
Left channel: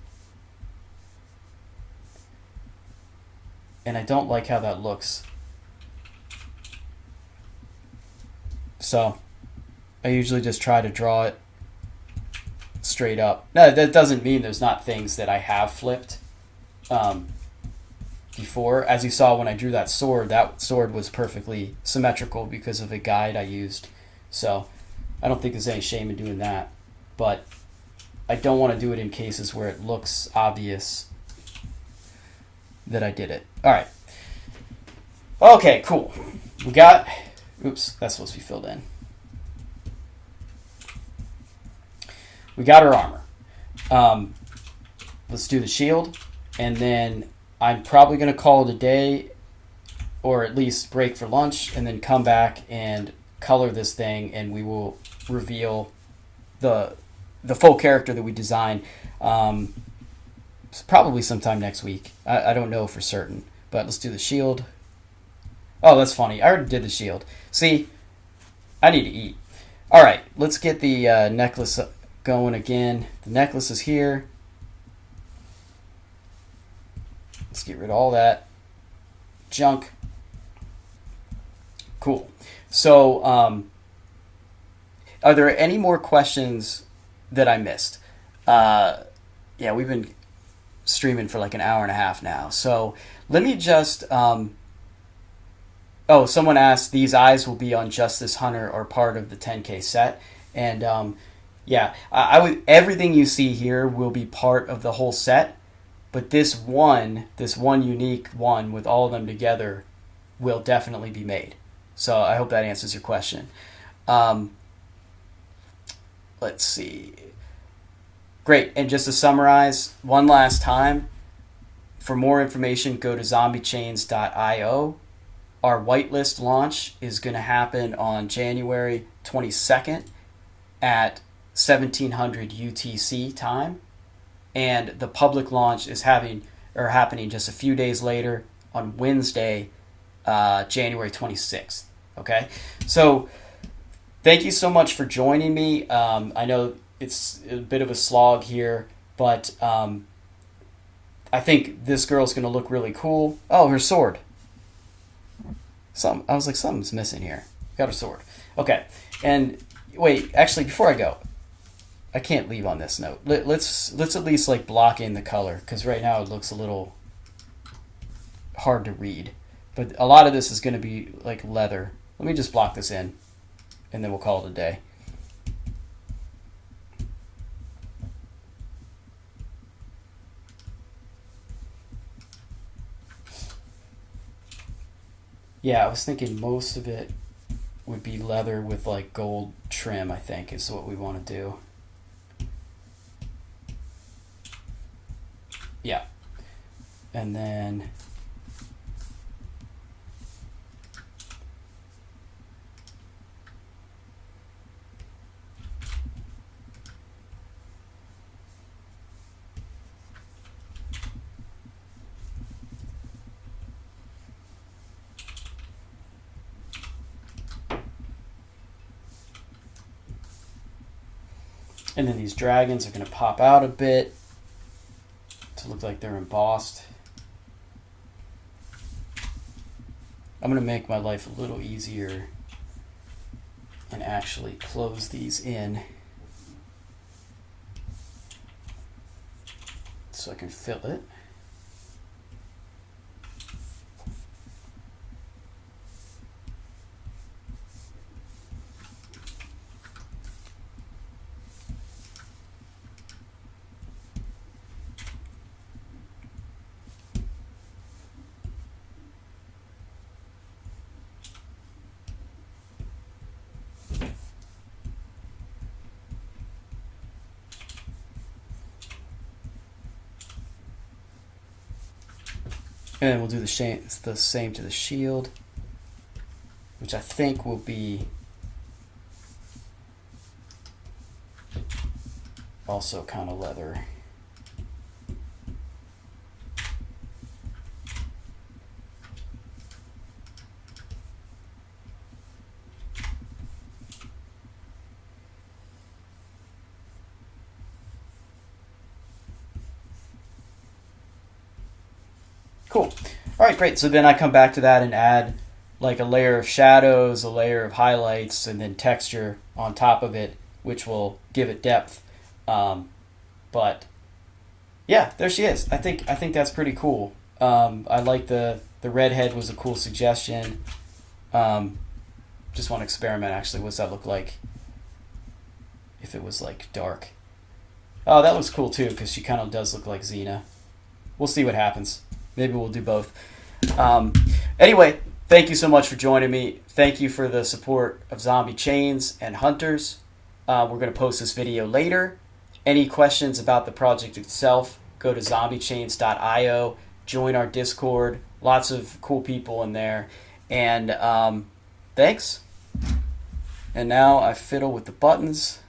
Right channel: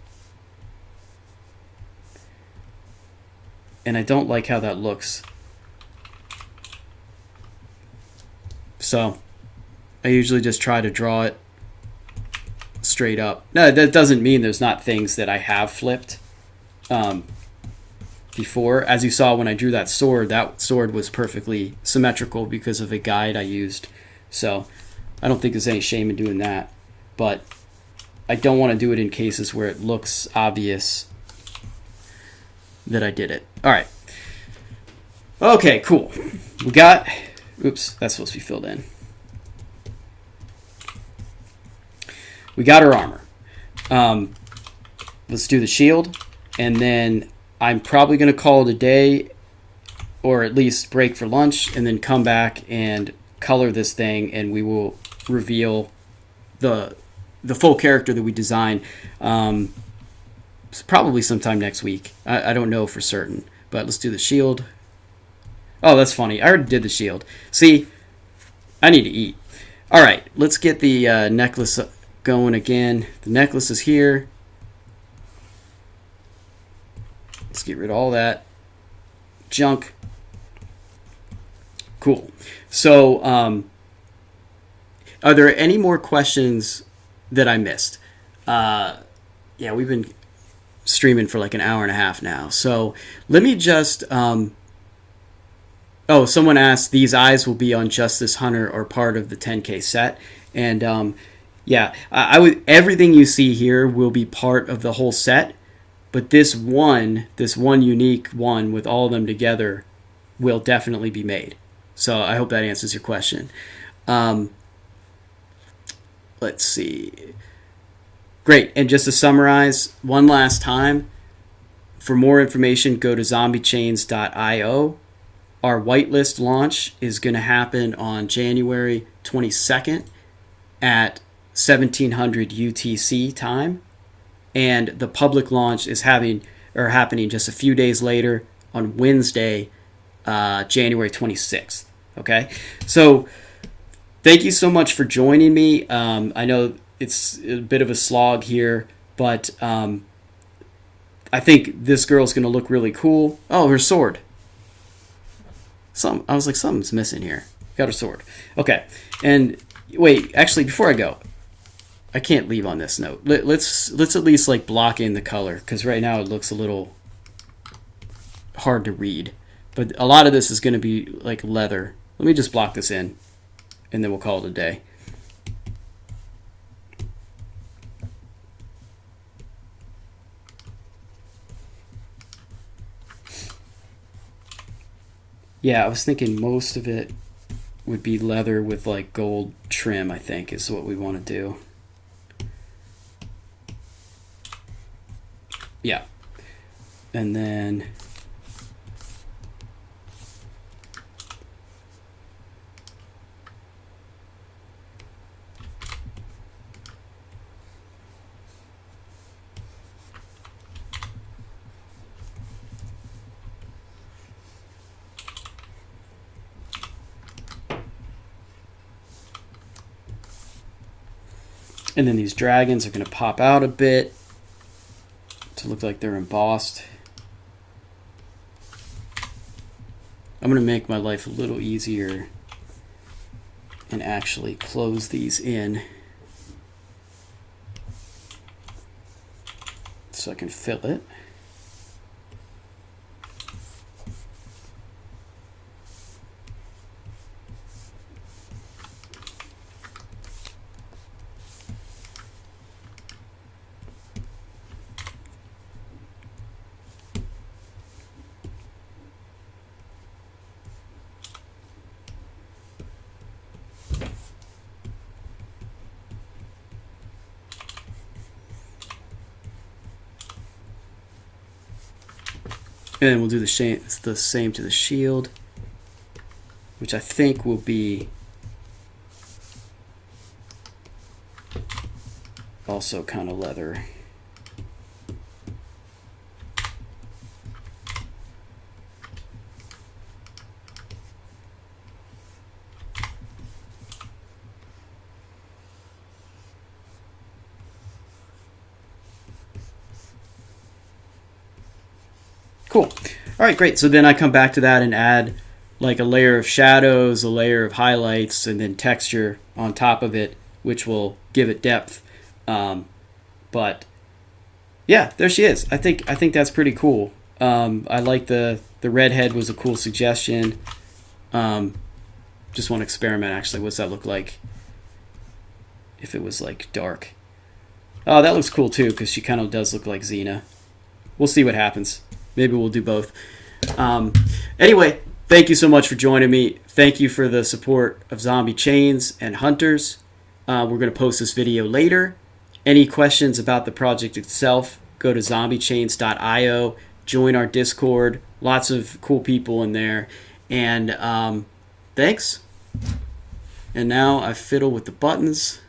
And I don't like how that looks. So I usually just try to draw it straight up. No, that doesn't mean there's not things that I have flipped before. As you saw when I drew that sword was perfectly symmetrical because of a guide I used. So I don't think there's any shame in doing that. But I don't want to do it in cases where it looks obvious that I did it. All right. Okay, cool. We got... Oops, that's supposed to be filled in. We got our armor. Let's do the shield. And then I'm probably going to call it a day, or at least break for lunch, and then come back and color this thing, and we will reveal the full character that we designed. Probably sometime next week. I don't know for certain, but let's do the shield. Oh, that's funny. I already did the shield. See, I need to eat. All right, let's get the necklace going again. The necklace is here. Let's get rid of all that junk. Cool. So, are there any more questions that I missed? Yeah, we've been streaming for like an hour and a half now. So let me just... Oh, someone asked, these eyes will be on Justice Hunter or part of the 10K set. And yeah, I would, everything you see here will be part of the whole set. But this one unique one with all of them together will definitely be made. So I hope that answers your question. Let's see. Great. And just to summarize one last time, for more information, go to zombiechains.io. Our whitelist launch is going to happen on January 22nd at 1700 UTC time. And the public launch is happening just a few days later on Wednesday, January 26th. Okay? So thank you so much for joining me. I know it's a bit of a slog here, but I think this girl's going to look really cool. Oh, her sword. I was like, something's missing here. Got her sword. Okay. And wait, actually, before I go, I can't leave on this note. Let's at least like block in the color, because right now it looks a little hard to read. But a lot of this is going to be like leather. Let me just block this in, and then we'll call it a day. Yeah, I was thinking most of it would be leather with like gold trim, I think, is what we want to do. Yeah. And then these dragons are going to pop out a bit to look like they're embossed. I'm going to make my life a little easier and actually close these in so I can fill it. And then we'll do the same to the shield, which I think will be also kind of leather. Cool. All right, great. So then I come back to that and add like a layer of shadows, a layer of highlights, and then texture on top of it, which will give it depth. But yeah, there she is. I think that's pretty cool. I like the redhead was a cool suggestion. Just want to experiment actually. What's that look like if it was like dark? Oh, that looks cool too because she kind of does look like Xena. We'll see what happens. Maybe we'll do both. Anyway, thank you so much for joining me. Thank you for the support of Zombie Chains and Hunters. We're going to post this video later. Any questions about the project itself, go to zombiechains.io, join our Discord. Lots of cool people in there. And thanks. And now I fiddle with the buttons.